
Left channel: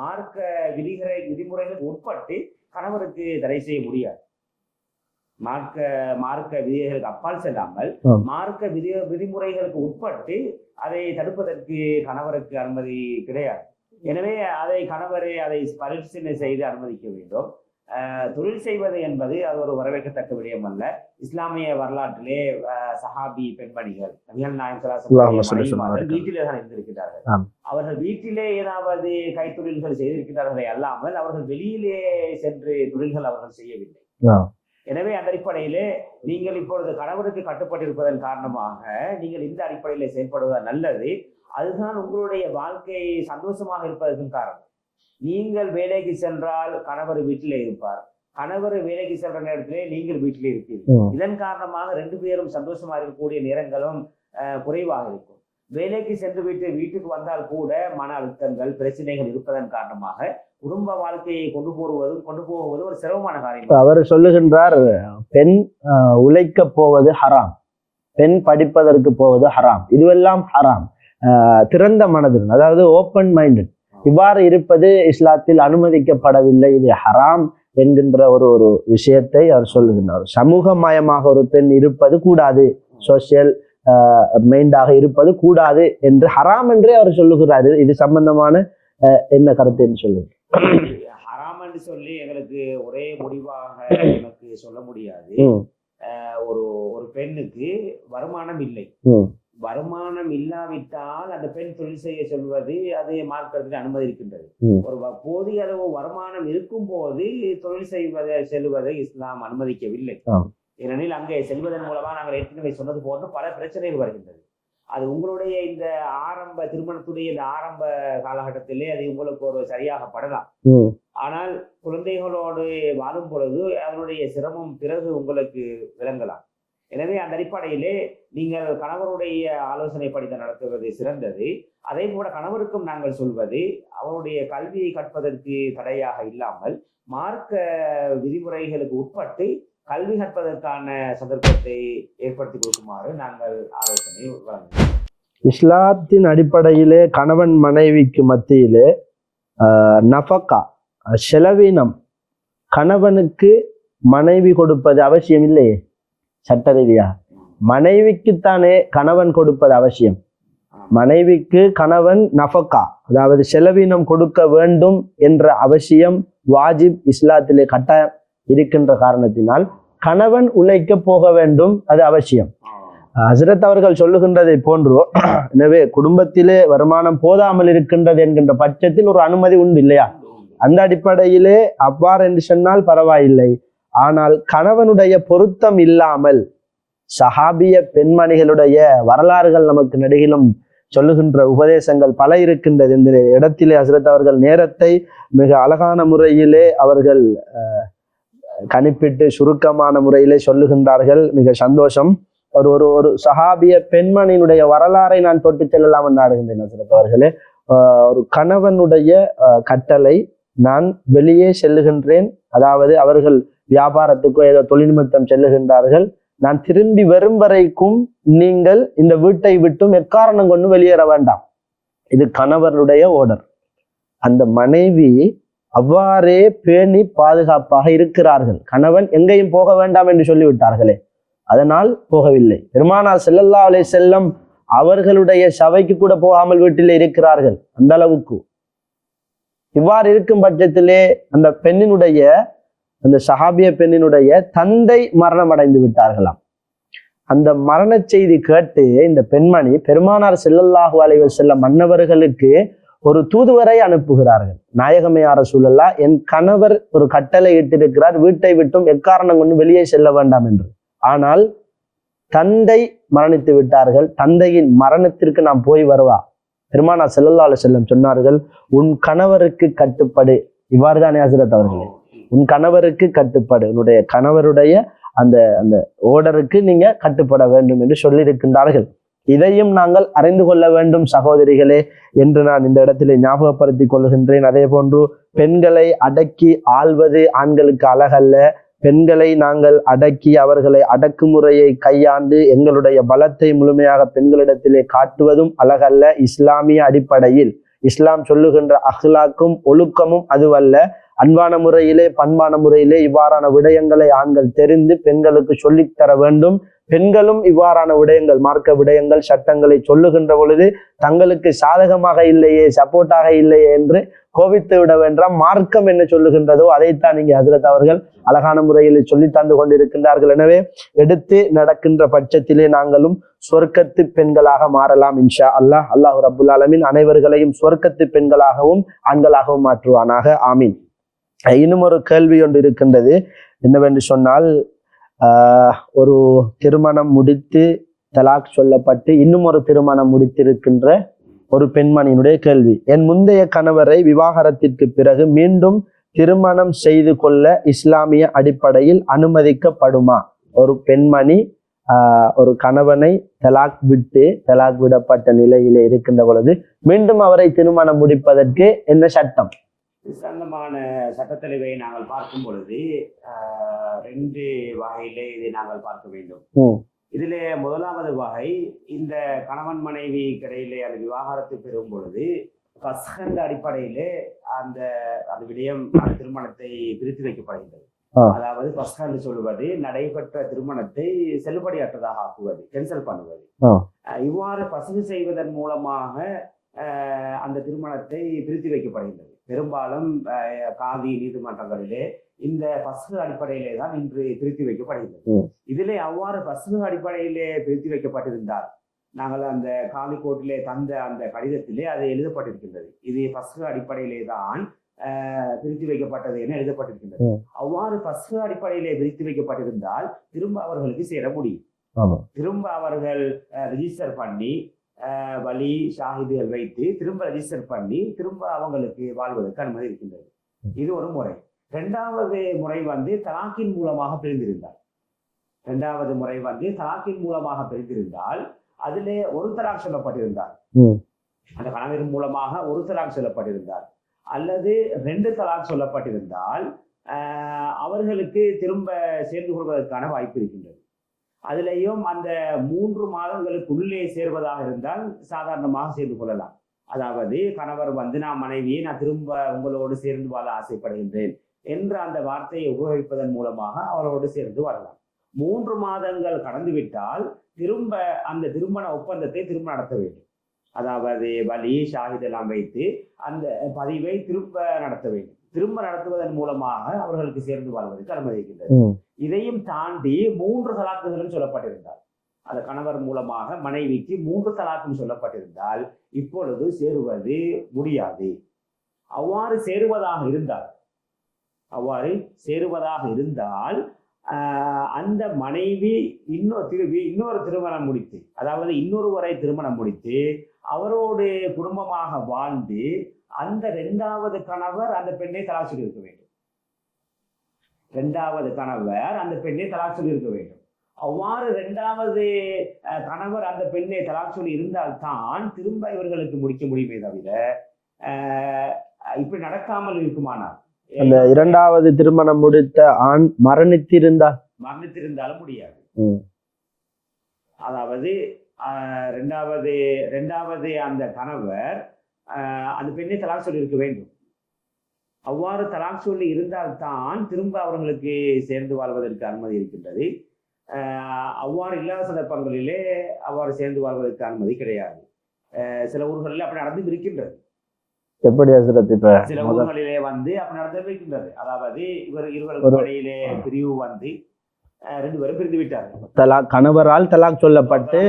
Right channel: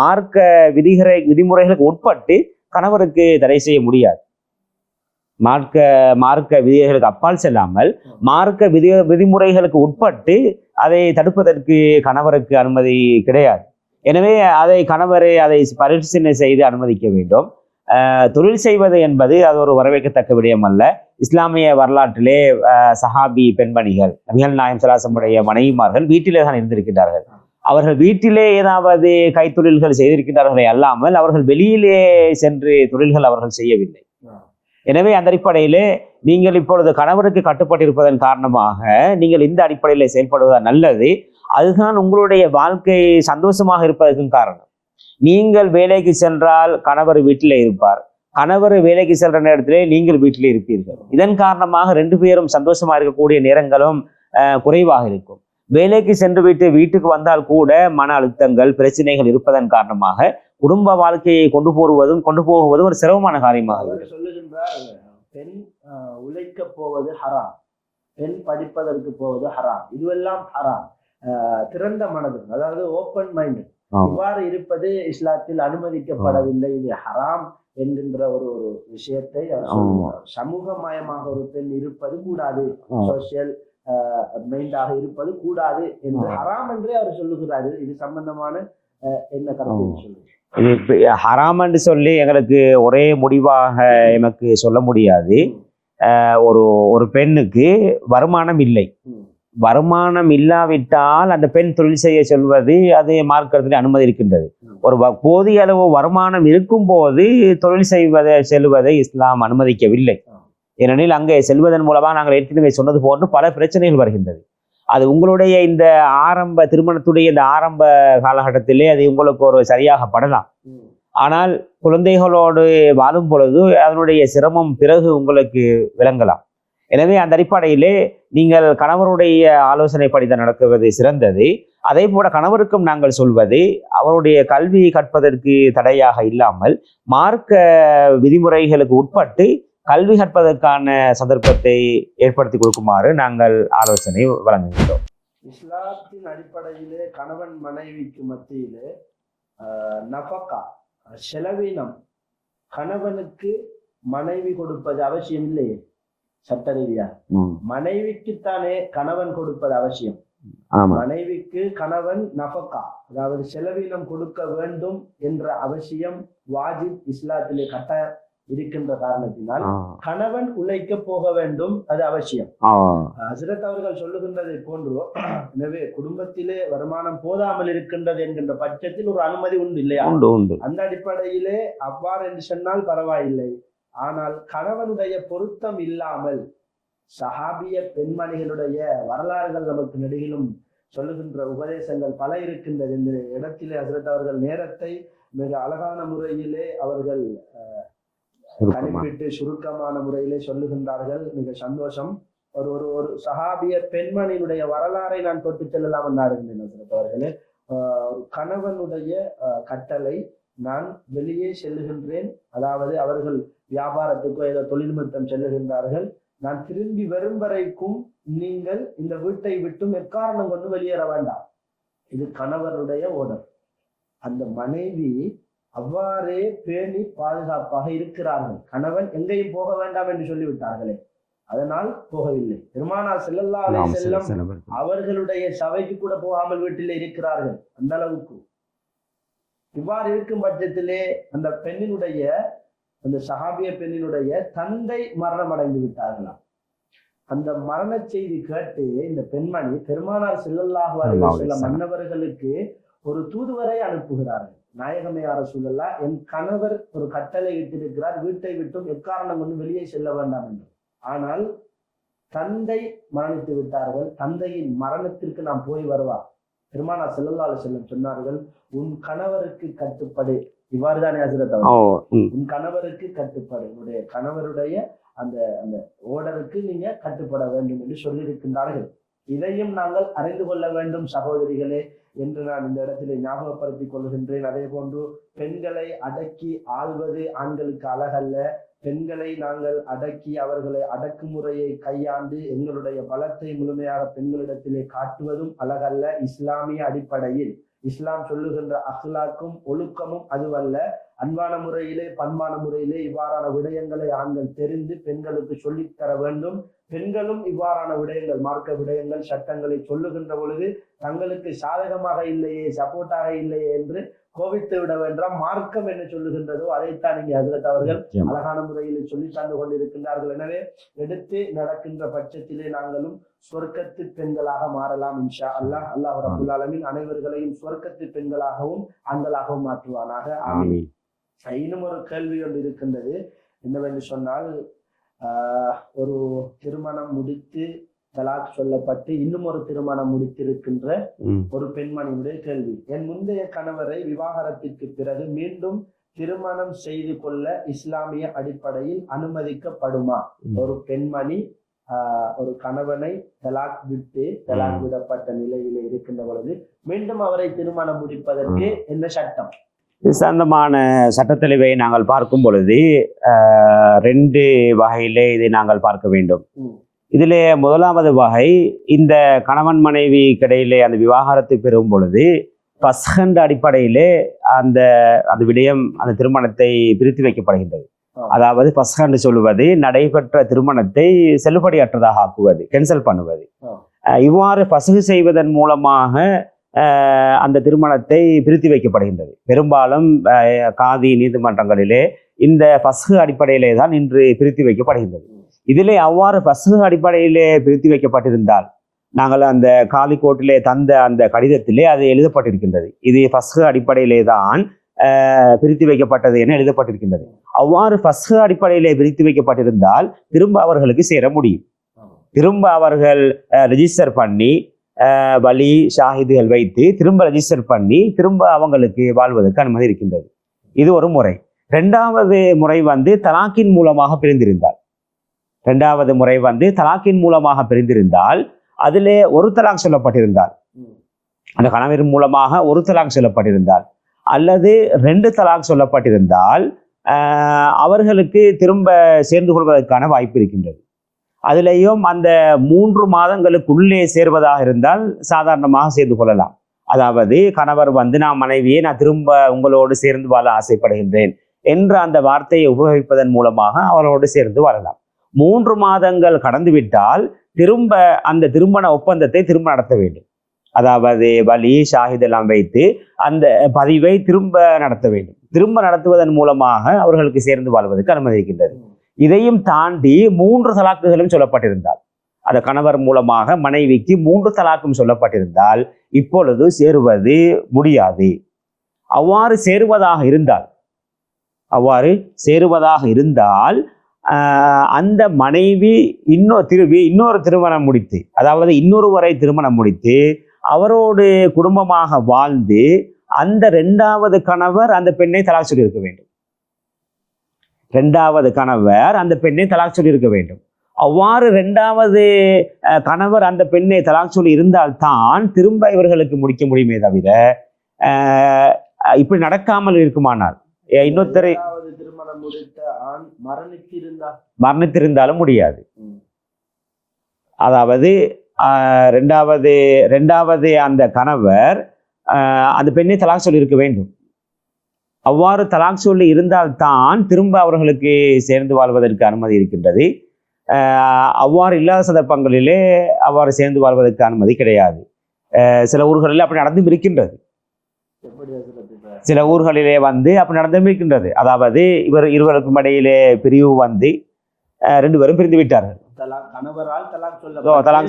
மார்க்க விதிமுறைகளுக்கு உட்பட்டு கணவருக்கு தடை செய்ய முடியாது. மார்க்க விதிகளுக்கு அப்பால் செல்லாமல் மார்க்க விதிமுறைகளுக்கு உட்பட்டு அதை தடுப்பதற்கு கணவருக்கு அனுமதி கிடையாது. எனவே கணவரை அதை பரிசீலனை செய்து அனுமதிக்க வேண்டும். தொழில் செய்வது என்பது அது ஒரு வரவேற்கத்தக்க விடயம் அல்ல. இஸ்லாமிய வரலாற்றிலே சஹாபி பெண்மணிகள், நபிகள் நாயகம் ஸல்லல்லாஹு அலைஹி வஸல்லம் மனைவிமார்கள் வீட்டிலே தான் இருந்திருக்கிறார்கள். அவர்கள் வீட்டிலே ஏதாவது கைத்தொழில்கள் செய்திருக்கிறார்களே அல்லாமல் அவர்கள் வெளியிலே சென்று தொழில்கள் அவர்கள் செய்யவில்லை. எனவே அந்த அடிப்படையிலே நீங்கள் இப்பொழுது கணவருக்கு கட்டுப்பட்டிருப்பதன் காரணமாக நீங்கள் இந்த அடிப்படையிலே செயல்படுவதுதான் நல்லது. அதுதான் உங்களுடைய வாழ்க்கை சந்தோஷமாக இருப்பதற்கும் காரணம். நீங்கள் வேலைக்கு சென்றால் கணவர் வீட்டிலே இருப்பார், கணவர் வேலைக்கு சென்ற நேரத்திலே நீங்கள் வீட்டிலே இருப்பீர்கள். இதன் காரணமாக 2 பேரும் சந்தோஷமா இருக்கக்கூடிய நேரங்களும் குறைவாக இருக்கும். வேலைக்கு சென்று விட்டு வீட்டுக்கு வந்தால் கூட மன அழுத்தங்கள், பிரச்சனைகள் இருப்பதன் காரணமாக குடும்ப வாழ்க்கையை கொண்டு போகுவதும் ஒரு சிரமமான காரியம். அவர் சொல்லுகின்றார், பெண் உழைக்க போவது ஹராம், பெண் படிப்பதற்கு போவது ஹராம், இதுவெல்லாம் ஹராம். திறந்த மனதுடன், அதாவது ஓப்பன் மைண்டட், இவ்வாறு இருப்பது இஸ்லாத்தில் அனுமதிக்கப்படவில்லை, இது ஹராம் என்கின்ற ஒரு விஷயத்தை அவர் சொல்லுகின்றார். சமூகமயமாக ஒரு பெண் இருப்பது கூடாது, சோசியல் மைண்டாக இருப்பது கூடாது என்று ஹராம் என்றே அவர் சொல்லுகிறாரு. இது சம்பந்தமான என்ன கருத்து என்று சொல்லுங்க. ஹராம் என்று சொல்லி எங்களுக்கு ஒரே முடிவாக எனக்கு சொல்ல முடியாது. ஒரு பெண்ணுக்கு வருமானம் இல்லை, வருமானம் இல்லாவிட்டால் அந்த பெண் தொழில் செய்ய சொல்வது அது மார்க்கத்தில் அனுமதி இருக்கின்றது. ஒரு போதிய அளவு வருமானம் இருக்கும் போது தொழில் செல்வதை இஸ்லாம் அனுமதிக்கவில்லை. ஏனெனில் அங்கே செல்வதன் மூலமாக நாங்கள் ஏற்கனவே சொன்னது போன்று பல பிரச்சனைகள் வருகின்றது. அது உங்களுடைய இந்த திருமணத்துடைய இந்த ஆரம்ப காலகட்டத்திலே அது உங்களுக்கு ஒரு சரியாக படலாம். ஆனால் குழந்தைகளோடு வாழும் பொழுது அதனுடைய சிரமம் பிறகு உங்களுக்கு விளங்கலாம். எனவே அந்த அடிப்படையிலே நீங்கள் கணவருடைய ஆலோசனைப்படிதான் நடத்துவது சிறந்தது. அதே போல கணவருக்கும் நாங்கள் சொல்வது, அவருடைய கல்வி கற்பதற்கு தடையாக இல்லாமல் மார்க்க விதிமுறைகளுக்கு உட்பட்டு கல்வி கற்பதற்கான சந்தர்ப்பத்தை ஏற்படுத்தி கொடுக்குமாறு நாங்கள் ஆலோசனை வழங்குகிறோம். இஸ்லாத்தின் அடிப்படையிலே கணவன் மனைவிக்கு மத்தியிலே நஃபகா, செலவினம் கணவனுக்கு மனைவி கொடுப்பது அவசியம் இல்லையே சட்ட ரீதியா. மனைவிக்குத்தானே கணவன் கொடுப்பது அவசியம். மனைவிக்கு கணவன் நஃபகா, அதாவது செலவினம் கொடுக்க வேண்டும் என்ற அவசியம் வாஜிப் இஸ்லாத்திலே கட்டாயம் இருக்கின்ற காரணத்தினால் கணவன் உழைக்க போக வேண்டும், அது அவசியம். ஹஸ்ரத் அவர்கள் சொல்லுகின்றதை போன்று, எனவே குடும்பத்திலே வருமானம் போதாமல் இருக்கின்றது என்கின்ற பட்சத்தில் ஒரு அனுமதி உண்டு இல்லையா? அந்த அடிப்படையிலே அவ்வாறு என்று சொன்னால் பரவாயில்லை. ஆனால் கணவனுடைய பொருத்தம் இல்லாமல் சஹாபிய பெண்மணிகளுடைய வரலாறுகள் நமக்கு நடுகிலும் சொல்லுகின்ற உபதேசங்கள் பல இருக்கின்றது. இந்த இடத்திலே ஹஸ்ரத் அவர்கள் நேரத்தை மிக அழகான முறையிலே அவர்கள் கணிப்பிட்டு சுருக்கமான முறையிலே சொல்லுகின்றார்கள். மிக சந்தோஷம். ஒரு சஹாபிய பெண்மணியினுடைய வரலாறை நான் தொட்டு செல்லலாம் என்று ஆடுகின்றேன் ஹஸ்ரத் அவர்களே. ஒரு கணவனுடைய கட்டளை, நான் வெளியே செல்லுகின்றேன், அதாவது அவர்கள் வியாபாரத்துக்கோ ஏதோ தொழில் நிமித்தம் செல்லுகின்றார்கள், நான் திரும்பி வரும் வரைக்கும் நீங்கள் இந்த வீட்டை விட்டும் எக்காரணம் கொண்டு வெளியேற வேண்டாம். இது கணவருடைய ஓர்டர். அந்த மனைவி அவ்வாறே பேணி பாதுகாப்பாக இருக்கிறார்கள். கணவன் எங்கேயும் போக வேண்டாம் என்று சொல்லிவிட்டார்களே, அதனால் போகவில்லை. பெருமானார் ஸல்லல்லாஹு அலைஹி வஸல்லம் அவர்களுடைய சபைக்கு கூட போகாமல் வீட்டிலே இருக்கிறார்கள். அந்த அளவுக்கு. இவ்வாறு இருக்கும் பட்சத்திலே அந்த பெண்ணினுடைய, அந்த சஹாபிய பெண்ணினுடைய தந்தை மரணம் அடைந்து விட்டார்களாம். அந்த மரண செய்தி கேட்டு இந்த பெண்மணி பெருமானார் ஸல்லல்லாஹு அலைஹி வஸல்லம் மன்னவர்களுக்கு ஒரு தூதுவரை அனுப்புகிறார்கள். நாயகமே யா ரசூலல்லாஹ், என் கணவர் ஒரு கட்டளை இட்டிருக்கிறார், வீட்டை விட்டும் எக்காரணம் கொண்டு வெளியே செல்ல வேண்டாம் என்று. ஆனால் தந்தை மரணித்து விட்டார்கள், தந்தையின் மரணத்திற்கு நாம் போய் வருவா? பெருமானார் ஸல்லல்லாஹு அலைஹி வஸல்லம் சொன்னார்கள், உன் கணவருக்கு கட்டுப்படு. இவ்வாறுதானே ஹஸ்ரத் அவர்கள், உன் கணவருக்கு கட்டுப்படு, உன்னுடைய கணவருடைய அந்த அந்த ஓர்டருக்கு நீங்க கட்டுப்பட வேண்டும் என்று சொல்லியிருக்கின்றார்கள். இதையும் நாங்கள் அறிந்து கொள்ள வேண்டும் சகோதரிகளே என்று நான் இந்த இடத்திலே ஞாபகப்படுத்திக் கொள்கின்றேன். அதே போன்று பெண்களை அடக்கி ஆள்வது ஆண்களுக்கு அழகல்ல. பெண்களை நாங்கள் அடக்கி அவர்களை அடக்குமுறையை கையாண்டு எங்களுடைய பலத்தை முழுமையாக பெண்களிடத்திலே காட்டுவதும் அழகல்ல. இஸ்லாமிய அடிப்படையில் இஸ்லாம் சொல்லுகின்ற அஹ்லாக்கும் ஒழுக்கமும் அதுவல்ல. அன்பான முறையிலே பண்பான முறையிலே இவ்வாறான விடயங்களை ஆண்கள் தெரிந்து பெண்களுக்கு சொல்லித்தர வேண்டும். பெண்களும் இவ்வாறான விடயங்கள், மார்க்க விடயங்கள், சட்டங்களை சொல்லுகின்ற பொழுது தங்களுக்கு சாதகமாக இல்லையே, சப்போர்ட்டாக இல்லையே என்று கோபித்து விட வேண்டாம். மார்க்கம் என்ன சொல்லுகின்றதோ அதைத்தான் இங்கே ஹஸ்ரத் அவர்கள் அழகான முறையில் சொல்லி தந்து கொண்டிருக்கின்றார்கள். எனவே எடுத்து நடக்கின்ற பட்சத்திலே நாங்களும் சொர்க்கத்து பெண்களாக மாறலாம் இன்ஷா அல்லாஹ். அல்லாஹ் ரப்புல் ஆலமீன் அனைவர்களையும் சொர்க்கத்து பெண்களாகவும் ஆண்களாகவும் மாற்றுவானாக. ஆமீன். இன்னும் ஒரு கேள்வி ஒன்று இருக்கின்றது. என்னவென்று சொன்னால், ஒரு திருமணம் முடித்து தலாக் சொல்லப்பட்டு இன்னும் ஒரு திருமணம் முடித்திருக்கின்ற ஒரு பெண்மணியினுடைய கேள்வி, என் முந்தைய கணவரை விவாகரத்திற்கு பிறகு மீண்டும் திருமணம் செய்து கொள்ள இஸ்லாமிய அடிப்படையில் அனுமதிக்கப்படுமா? ஒரு பெண்மணி ஒரு கணவனை தலாக் விடப்பட்ட நிலையிலே இருக்கின்ற பொழுது மீண்டும் அவரை திருமணம் முடிப்பதற்கு என்ன சட்டம்? இது சம்பந்தமான சட்டத்தெளிவை நாங்கள் பார்க்கும் பொழுது 2 வகையிலே இதை நாங்கள் பார்க்க வேண்டும். இதிலே முதலாவது வகை, இந்த கணவன் மனைவி கிடையிலே அந்த விவாகரத்து பெறும் பொழுது பஸ்கண்ட அடிப்படையிலே அந்த விடயம், அந்த திருமணத்தை பிரித்து வைக்கப்படுகின்றது. அதாவது பஸ்கண்டு சொல்லுவது நடைபெற்ற திருமணத்தை செல்லுபடியற்றதாக ஆக்குவது, கேன்சல் பண்ணுவது. இவ்வாறு பசுகு செய்வதன் மூலமாக அந்த திருமணத்தை பிரித்து வைக்கப்படுகின்றது. பெரும்பாலும் காதி நீதிமன்றங்களிலே இந்த பசுகு அடிப்படையிலே தான் இன்று பிரித்து வைக்கப்படுகின்றது. இதிலே அவ்வாறு பசுகு அடிப்படையிலே பிரித்து வைக்கப்பட்டிருந்தால், நாங்கள் அந்த காலி கோர்ட்டிலே தந்த அந்த கடிதத்திலே அது எழுதப்பட்டிருக்கின்றது, இது பசுகு அடிப்படையிலே தான் பிரித்து வைக்கப்பட்டது என எழுதப்பட்டிருக்கின்றது. அவ்வாறு பசுகு அடிப்படையிலே பிரித்து வைக்கப்பட்டிருந்தால் திரும்ப அவர்களுக்கு சேர முடியும். திரும்ப அவர்கள் ரெஜிஸ்டர் பண்ணி வலி ஷாஹிதுகள் வைத்து திரும்ப ரெஜிஸ்டர் பண்ணி திரும்ப அவங்களுக்கு வாழ்வதற்கு அனுமதி இருக்கின்றது. இது ஒரு முறை. 2வது முறை தலாக்கின் மூலமாக பிரிந்திருந்தால், 2வது முறை தலாக்கின் மூலமாக பிரிந்திருந்தால், அதிலே ஒரு தலாக் சொல்லப்பட்டிருந்தால், அந்த கணவர் மூலமாக ஒரு தலாக் சொல்லப்பட்டிருந்தால் அல்லது 2 தலாக் சொல்லப்பட்டிருந்தால் அவர்களுக்கு திரும்ப சேர்ந்து கொள்வதற்கான வாய்ப்பு இருக்கின்றது. அதிலேயும் அந்த 3 மாதங்களுக்குள்ளே சேர்வதாக இருந்தால் சாதாரணமாக சேர்ந்து கொள்ளலாம். அதாவது கணவர் நான் மனைவியை நான் திரும்ப உங்களோடு சேர்ந்து வாழ ஆசைப்படுகின்றேன் என்ற அந்த வார்த்தையை உபயோகிப்பதன் மூலமாக அவரோடு சேர்ந்து வாழலாம். 3 மாதங்கள் கடந்துவிட்டால் திரும்ப அந்த திருமண ஒப்பந்தத்தை திரும்ப நடத்த வேண்டும். அதாவது வலி ஷாஹிதெல்லாம் வைத்து அந்த பதிவை திரும்ப நடத்த வேண்டும். திரும்ப நடத்துவதன் மூலமாக அவர்களுக்கு சேர்ந்து வாழ்வதற்கு அனுமதிக்கின்றது. இதையும் தாண்டி 3 தலாக்குகளும் சொல்லப்பட்டிருந்தால், அந்த கணவர் மூலமாக மனைவிக்கு 3 தலாக்கும் சொல்லப்பட்டிருந்தால் இப்பொழுது சேருவது முடியாது. அவ்வாறு சேருவதாக இருந்தால் அந்த மனைவி இன்னொரு திருமணம் முடித்து, அதாவது இன்னொருவரை திருமணம் முடித்து அவரோடு குடும்பமாக வாழ்ந்து அந்த 2வது கணவர் அந்த பெண்ணை தலாக் சொல்லி இருக்க வேண்டும். 2வது கணவர் அந்த பெண்ணை தலாக் சொல்லி இருக்க வேண்டும். அவ்வாறு 2வது கணவர் அந்த பெண்ணை தலாக் சொல்லி இருந்தால்தான் திரும்ப இவர்களுக்கு முடிக்க முடியுமே தவிர இப்படி நடக்காமல் இருக்குமானால் 2வது திருமணம் முடித்த ஆண் மரணித்திருந்தாலும் முடியாது. அதாவது 2வது அந்த கணவர் அந்த பெண்ணை தலாக் சொல்லி இருக்க வேண்டும். அவ்வாறு தலாக் சொல்லி இருந்தால்தான் திரும்ப அவர்களுக்கு சேர்ந்து வாழ்வதற்கு அனுமதி இருக்கின்றது. அவ்வாறு இல்லாத சந்தர்ப்பங்களிலே அவ்வாறு சேர்ந்து வாழ்வதற்கு அனுமதி கிடையாது. சில ஊர்களில் அப்படி நடந்தும் இருக்கின்றது. எப்படி சில ஊர்களிலே அப்படி நடந்தும் இருக்கின்றது. அதாவது இருவருக்கும் இடையிலே பிரிவு 2 பேரும் பிரிந்து விட்டார்கள். கணவரால் தலாக்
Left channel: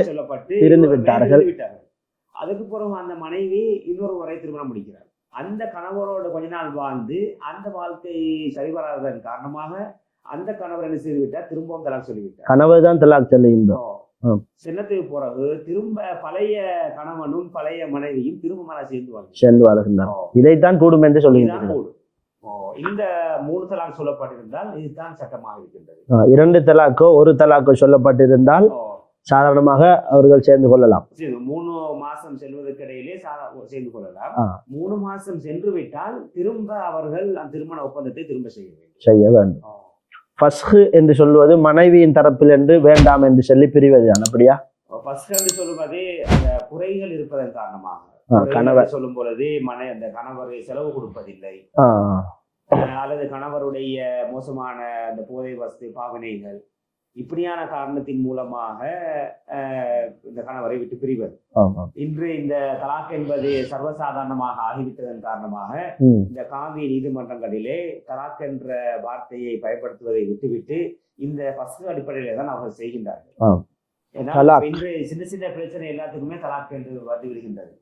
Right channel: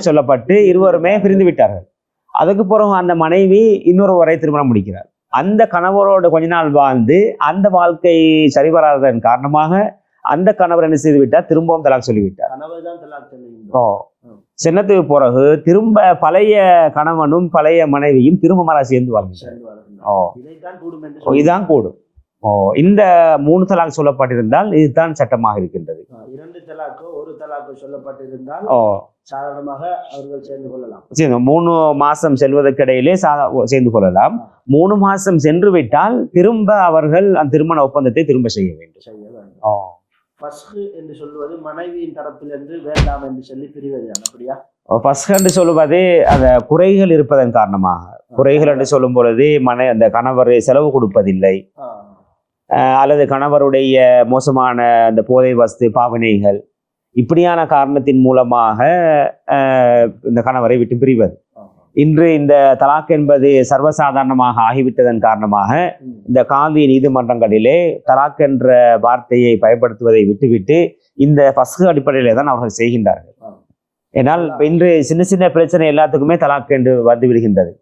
சொல்லப்பட்டு இருவருமே பிரிந்து விட்டார்கள். அதுக்கு பிறகு அந்த மனைவி இன்னொருவரை திருமணம் முடிக்கிறார். அந்த கணவரோடு கொஞ்ச நாள் வாழ்ந்து அந்த வாழ்க்கை சரிவராததன் காரணமாக அந்த கணவர் என்ன செய்து விட்டார், திரும்பவும் தலாக் சொல்லிவிட்டார். கணவர் தான் தலாக் சொல்லுகின்றோம். சின்னத்துக்கு பிறகு திரும்ப பழைய கணவனும் பழைய மனைவியும் திரும்ப மர சேர்ந்து வாழ்கின்றனர். இதைத்தான் கூடும் என்று சொல்லி இதுதான் கூடும். இந்த 3 தலாக் சொல்லப்பட்டிருந்தால் இதுதான் சட்டமாக இருக்கின்றது. 2 தலாக்கோ 1 தலாக்கோ சொல்லப்பட்டிருந்தால் சாதாரணமாக அவர்கள் சேர்ந்து கொள்ளலாம். 3 மாசம் செல்வதற்கு இடையிலே சேர்ந்து கொள்ளலாம். 3 மாசம் சென்று விட்டால் திரும்ப அவர்கள் அந்த திருமண ஒப்பந்தத்தை திரும்ப செய்ய வேண்டும். ஃபஸ்ஹ் என்று சொல்வது மனைவியின் தரப்பில் என்று வேண்டாம் என்று சொல்லி பிரிவதுதான். அப்படியா? ஃபஸ்ஹ் என்று சொல்லுவது அந்த குறைகள் இருப்பதன் காரணமாக, குறைகள் என்று சொல்லும் பொழுது அந்த கணவர் செலவு கொடுப்பதில்லை, அல்லது கணவருடைய மோசமான அந்த போதை வஸ்து பாவனைகள், இப்படியான காரணத்தின் மூலமாக இந்த கணவரை விட்டு பிரிவது. இன்று இந்த தலாக் என்பது சர்வசாதாரணமாக ஆகிவிட்டதன் காரணமாக இந்த காதி நீதிமன்றங்களிலே தலாக் என்ற வார்த்தையை பயன்படுத்துவதை விட்டுவிட்டு இந்த ஃபஸ்ஹ் அடிப்படையிலே தான் அவர்கள் செய்கின்றார்கள். ஏன்னால் இன்று சின்ன சின்ன பிரச்சனை எல்லாத்துக்குமே தலாக் என்று வந்து விடுகின்றது.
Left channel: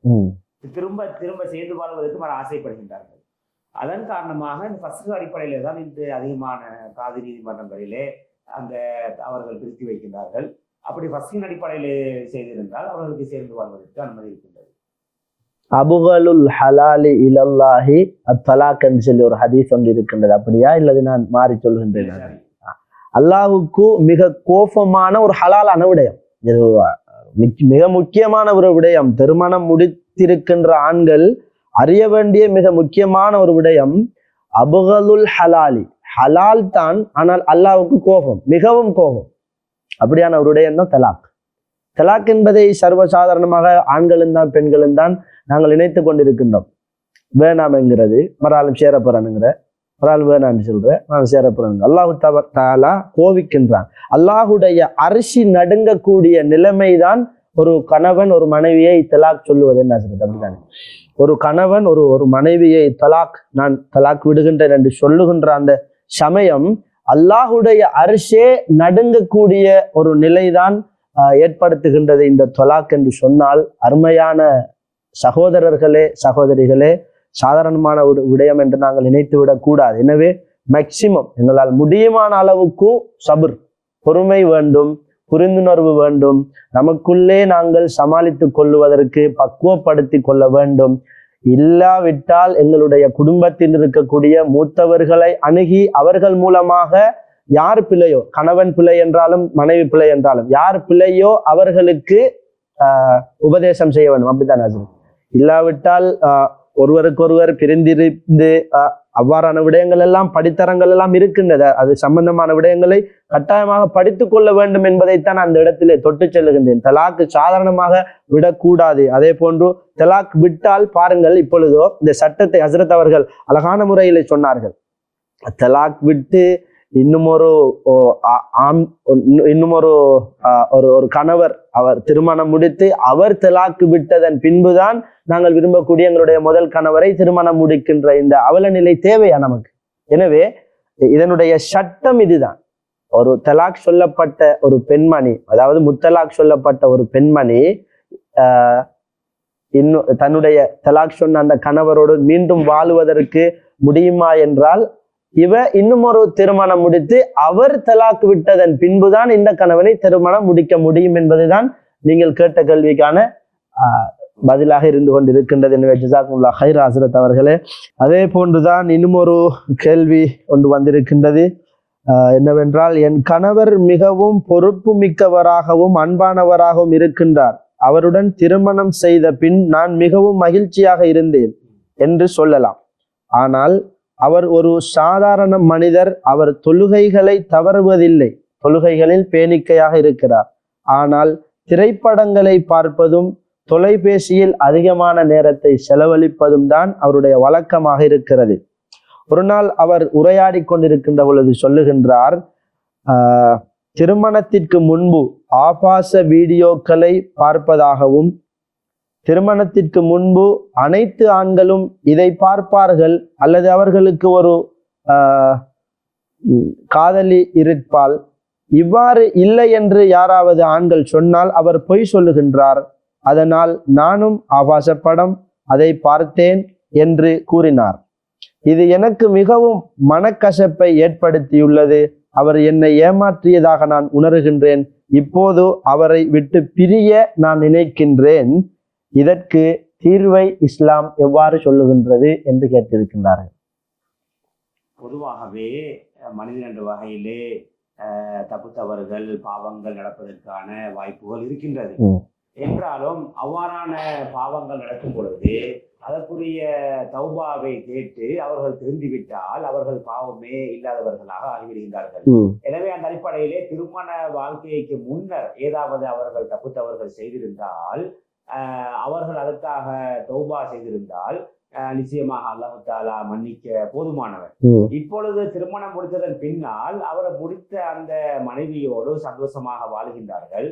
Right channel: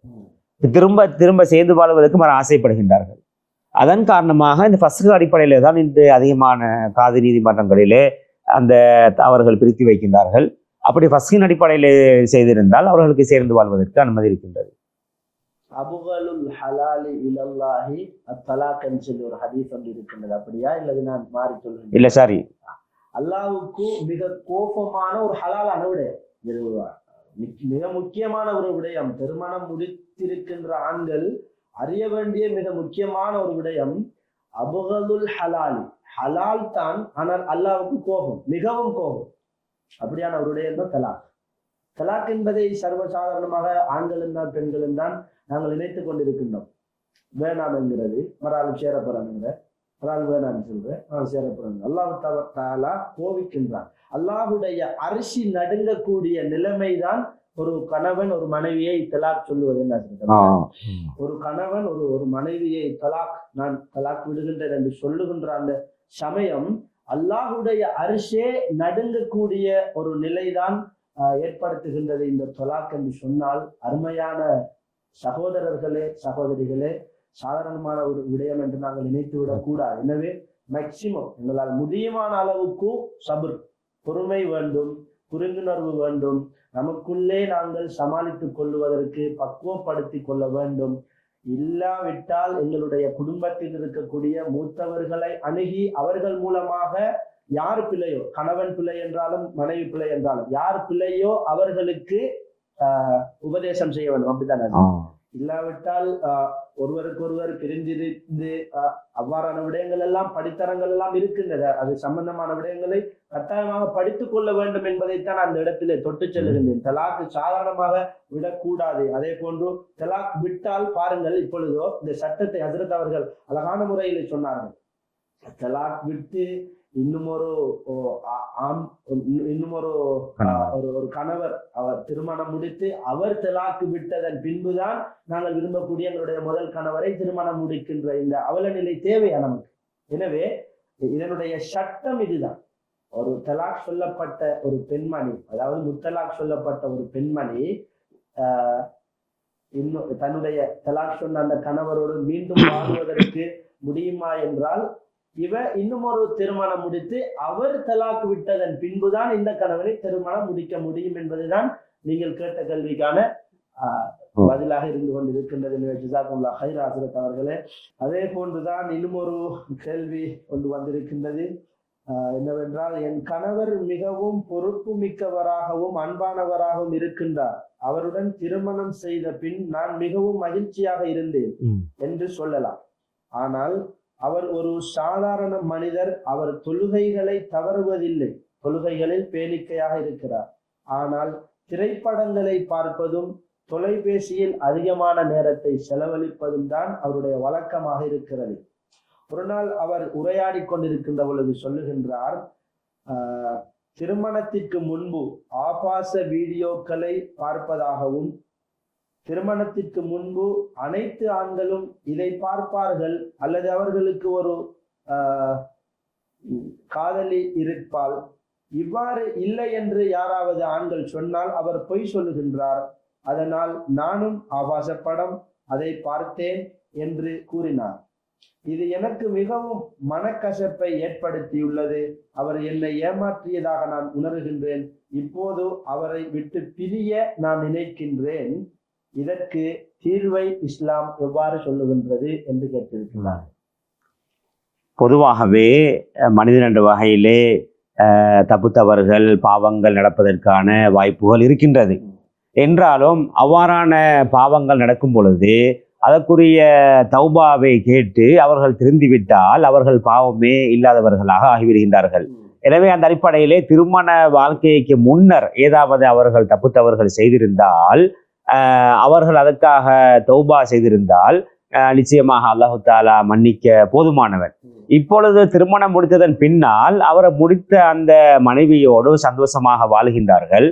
திரும்ப திரும்ப சேர்ந்து வாழ்வதற்கு ஆசைப்படுகின்றார்கள். அதன் காரணமாக இந்த ஃபஸ்ஹ் அடிப்படையிலே தான் இன்று அதிகமான காதி நீதிமன்றங்களிலே அந்த அவர்கள் பிரித்து வைக்கின்றார்கள். அப்படி ஃபஸ்ஹின் அடிப்படையில் செய்திருந்தால் அவர்களுக்கு சேர்ந்து வாழ்வதற்கு அனுமதி இருக்கின்றது. அபுகலுல் ஹலாலி இலல்லாஹி அத்தலாக் என்று சொல்லி ஒரு ஹதீஸ் ஒன்று இருக்கின்றது. அப்படியா? இல்லது நான் மாறி சொல்கின்றேன்? இல்ல, சாரி. அல்லாஹுக்கு மிக கோபமான ஒரு ஹலாலான விடயம், மிக முக்கியமான ஒரு விடயம், திருமணம் முடித்திருக்கின்ற ஆண்கள் அறிய வேண்டிய மிக முக்கியமான ஒரு விடயம் அபுகலுல் ஹலாலி. ஹலால் தான், ஆனால் அல்லாஹ்வுக்கு கோபம், மிகவும் கோபம். அப்படியான ஒரு விடயம் தான் தலாக். தலாக் என்பதை சர்வசாதாரணமாக ஆண்களும் தான் பெண்களும் தான் நாங்கள் நினைத்து கொண்டிருக்கின்றோம். வேணாம் என்கிறது, மறாலும் சேரப்போறானுங்கிற, மறாலும் வேணான்னு சொல்ற, நான் சேரப்போறாங்க. அல்லாஹு தஆலா கோவிக்கின்றான். அல்லாஹுடைய அரிசி நடுங்கக்கூடிய நிலைமைதான் ஒரு கணவன் ஒரு மனைவியை தலாக் சொல்லுவது. என்ன ஒரு கணவன் ஒரு மனைவியை நான் தலாக் விடுகின்றேன் என்று சொல்லுகின்ற அந்த சமயம் அல்லாஹுடைய அரிசே நடுங்கக்கூடிய ஒரு நிலைதான் ஏற்படுத்துகின்றது இந்த தலாக் என்று சொன்னால், அருமையான சகோதரர்களே சகோதரிகளே, சாதாரணமான ஒரு விடயம் என்று நாங்கள் நினைத்து விடக் கூடாது. எனவே மேக்சிமம் எங்களால் முடியுமான அளவுக்கு சபர், பொறுமை வேண்டும், புரிந்துணர்வு வேண்டும். நமக்குள்ளே நாங்கள் சமாளித்துக் கொள்ளுவதற்கு பக்குவப்படுத்தி கொள்ள வேண்டும். இல்லாவிட்டால் எங்களுடைய குடும்பத்தில் இருக்கக்கூடிய மூத்தவர்களை அணுகி அவர்கள் மூலமாக யார் பிழையோ, கணவன் பிழை என்றாலும் மனைவி பிழை என்றாலும் யார் பிழையோ அவர்களுக்கு உபதேசம் செய்ய வேண்டும். அப்படித்தானே? இல்லாவிட்டால் ஒருவருக்கொருவர் பிரிந்திருந்து அவ்வாறான விடயங்கள் எல்லாம் படித்தரங்கள் எல்லாம் இருக்கின்றது. அது சம்பந்தமான விடயங்களை கட்டாயமாக படித்துக் கொள்ள வேண்டும் என்பதைத்தான் அந்த இடத்திலே தொட்டு செல்லுகின்றேன். தலாக்கு சாதாரணமாக விடக்கூடாது. அதே போன்று தலாக் விட்டால் பாருங்கள், இப்பொழுதோ இந்த சட்டத்தை ஹஸ்ரத் அவர்கள் அழகான முறையிலே சொன்னார்கள். தலாக் விட்டு இன்னும் ஒரு கணவர் அவர் திருமணம் முடித்து அவர் தலாக்கு விட்டதன் பின்புதான் நாங்கள் விரும்பக்கூடிய எங்களுடைய முதல் கணவரை திருமணம் முடிக்கின்ற இந்த அவல நிலை தேவையா நமக்கு? எனவே இதனுடைய சட்டம் இதுதான். ஒரு தலாக் சொல்லப்பட்ட ஒரு பெண்மணி, அதாவது முத்தலாக் சொல்லப்பட்ட ஒரு பெண்மணி இன்னும் தன்னுடைய தலாக் சொன்ன அந்த கணவரோடு மீண்டும் வாழுவதற்கு முடியுமா என்றால், இவ இன்னும் ஒரு திருமணம் முடித்து அவர் தலாக்கு விட்டதன் பின்புதான் இந்த கணவனை திருமணம் முடிக்க முடியும் என்பதுதான் நீங்கள் கேட்ட கேள்விக்கான பதிலாக இருந்து கொண்டிருக்கின்றது. எனவே ஜஸாக்குமுல்லாஹ் ஹைர் ஹஸ்ரத் அவர்களே. அதே போன்றுதான் இன்னும் ஒரு கேள்வி ஒன்று வந்திருக்கின்றது. என்னவென்றால், என் கணவர் மிகவும் பொறுப்பு மிக்கவராகவும் அன்பானவராகவும் இருக்கின்றார். அவருடன் திருமணம் செய்த பின் நான் மிகவும் மகிழ்ச்சியாக இருந்தேன் என்று சொல்லலாம். ஆனால் அவர் ஒரு சாதாரண மனிதர். அவர் தொழுகைகளை தவறுவதில்லை, தொழுகைகளில் பேணிக்கையாக இருக்கிறார். ஆனால் திரைப்படங்களை பார்ப்பதும் தொலைபேசியில் அதிகமான நேரத்தை செலவழிப்பதும் தான் அவருடைய வழக்கமாக இருக்கிறது. ஒரு நாள் அவர் உரையாடி கொண்டிருக்கின்ற பொழுது சொல்லுகின்றார், திருமணத்திற்கு முன்பு ஆபாச வீடியோக்களை பார்ப்பதாகவும், திருமணத்திற்கு முன்பு அனைத்து ஆண்களும் இதை பார்ப்பார்கள் அல்லது அவர்களுக்கு ஒரு காதலி இருப்பாள், இவ்வாறு இல்லை என்று யாராவது ஆண்கள் சொன்னால் அவர் பொய் சொல்லுகின்றார். அதனால் நானும் ஆபாச படம் அதை பார்த்தேன் என்று கூறினார். இது எனக்கு மிகவும் மனக்கசப்பை ஏற்படுத்தியுள்ளது. அவர் என்னை ஏமாற்றியதாக நான் உணர்கின்றேன். இப்போது அவரை விட்டு பிரிய நான் நினைக்கின்றேன். இதற்கு தீர்வை இஸ்லாம் எவ்வாறு சொல்லுகின்றது என்று கேட்டிருக்கின்றார்கள். பொதுவாகவே மனிதன் என்ற வகையிலே தப்பு தவறுகள் பாவங்கள் நடப்பதற்கான வாய்ப்புகள் இருக்கின்றது. என்றாலும் அவ்வாறான பாவங்கள் நடக்கும் பொழுது அதற்குரிய தௌபாவை கேட்டு அவர்கள் திருந்திவிட்டால் அவர்கள் பாவமே இல்லாதவர்களாக ஆகிவிடுகின்றார்கள். எனவே அந்த அடிப்படையிலே திருமண வாழ்க்கைக்கு முன்னர் ஏதாவது அவர்கள் தப்பு தவறுகள் செய்திருந்தால், அவர்கள் அதற்காக தௌபா செய்திருந்தால் நிச்சயமாக அல்லாஹு தாலா மன்னிக்க போதுமானவன். இப்பொழுது திருமணம் முடித்ததன் பின்னால் அவரை முடித்த அந்த மனைவியோடு சந்தோஷமாக வாழ்கின்றார்கள்.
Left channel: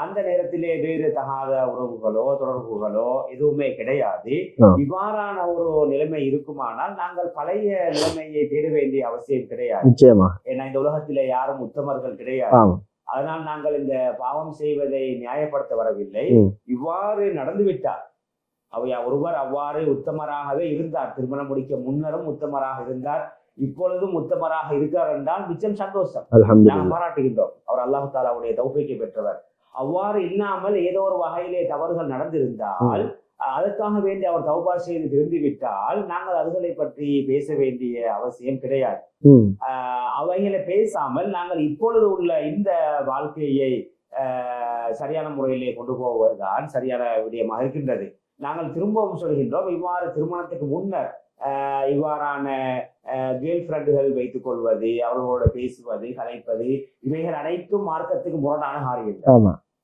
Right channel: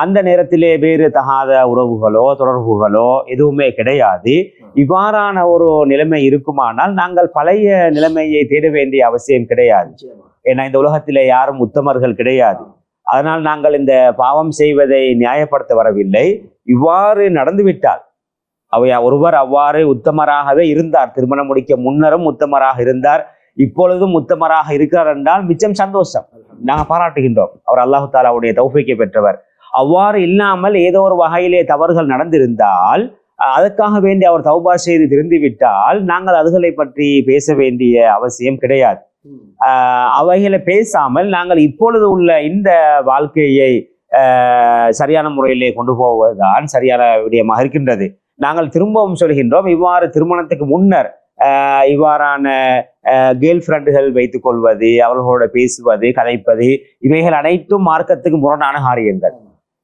அந்த நேரத்திலே வேறு தகாத உறவுகளோ தொடர்புகளோ எதுவுமே கிடையாது. இவ்வாறான ஒரு நிலைமை இருக்குமானால் நாங்கள் பழைய நிலைமையை தேட வேண்டிய அவசியம் கிடையாது. ஏன்னா இந்த உலகத்திலே யாரும் உத்தமர்கள் கிடையாது. அதனால் நாங்கள் இந்த பாவம் செய்வதை நியாயப்படுத்த வரவில்லை. இவ்வாறு நடந்துவிட்டால் ஒருவர் அவ்வாறு உத்தமராகவே இருந்தார், திருமணம் முடிக்க முன்னரும் உத்தமராக இருந்தார், இப்பொழுதும் உத்தமராக இருக்கிறார் என்றால் மிச்சம் சந்தோஷம், நாங்கள் பாராட்டுகின்றோம். அவர் அல்லாஹு தாலாவுடைய தௌஃபீக்கை பெற்றவர். அவ்வாறு இல்லாமல் ஏதோ ஒரு வகையிலே தவறுகள் நடந்திருந்தால் அதற்காக வேண்டி அவர் தௌபா செய்து திருந்திவிட்டால் நாங்கள் அதுகளை பற்றி பேச வேண்டிய அவசியம் கிடையாது. அவைகளை பேசாமல் நாங்கள் இப்பொழுது உள்ள இந்த வாழ்க்கையை சரியான முறையிலே கொண்டு போவதுதான் சரியான விடயமாக இருக்கின்றது. நாங்கள் திரும்பவும் சொல்கின்றோம், இவ்வாறு திருமணத்துக்கு முன்னர் இவ்வாறான கேர்ள் ஃப்ரெண்டுகள் வைத்துக் கொள்வது, அவர்களோட பேசுவது, கதைப்பது, இவைகள் அனைத்தும் மார்க்கத்துக்கு முரணான காரியங்கள்.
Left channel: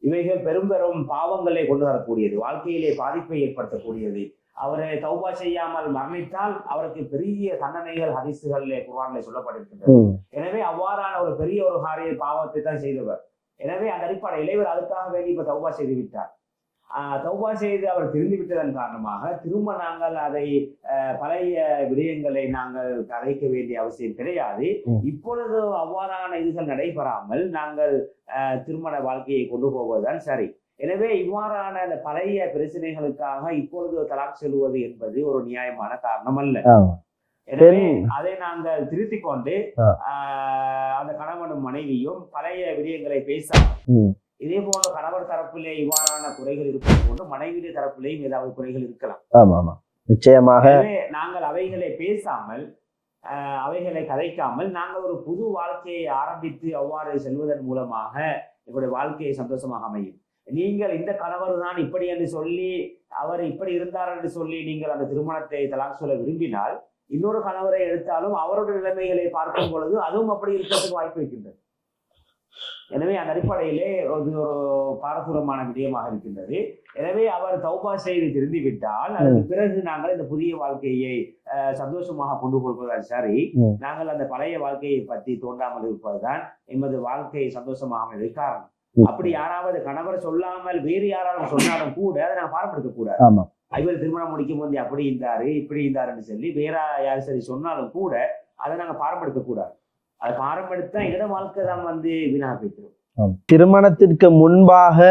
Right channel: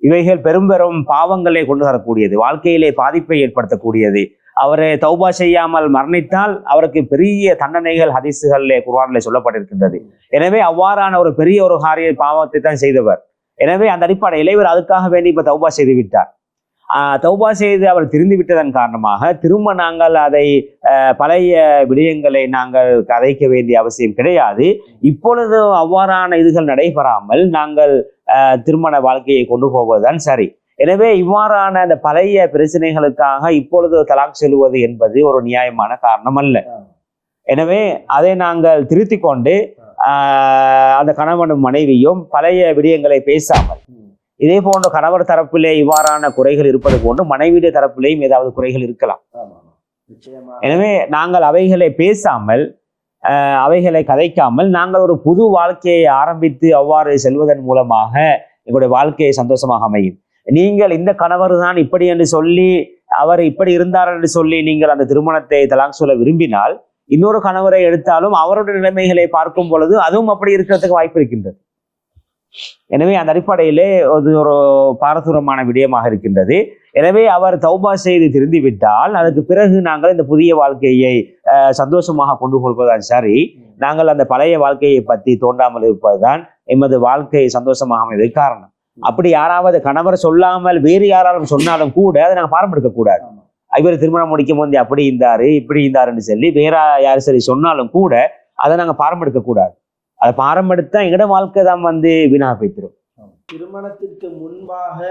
இவைகள் பெரும் பெரும் பாவங்களை கொண்டு வரக்கூடியது, வாழ்க்கையிலே பாதிப்பை ஏற்படுத்தக்கூடியது. அவரை தௌபா செய்யாமல் மரணித்தால் அவருக்கு பெரிய தண்டனைகள் ஹதீஸுகளிலே குர்ஆனிலே சொல்லப்பட்டிருக்கின்றது. எனவே அவ்வாறான ஒரு பெரிய ஒரு காரிய பாவத்தை தான் செய்தவர். எனவே அந்த அடிப்படையில் இவர் அதுக்காக வேண்டி இப்ப தௌபா செய்து விட்டார். தௌபா செய்து அவர் திருந்து விட்டதன் காரணமாக திரும்ப நாங்கள் அதை பழைய விடயங்களை நாங்கள் கதைக்க வேண்டிய அவசியம் கிடையாது. இப்பொழுது அவ்வாறான இதுகள் நடைபெறாமல் நாங்கள் திருமண வாழ்க்கையை கொண்டு போவதுதான் சரி. எனவே இவ்வாறான அந்த பழைய பிரச்சனைகளுக்காக இப்பொழுது தலாக் செல்வது என்பது ஒரு நியாயமான காரணம் அல்ல. எனவே அதை நாங்கள் திருத்தி கொண்டு அந்த கணவனும் மனைவியும் பழைய விடயங்களை பேசாமல், இதே போன்ற கணவர் தரப்பிலே இவ்வாறான குறைகள் இருப்பது போன்று மனைவியுடைய தரப்பிலேயும் ஏதாவது குறைகள் இருக்கலாம். நிச்சயமாக. எனவே நாங்கள் அவைகளை பேசாமல் அவைகளை கதைக்காமல் நாங்கள் ஒரு புது வாழ்க்கையை ஆரம்பித்து அவ்வாறு செல்வதன் மூலமாக எங்களுடைய வாழ்க்கையை சந்தோஷமாக அமையும். நீங்கள் இந்த கணவர் தான் இப்படி என்று சொல்லி அவர் இப்படி இருந்தார் என்று சொல்லி நீங்கள் அந்த திருமணத்தை தலாக் சொல்ல விரும்பினால் இன்னொரு கணவரை எடுத்தாலும் அவருடைய நிலைமைகளை பார்க்கும் பொழுது அதுவும் அப்படி இருக்கிறதுக்கு வாய்ப்பு இருக்கின்றது. எனவே அந்த அடிப்படையிலே அது ஒரு பாரதூரமான விடயமாக இருக்கின்றது. எனவே அவர் தௌபா செய்து திருந்தி விட்டால் அதுக்கு பிறகு நாங்கள் இந்த புதிய வாழ்க்கையை சந்தோஷமாக கொண்டு போவதுதான் சரி. நாங்கள் அந்த பழைய வாழ்க்கையை பற்றி தோண்டாமல் இருப்பதுதான் எமது வாழ்க்கை சந்தோஷமாக அமைவதற்கு காரணம். அப்படி யாராவது கணவர் சொல்லாமல் வேறு யாராலும் சொன்னாலும் கூட அதை நாங்கள் பாரம்பெடுக்க கூடாது. இவர் திருமணம் முடிக்கும் போது அப்படி இருந்தாரு இப்படி இருந்தாருன்னு சொல்லி வேற யாரு சரி சொன்னாலும் கூட அதை நாங்கள் பாரம்பெடுக்க கூடாது. அதை பாரம்பெடுத்தா எங்கட வாழ்க்கை தான் வீணாக போய்த்திரும். திருமணத்திற்கு முன்பாக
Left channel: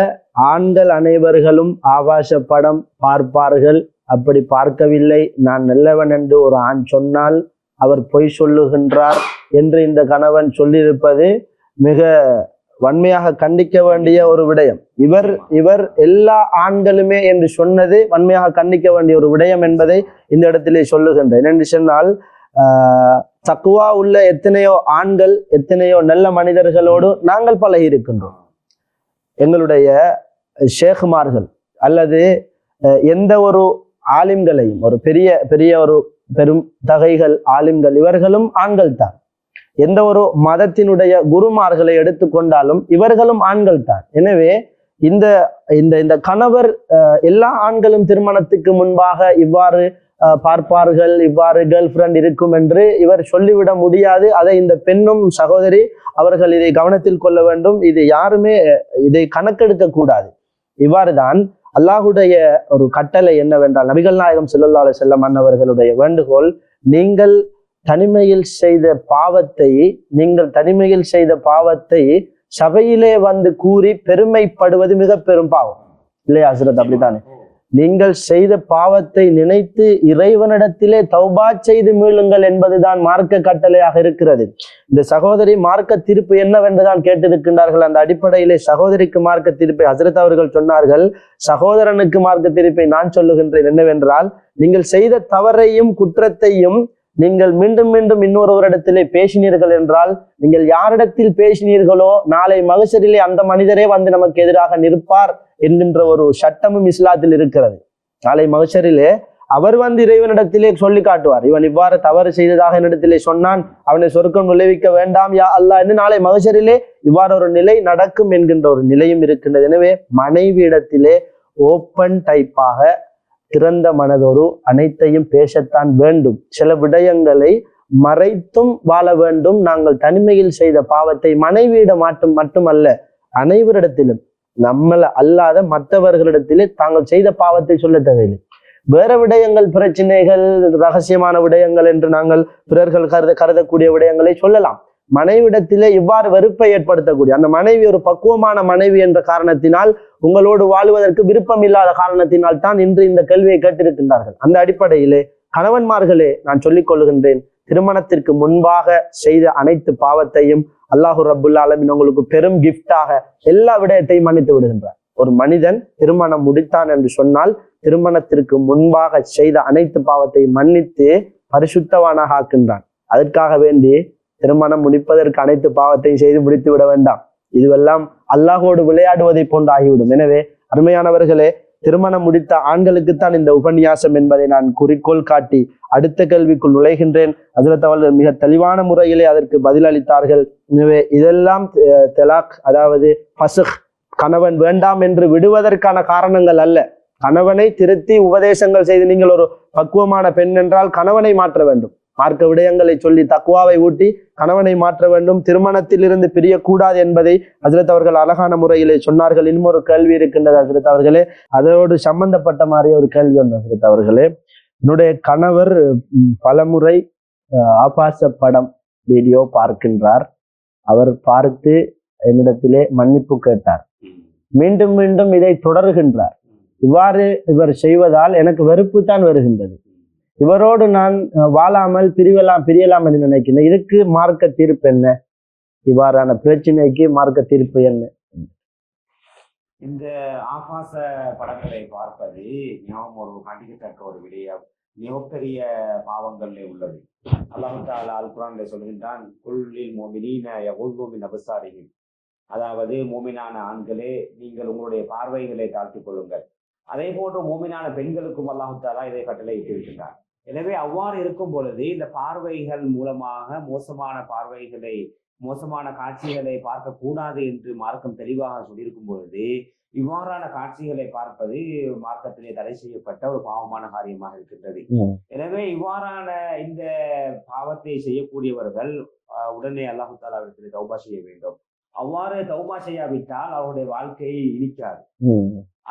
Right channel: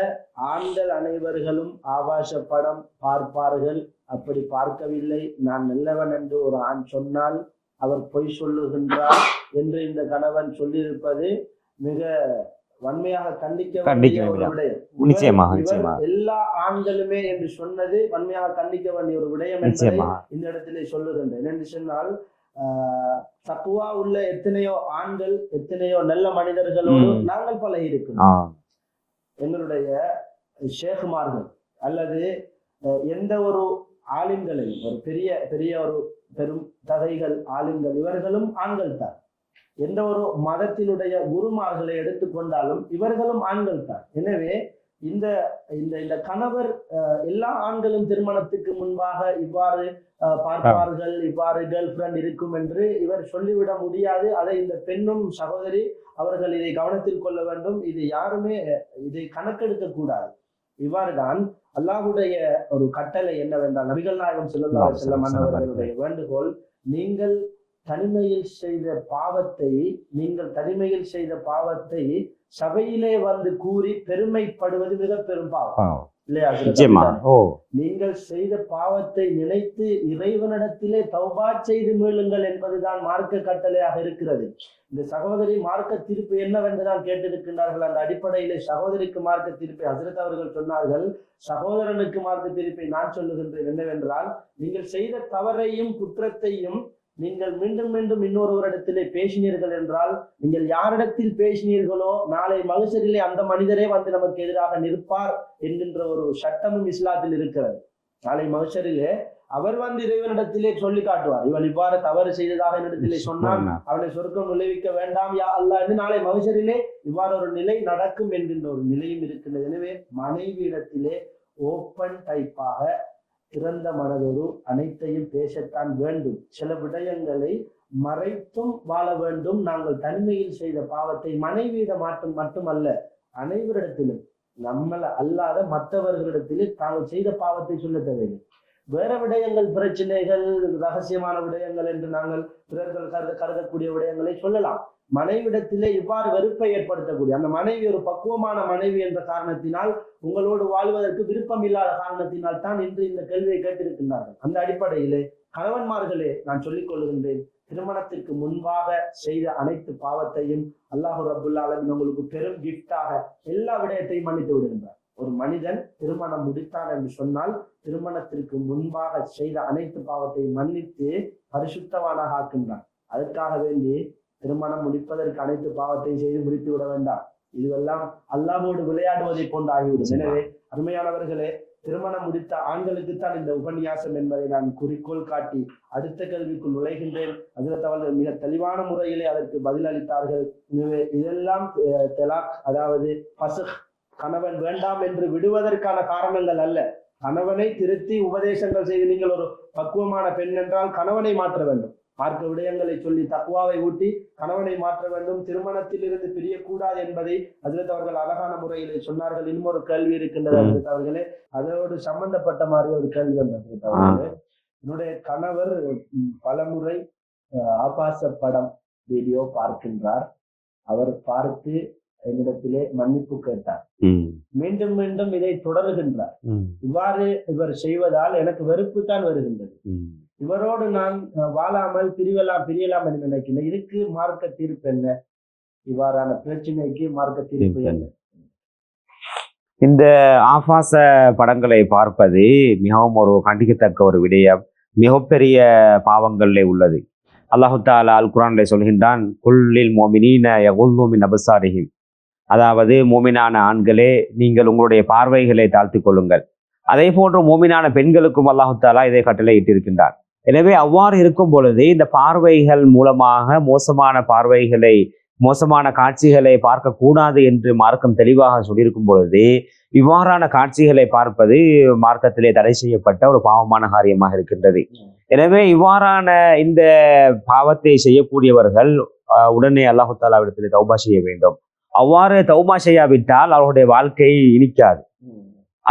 ஆண்கள் அனைவர்களும் ஆபாச படம் பார்ப்பார்கள். அப்படி பார்க்கவில்லை, நான் நல்லவன் என்று ஒரு ஆண் சொன்னால் அவர் பொய் சொல்லுகின்றார் என்று இந்த கணவன் சொல்லியிருப்பது மிக வன்மையாக கண்டிக்க வேண்டிய ஒரு விடயம். இவர் நிச்சயமாக, இவர் நிச்சயமாக. எல்லா ஆண்களுமே என்று சொன்னது வன்மையாக கண்டிக்க வேண்டிய ஒரு விடயம் என்பதை நிச்சயமாக. இந்த இடத்திலே சொல்லுகின்றேன். என்று சொன்னால் தக்குவா உள்ள எத்தனையோ ஆண்கள் எத்தனையோ நல்ல மனிதர்களோடு நாங்கள் பழகி இருக்கின்றோம். எங்களுடைய ஷேகுமார்கள் அல்லது எந்த ஒரு ஆலிம்களையும், ஒரு பெரிய பெரிய ஒரு பெரும் தகைகள் ஆலிம்கள், இவர்களும் ஆண்கள் தான். எந்த ஒரு மதத்தினுடைய குருமார்களை எடுத்துக்கொண்டாலும் இவர்களும் ஆண்கள் தான். எனவே இந்த இந்த இந்த கணவர் எல்லா ஆண்களும் திருமணத்துக்கு முன்பாக இவ்வாறு பார்ப்பார்கள், இவ்வாறு கேர்ள் ஃப்ரெண்ட் இருக்கும் என்று இவர் சொல்லிவிட முடியாது. அதை இந்த பெண்ணும் சகோதரி அவர்கள் இதை கவனத்தில் கொள்ள வேண்டும். இது யாருமே இதை கணக்கெடுக்க கூடாது. இவ்வாறுதான் அல்லாஹுடைய ஒரு கட்டளை என்னவென்றால், நபிகள் நாயகம் ஸல்லல்லாஹு அலைஹி வஸல்லம் அவர்களுடைய வேண்டுகோள், நீங்கள் தனிமையில் செய்த பாவத்தை சபையிலே வந்து கூறி பெருமைப்படுவது மிக பெரும் பாவம் இல்லையா? நீங்கள் செய்த பாவத்தை நினைத்து இறைவனிடத்திலே தௌபா செய்து மீளுங்கள் என்பதுதான் மார்க்க கட்டளையாக இருக்கிறது. இந்த சகோதரி மார்க்க தீர்ப்பு என்னவென்றுதான் கேட்டிருக்கின்றார்கள். அந்த அடிப்படையிலே சகோதரிக்கு மார்க்க தீர்ப்பை ஹஜ்ரத் அவர்கள் சொன்னார்கள். சகோதரனுக்கு மார்க்க தீர்ப்பை நான் சொல்லுகின்றேன். என்னவென்றால், நீங்கள் செய்த தவறையும் குற்றத்தையும் நீங்கள் மீண்டும் மீண்டும் இன்னொருவரிடத்திலே பேசினீர்கள் என்றால், நீங்கள் யாரிடத்தில் பேசினீர்களோ நாளை மகசரிலே அந்த மனிதரே வந்து நமக்கு எதிராக நிற்பார் என்கின்ற ஒரு சட்டமும் இஸ்லாத்தில் இருக்கிறது. நாளை மகசரிலே அவர் வந்து இறைவனிடத்திலே சொல்லி காட்டுவார், இவன் இவ்வாறு தவறு செய்ததாக என்னிடத்திலே சொன்னான், அவனை சொர்க்கம் விளைவிக்க வேண்டாம் யா அல்லாஹ் என்று நாளை மகசரிலே இவ்வாறு ஒரு நிலை நடக்கும் என்கின்ற ஒரு நிலையும் இருக்கின்றது. எனவே மனைவி இடத்திலே ஓப்பன் டைப்பாக திறந்த மனதோடு அனைத்தையும் பேசத்தான் வேண்டும். சில விடயங்களை மறைத்தும் வாழ வேண்டும். நாங்கள் தனிமையில் செய்த பாவத்தை மனைவியிடம் மட்டுமல்ல, அனைவரிடத்திலும், நம்மள அல்லாத மற்றவர்களிடத்திலே தாங்கள் செய்த பாவத்தை சொல்ல தேவையில்லை. வேற விடயங்கள், பிரச்சனைகள், ரகசியமான விடயங்கள் என்று நாங்கள் பிறர்கள் கருதக்கூடிய விடயங்களை சொல்லலாம். மனைவிடத்திலே இவ்வாறு வெறுப்பை ஏற்படுத்தக்கூடிய, அந்த மனைவி ஒரு பக்குவமான மனைவி என்ற காரணத்தினால், உங்களோடு வாழ்வதற்கு விருப்பம் இல்லாத காரணத்தினால் தான் இன்று இந்த கேள்வியை கேட்டிருக்கின்றார்கள். அந்த அடிப்படையிலே கணவன்மார்களே, நான் சொல்லிக் கொள்கின்றேன், திருமணத்திற்கு முன்பாக செய்த அனைத்து பாவத்தையும் அல்லாஹு ரப்புல் ஆலமீன் உங்களுக்கு பெரும் கிஃப்டாக எல்லா விடயத்தையும் மன்னித்து விடுகின்றார். ஒரு மனிதன் திருமணம் முடித்தான் என்று சொன்னால், திருமணத்திற்கு முன்பாக செய்த அனைத்து பாவத்தையும் மன்னித்து பரிசுத்தவானாக ஆக்கின்றான். அதற்காக வேண்டி திருமணம் முடிப்பதற்கு அனைத்து பாவத்தையும் செய்து முடித்து விட வேண்டாம். இதுவெல்லாம் அல்லாஹோடு விளையாடுவதை போன்று ஆகிவிடும். எனவே அருமையானவர்களே, திருமணம் முடித்த ஆண்களுக்குத்தான் இந்த உபன்யாசம் என்பதை நான் குறிக்கோள் காட்டி அடுத்த கேள்விக்குள் நுழைகின்றேன். ஹஜ்ரத் அவர்கள் மிக தெளிவான முறையிலே அதற்கு பதிலளித்தார்கள். எனவே இதெல்லாம் தலாக், அதாவது ஃபஸ்க், கணவன் வேண்டாம் என்று விடுவதற்கான காரணங்கள் அல்ல. கணவனை திருத்தி உபதேசங்கள் செய்து, நீங்கள் ஒரு பக்குவமான பெண் என்றால் கணவனை மாற்ற வேண்டும். மார்க்க விடயங்களை சொல்லி தக்குவாவை ஊட்டி கணவனை மாற்ற வேண்டும். திருமணத்தில் இருந்து பிரியக்கூடாது என்பதை ஹஜ்ரத் அவர்கள் அழகான முறையிலே சொன்னார்கள். இன்னொரு கேள்வி இருக்கின்றது ஹஜ்ரத் அவர்களே, அதோடு சம்பந்தப்பட்ட மாதிரி ஒரு கேள்வி ஒன்று ஹஜ்ரத் அவர்களே. என்னுடைய கணவர் பலமுறை ஆபாச படம் வீடியோ பார்க்கின்றார். அவர் பார்த்து என்னிடத்திலே மன்னிப்பு கேட்டார். மீண்டும் மீண்டும் இதை தொடர்கின்றார். இவ்வாறு இவர் செய்வதால் எனக்கு வெறுப்பு தான் வருகின்றது. இவரோடு நான் வாழாமல் பிரியலாம் என்று நினைக்கிறேன். இதுக்கு மார்க்க தீர்ப்பு என்ன? இவ்வாறான பிரச்சனைக்கு மார்க்க தீர்ப்பு என்ன? இந்த ஆபாச படங்களை பார்ப்பது மிகவும் ஒரு கண்டிக்கத்தக்க ஒரு விடயம், மிகப்பெரிய பாவங்களிலே உள்ளது. அல்லாஹு தஆலா அல் குர்ஆனிலே சொல்கின்றான், குல்லில் முஃமினீன யகுல்லூ மின் அப்சாரிஹிம், அதாவது மோமினான ஆண்களே, நீங்கள் உங்களுடைய பார்வைகளை தாழ்த்திக் கொள்ளுங்கள். அதே போன்று மோமினான பெண்களுக்கும் அல்லாஹு தஆலா இதை கட்டளை இட்டிருக்கின்றார். எனவே அவ்வாறு இருக்கும் பொழுது இந்த பார்வைகள் மூலமாக மோசமான காட்சிகளை பார்க்கக்கூடாது என்று மார்க்கம் தெளிவாக சொல்லியிருக்கும் பொழுது, இவ்வாறான காட்சிகளை பார்ப்பது மார்க்கத்திலே தடை செய்யப்பட்ட ஒரு பாவமான காரியமாக இருக்கின்றது. எனவே இவ்வாறான இந்த பாவத்தை செய்யக்கூடியவர்கள் உடனே அல்லாஹு தஆலாவிடத்திலே தௌபா செய்ய வேண்டும். அவ்வாறு தௌபா செய்யாவிட்டால் அவருடைய வாழ்க்கை இனிக்காது.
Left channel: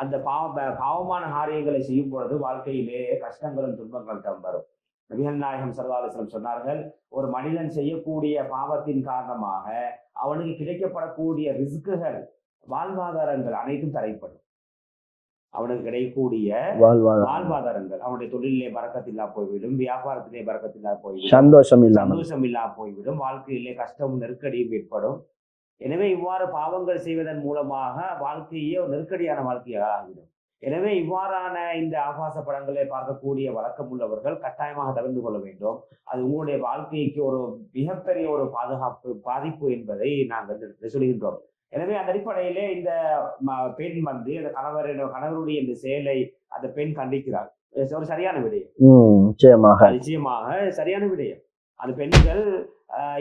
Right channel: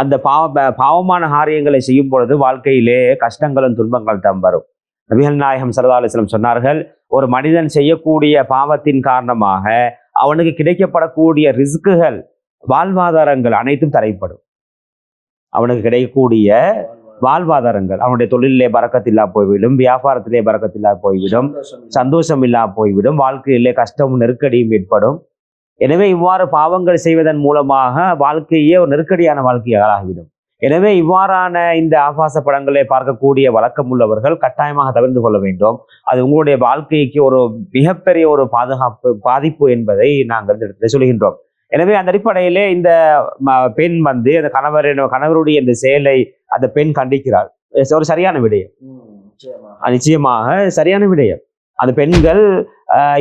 அந்த பாவமான காரியங்களை செய்யும் பொழுது வாழ்க்கையிலே கஷ்டங்களும் துன்பங்கள் தான் வரும். நபிகள் நாயகம் ஸல்லல்லாஹு அலைஹி வஸல்லம் சொன்னார்கள், ஒரு மனிதன் செய்யக்கூடிய பாவத்தின் காரணமாக அவனுக்கு கிடைக்கப்படக்கூடிய ரிஸ்குகள், வாழ்வாதாரங்கள் அனைத்தும் தடைப்படும். அவனுக்கு கிடைக்கக்கூடிய வாழ்வாதாரங்கள், அவனுடைய தொழிலே பரக்கத்தில்லா போய்விடும், வியாபாரத்திலே பரக்கத்தில்லா போய்விடும், சந்தோஷம் இல்லா போய்விடும், வாழ்க்கையிலே கஷ்டமும் நெருக்கடியும் ஏற்படும். எனவே இவ்வாறு பாவங்கள் செய்வதன் மூலமாக வாழ்க்கையே ஒரு நெருக்கடியான வாழ்க்கையாக ஆகிவிடும். எனவே இவ்வாறான இந்த ஆபாச படங்களை பார்க்கக்கூடிய வழக்கம் உள்ளவர்கள் கட்டாயமாக தவிர்த்து கொள்ள வேண்டும். அது உங்களுடைய வாழ்க்கைக்கு ஒரு மிகப்பெரிய ஒரு பாதிப்பு என்பதை நாங்கள் இந்த இடத்துல சொல்கின்றோம். எனவே அந்த அடிப்படையிலே இந்த பெண் வந்து அந்த கணவருடைய இந்த செயலை அந்த பெண் கண்டிக்கிறாள். ஒரு சரியான விடயம். நிச்சயமாக சரியான விடயம். அந்த பெண்கள்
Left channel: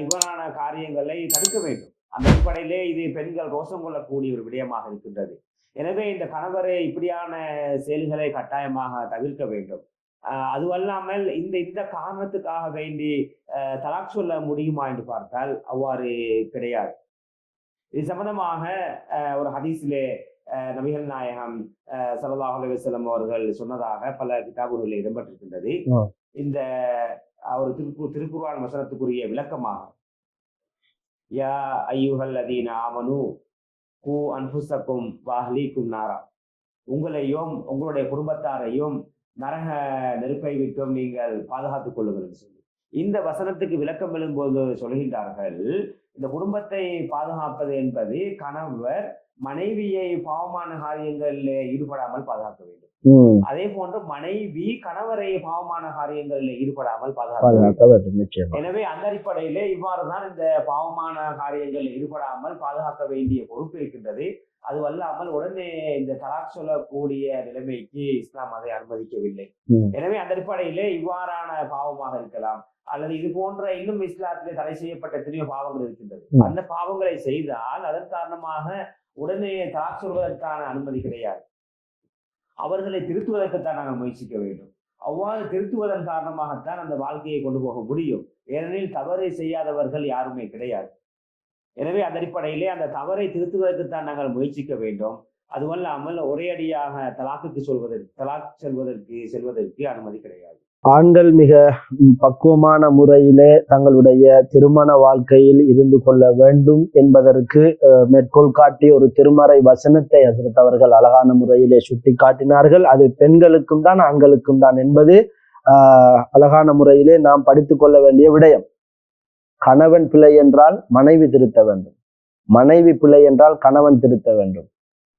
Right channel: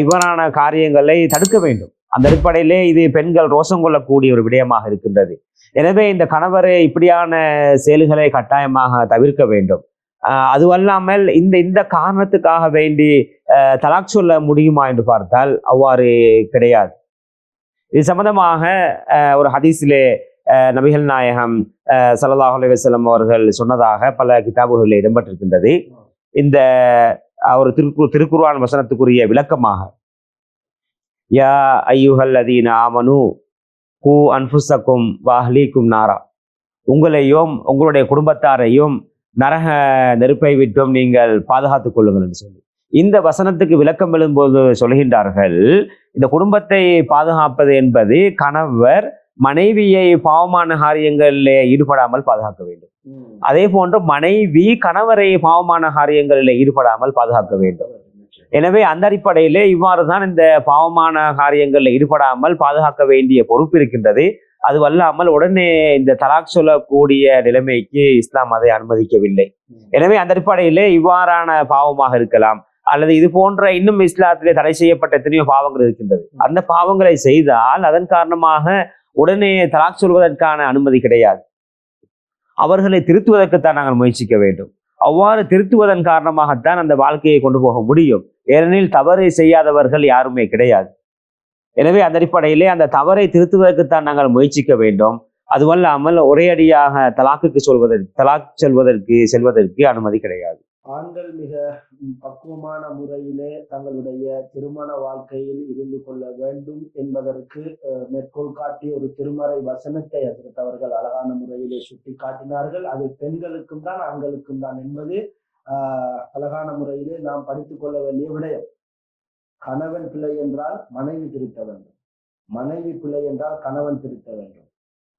இவ்வாறான காரியங்களை தடுக்க வேண்டும். அந்த அடிப்படையிலே இது பெண்கள் ரோஷம் கொள்ளக்கூடிய ஒரு விடயமாக இருக்கின்றது. எனவே இந்த கணவரை இப்படியான செயல்களை கட்டாயமாக தவிர்க்க வேண்டும். அதுவல்லாமல் இந்த காரணத்துக்காக வேண்டி தலாக் சொல்ல முடியுமா என்று பார்த்தால் அவ்வாறு கிடையாது. இது சம்பந்தமாக ஒரு ஹதீஸிலே நபிகள் நாயகம் ஸல்லல்லாஹு அலைஹி வஸல்லம் அவர்கள் சொன்னதாக பல கிதாபுகளில் இடம்பெற்றிருக்கின்றது. இந்த ஒரு திருக்குர்ஆன் வசனத்துக்குரிய விளக்கமாக, யா அய்யுஹல்லதீன ஆமனு கூ அன்ஃபுஸக்கும் வஅஹ்லீக்கும் நாரா, உங்களையும் உங்களுடைய குடும்பத்தாரையும் நரக நெருப்பை விட்டும் நீங்கள் பாதுகாத்துக் கொள்ளுங்கள் என்று சொல்லி இந்த வசனத்துக்கு விளக்கம் எழும்போது சொல்கின்றார்கள், இந்த குடும்பத்தை பாதுகாப்பது என்பது கணவர் மனைவியை பாவமான காரியங்களிலே ஈடுபடாமல் பாதுகாக்க வேண்டும். அதே போன்று மனைவி கணவரை பாவமான காரியங்களில் ஈடுபடாமல் பாதுகாக்க வேண்டும். எனவே அந்த அடிப்படையிலே இவ்வாறுதான் இந்த பாவமான காரியங்களில் ஈடுபடாமல் பாதுகாக்க வேண்டிய பொறுப்பு இருக்கின்றது. அதுவல்லாமல் உடனே இந்த தலாக் சொல்லக்கூடிய நிலைமைக்கு இஸ்லாம் அதை அனுமதிக்கவில்லை. எனவே அந்த அடிப்படையிலே இவ்வாறான பாவமாக இருக்கலாம், அல்லது இது போன்ற இன்னும் இஸ்லாத்திலே தடை செய்யப்பட்ட எத்தனையோ பாவங்கள் இருக்கின்றது. அந்த பாவங்களை செய்தால் அதன் காரணமாக உடனே தலாக் சொல்வதற்கான அனுமதி கிடையாது. அவர்களை திருத்துவதற்குத்தான் நாங்கள் முயற்சிக்க வேண்டும். அவ்வாறு திருத்துவதன் காரணமாகத்தான் அந்த வாழ்க்கையை கொண்டு போக முடியும். ஏனெனில் தவறை செய்யாதவர்கள் யாருமே கிடையாது. எனவே அந்த அடிப்படையிலே அந்த தவறை திருத்துவதற்குத்தான் நாங்கள் முயற்சிக்க வேண்டும். அதுவல்லாமல் ஒரே அடியாக தலாக் செல்வதற்கு அனுமதி கிடையாது. ஆண்கள் மிக பக்குவமான முறையிலே தங்களுடைய திருமண வாழ்க்கையில் இருந்து கொள்ள வேண்டும் என்பதற்கு மேற்கோள் காட்டி ஒரு திருமறை வசனத்தை ஹஸரத் அவர்கள் அழகான முறையிலே சுட்டி காட்டினார்கள். அது பெண்களுக்கும் தான் ஆண்களுக்கும் தான் என்பது அழகான முறையிலே நாம் படித்துக் கொள்ள வேண்டிய விடயம். கணவன் பிழை என்றால் மனைவி திருத்த வேண்டும், மனைவி பிழை என்றால் கணவன் திருத்த வேண்டும்.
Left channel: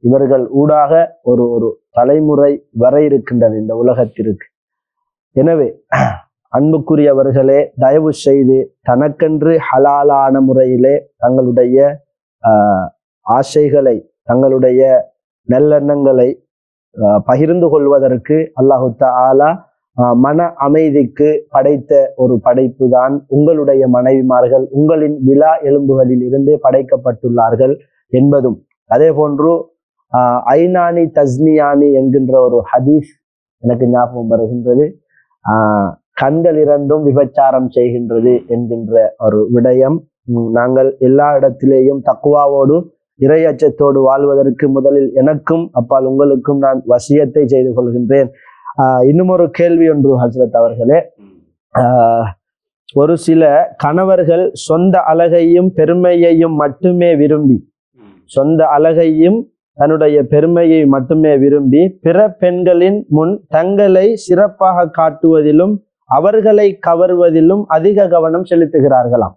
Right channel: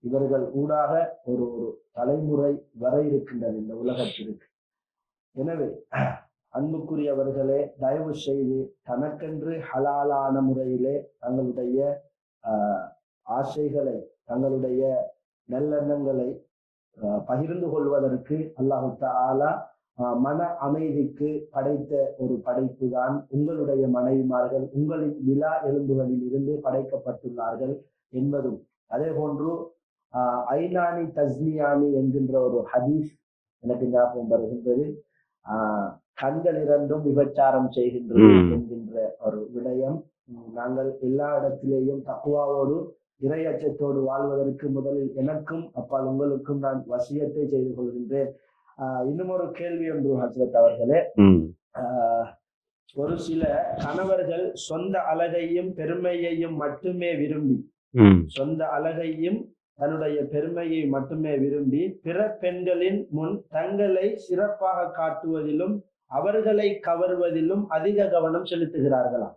இவர்கள் ஊடாக ஒரு தலைமுறை வரை இருக்கின்றது இந்த உலகத்திற்கு. எனவே அன்புக்குரியவர்களே, தயவு செய்து தனக்கென்று ஹலாலான முறையிலே தங்களுடைய ஆசைகளை, தங்களுடைய நல்லெண்ணங்களை பகிர்ந்து கொள்வதற்கு அல்லாஹு தஆலா மன அமைதிக்கு படைத்த ஒரு படைப்பு தான் உங்களுடைய மனைவிமார்கள். உங்களின் விழா எலும்புகளில் இருந்தே படைக்கப்பட்டுள்ளார்கள் என்பதும், அதே போன்று ஐநானி தஸ்னியானி என்கின்ற ஒரு ஹதீஸ் எனக்கு ஞாபகம் வருகின்றது. கண்கள் இரண்டும் விபச்சாரம் செய்கின்றது என்கின்ற ஒரு விடயம். நாங்கள் எல்லா இடத்திலேயும் தக்வாவோடு இறை அச்சத்தோடு வாழ்வதற்கு முதலில் எனக்கும் அப்பால் உங்களுக்கும் நான் வசியத்தை செய்து கொள்கின்றேன். இன்னும் ஒரு கேள்வி ஒன்று ஹஸ்ரத் அவர்களே, ஒரு சில கணவர்கள் சொந்த அழகையும் பெருமையையும் மட்டுமே விரும்பி, சொந்த அழகையும் தன்னுடைய பெருமையை மட்டுமே விரும்பி பிற பெண்களின் முன் தங்களை சிறப்பாக காட்டுவதிலும் அவர்களை கவர்வதிலும் அதிக கவனம் செலுத்துகிறார்களாம்.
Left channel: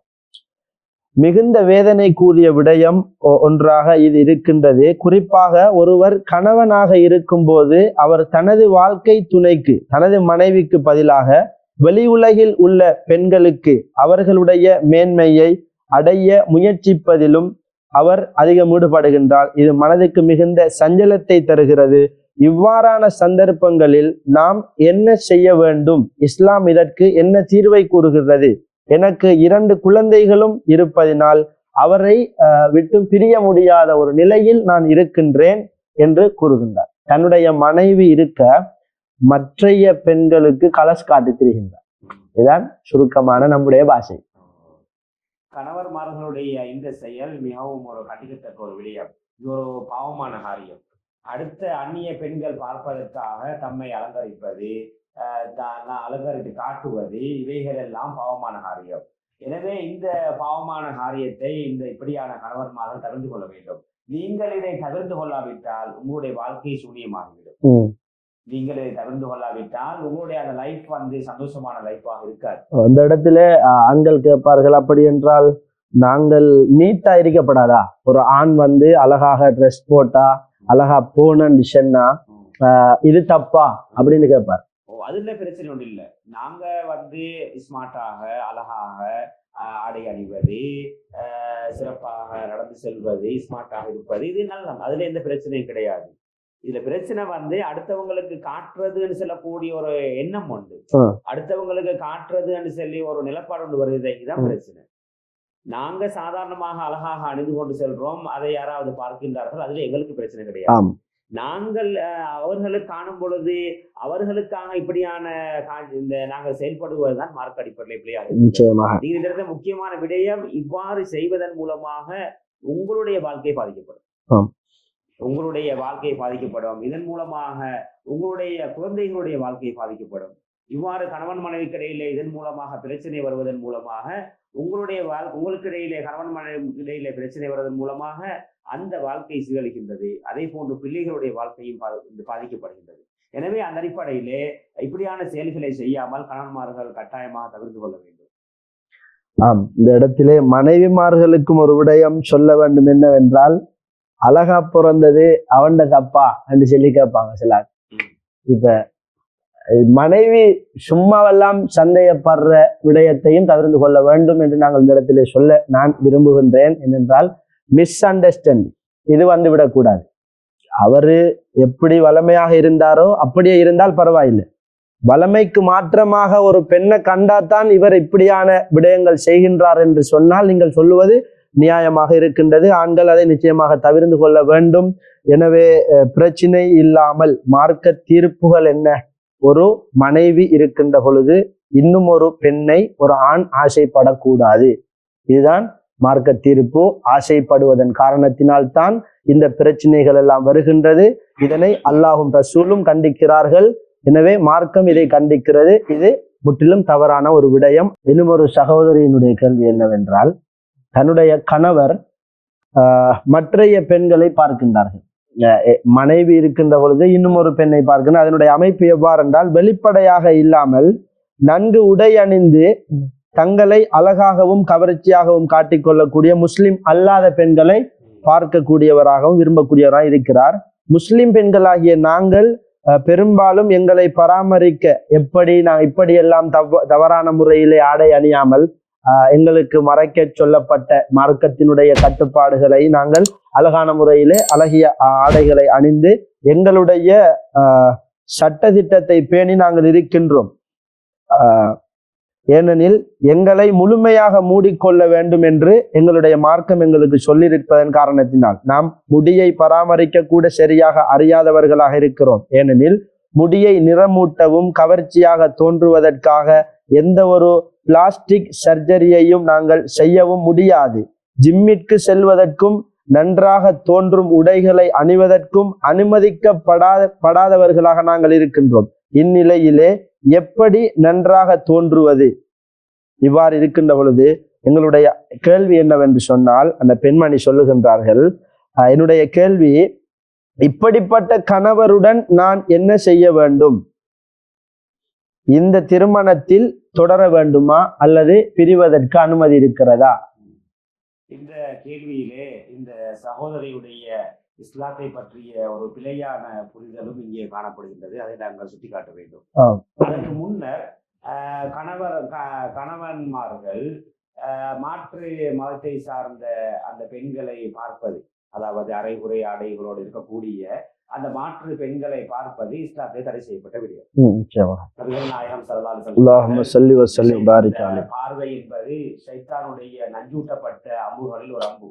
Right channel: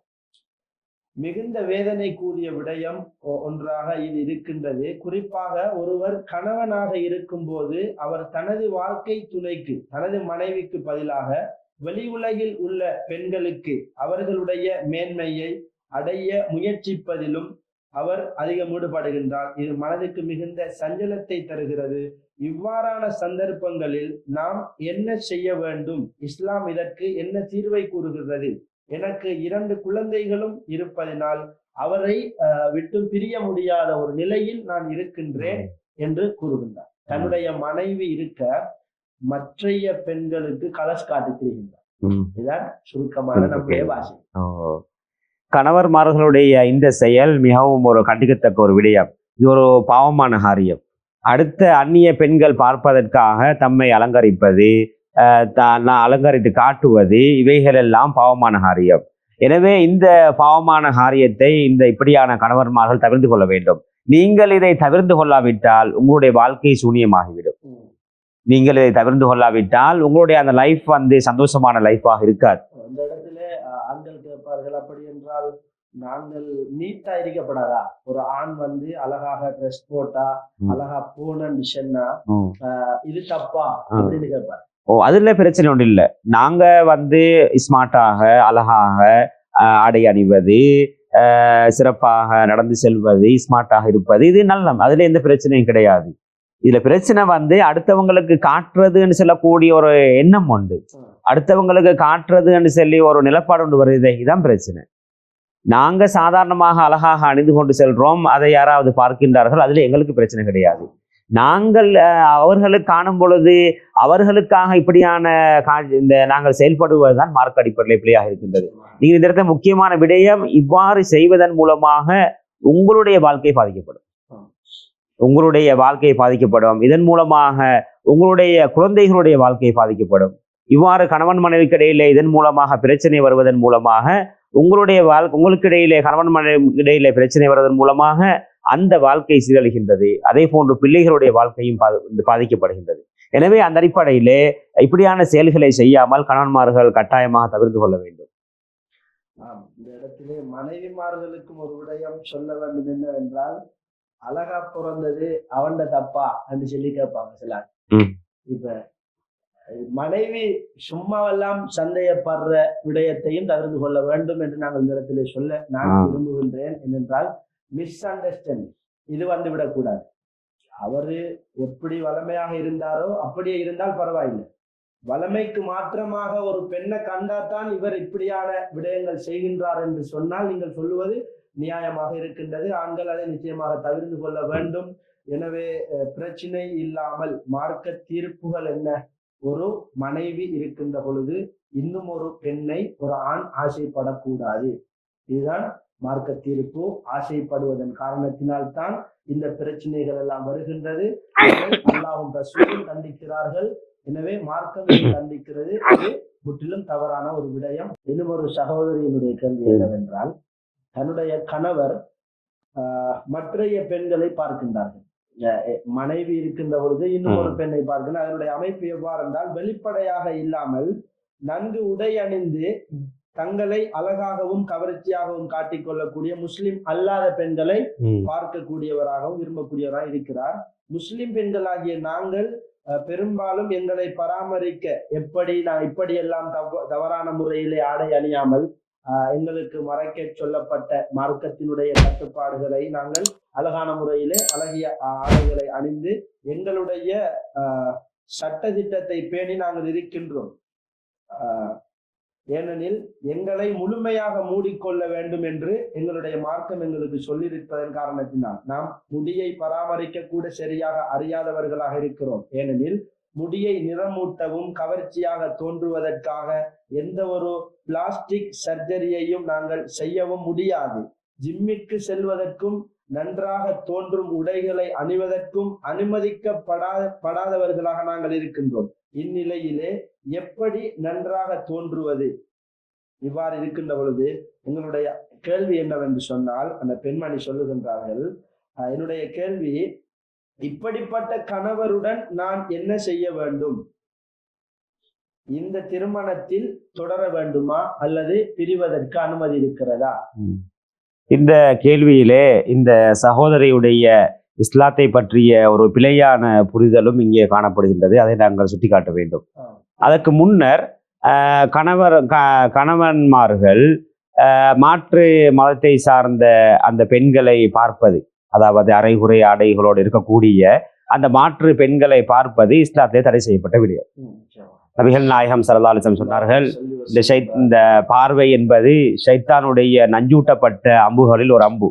மிகுந்த வேதனை கூடிய விடயம் ஒன்றாக இது இருக்கின்றது. குறிப்பாக ஒருவர் கணவனாக இருக்கும் போது அவர் தனது வாழ்க்கை துணைக்கு, தனது மனைவிக்கு பதிலாக வெளி உலகில் உள்ள பெண்களுக்கு அவர்களுடைய மேன்மையை அடைய முயற்சிப்பதிலும் அவர் அதிகம் ஈடுபடுகின்றார். இது மனதுக்கு மிகுந்த சஞ்சலத்தை தருகிறது. இவ்வாறான சந்தர்ப்பங்களில் நாம் என்ன செய்ய வேண்டும்? இஸ்லாம் இதற்கு என்ன தீர்வை கூறுகிறது? எனக்கு 2 குழந்தைகளும் இருப்பதினால் அவரை விட்டு பிரிய முடியாத ஒரு நிலையில் நான் இருக்கின்றேன் என்று கூறுகின்றார். தன்னுடைய மனைவி இருக்க மற்றைய பெண்களுக்கு கலஸ் காட்டி திரிகின்றார். இதுதான் சுருக்கமான நம்முடைய பாஷை. கணவர்மார்களுடைய இந்த செயல் மிகவும் ஒரு கண்டிக்கத்தக்க ஒரு விடயம். இது ஒரு பாவமான காரியம். அடுத்த அந்நிய பெண்கள் பார்ப்பதற்காக தம்மை அலங்கரிப்பது, அலங்கரித்து காட்டுவது, இவைகள் எல்லாம் பாவமான காரியம். எனவே இந்த பாவமான காரியத்தை இப்படியான கணவர்மார்கள் தவிர்த்து கொள்ள வேண்டும். நீங்கள் இதை தவிர்த்து கொள்ளாவிட்டால் உங்களுடைய வாழ்க்கை சூனியமாகிவிடும். நீங்கள் இதை தவிர்த்து கொள்ளாவிட்டால் உங்களுடைய அந்த லைஃப் சந்தோஷமான லைஃபாக இருக்காது. அந்த இடத்துல ஆண்கள் கேட்பார்கள், அப்படி என்றால் நாங்கள் நீட்டா இருக்கப்படாதா? ஒரு ஆண் வந்து அழகாக ட்ரெஸ் போட்டா அழகா போனன்னு சொன்னா இது தப்பா அப்படின்னு கேட்பார். அதுல பிரச்சனை ஒன்றும் இல்லை. நாங்க வந்து ஸ்மார்ட்டாக அழகாக ஆடை அணிவது, சிறப்பாக நடந்து செல்வது, ஸ்மார்ட்டாக இருப்பது, இது நல்ல, அதுல எந்த பிரச்சனையும் கிடையாது. இதுல பிரச்சனை வந்து அடுத்தவங்களுக்கு காட்டுறதுன்னு சொல்லக்கூடிய ஒரு எண்ணம் உண்டு, அடுத்தவங்களுக்கு காட்டுறதுன்னு சொல்லி ஒரு நிலப்பாடு ஒன்று வருது, இதுதான் பிரச்சனை. நாங்க சாதாரணமாக அழகாக அணிந்து கொண்டு செல்றோம், அதை யாராவது பார்க்கின்றார்கள், அதுல எங்களுக்கு பிரச்சனை கிடையாது. நாங்கள் அவர்களுக்கு காணும் பொழுது அவர்களுக்காக இப்படியான இந்த நாங்கள் செயல்படுவதுதான் மார்க்க அடிப்படையில் பிள்ளையாக நிச்சயமாக. நீங்க இந்த இடத்துல முக்கியமான விடயம், இவ்வாறு செய்வதன் மூலமாக உங்களுடைய வாழ்க்கை பாதிக்கப்படும், உங்களுடைய வாழ்க்கை பாதிக்கப்படும், இதன் மூலமாக உங்களுடைய குழந்தைகளுடைய வாழ்க்கை பாதிக்கப்படும். இவ்வாறு கணவன் மனைவிக்கு இடையிலே இதன் மூலமாக பிரச்சனை வருவதன் மூலமாக உங்களுடைய உங்களுக்கு இடையிலே கணவன் மனைவி இடையிலே பிரச்சனை வருவதன் மூலமாக அந்த வாழ்க்கை சீரழிகின்றது. அதே போன்று பிள்ளைகளுடைய வாழ்க்கையும் பாதிக்கப்படுகின்றது. எனவே அந்த அடிப்படையிலே இப்படியான செயல்களை செய்யாமல் கணவன்மார்கள் கட்டாயமாக தவிர்த்து கொள்ள வேண்டும். இந்த இடத்திலே மனைவிமார்களுக்கும் ஒரு விடயம் சொல்ல வேண்டும் என்னவென்றால், அழகா பிறந்தது அவன்ட தப்பா என்று சொல்லி கேட்பாங்க சிலர். இப்ப மனைவி சும்மாவெல்லாம் சந்தேகப்படுற விடயத்தையும் தவிர்த்து கொள்ள வேண்டும் என்று நாங்கள் இந்த இடத்திலே சொல்ல நான் விரும்புகின்றேன். என்னென்றால் மிஸ் அண்டர்ஸ்டாண்டிங் இது வந்து விடக்கூடாது. அவரு எப்படி வளமையாக இருந்தாரோ அப்படியே இருந்தால் பரவாயில்லை, வளமைக்கு மாற்றமாக ஒரு பெண்ணை கண்டாத்தான் இவர் இப்படியான விடயங்கள் செய்கின்றார் என்று சொன்னால் நீங்கள் சொல்லுவது நியாயமாக இருக்கின்றது. ஆண்கள் அதை நிச்சயமாக தவிர்த்து கொள்ள வேண்டும். எனவே பிரச்சனை இல்லாமல் மார்க்க தீர்ப்புகள் என்ன? ஒரு மனைவி இருக்கின்ற பொழுது இன்னும் ஒரு பெண்ணை ஒரு ஆண் ஆசைப்படக்கூடாது, இதுதான் மார்க்க தீர்ப்பு. ஆசைப்படுவதன் காரணத்தினால்தான் இந்த பிரச்சனைகள் எல்லாம் வருகின்றது. இதனை அல்லாஹும் ரசூலும் கண்டிக்கிறார்கள். எனவே மார்க்கம் இதை கண்டிக்கிறது. இது முற்றிலும் தவறான ஒரு விடயம். இன்னும் ஒரு சகோதரியினுடைய கேள்வி என்னவென்றால், தன்னுடைய கணவர் மற்றைய பெண்களை பார்க்கின்றார்கள், மனைவி இருக்கின்ற பொழுது இன்னும் ஒரு பெண்ணை பார்க்கின்ற, அதனுடைய அமைப்பு எவ்வாறு என்றால், வெளிப்படையாக இல்லாமல் நன்கு உடை அணிந்து தங்களை அழகாகவும் கவர்ச்சியாகவும் காட்டிக்கொள்ளக்கூடிய முஸ்லிம் அல்லாத பெண்களை பார்க்கக்கூடியவராகவும் விரும்பக்கூடியவராக இருக்கிறார். முஸ்லிம் பெண்களாகிய நாங்கள் பெரும்பாலும் எங்களை பராமரிக்க இப்படியெல்லாம் தவறான முறையிலே ஆடை அணியாமல் எங்களுக்கு மறைக்க சொல்லப்பட்ட மார்க்கத்தினுடைய கட்டுப்பாடுகளை நாங்கள் அழகான முறையிலே அழகிய ஆடைகளை அணிந்து எங்களுடைய சட்ட திட்டத்தை பேணி நாங்கள் இருக்கின்றோம். ஏனெனில் எங்களை முழுமையாக மூடிக்கொள்ள வேண்டும் என்று எங்களுடைய மார்க்கம் எங்களுக்கு சொல்லியிருப்பதன் காரணத்தினால் நாம் முடியை பராமரிக்க கூட சரியாக அறியாதவர்களாக இருக்கிறோம். ஏனெனில் முடியை நிறமூட்டவும் கவர்ச்சியாக தோன்றுவதற்காக எந்த ஒரு பிளாஸ்டிக் சர்ஜரியையும் நாங்கள் செய்யவும் முடியாது. ஜிம்மிற்கு செல்வதற்கும் நன்றாக தோன்றும் உடைகளை அணிவதற்கும் அனுமதிக்கப்படாதவர்களாக நாங்கள் இருக்கின்றோம். இந்நிலையிலே எப்படி நன்றாக தோன்றுவது? இவ்வாறு இருக்கின்ற பொழுது எங்களுடைய கேள்வி என்னவென்று சொன்னால், அந்த பெண்மணி சொல்லுகின்றார்கள், என்னுடைய கேள்வி, இப்படிப்பட்ட கணவருடன் நான் என்ன செய்ய வேண்டும்? இந்த திருமணத்தில் தொடர வேண்டுமா அல்லது பிரிவதற்கு அனுமதி இருக்கிறதா? இந்த கேள்வியிலே இந்த சகோதரியுடைய இஸ்லாத்தை பற்றிய ஒரு பிழையான புரிதலும் இங்கே காணப்படுகின்றது. அதை நாங்கள் சுட்டிக்காட்ட வேண்டும். அதற்கு முன்னர் கணவன்மார்கள் மாற்று மதத்தை சார்ந்த அந்த பெண்களை பார்ப்பது, அதாவது அரைகுறை ஆடைகளோடு இருக்கக்கூடிய அந்த மாற்று பெண்களை பார்ப்பது இஸ்லாத்திலே தடை செய்யப்பட்ட விடயம். நபிகள் நாயகம் ஸல்லல்லாஹு அலைஹி வஸல்லம் சொன்னார்கள், இந்த பார்வை என்பது ஷைத்தானுடைய நஞ்சூட்டப்பட்ட அம்புகளில் ஒரு அம்பு.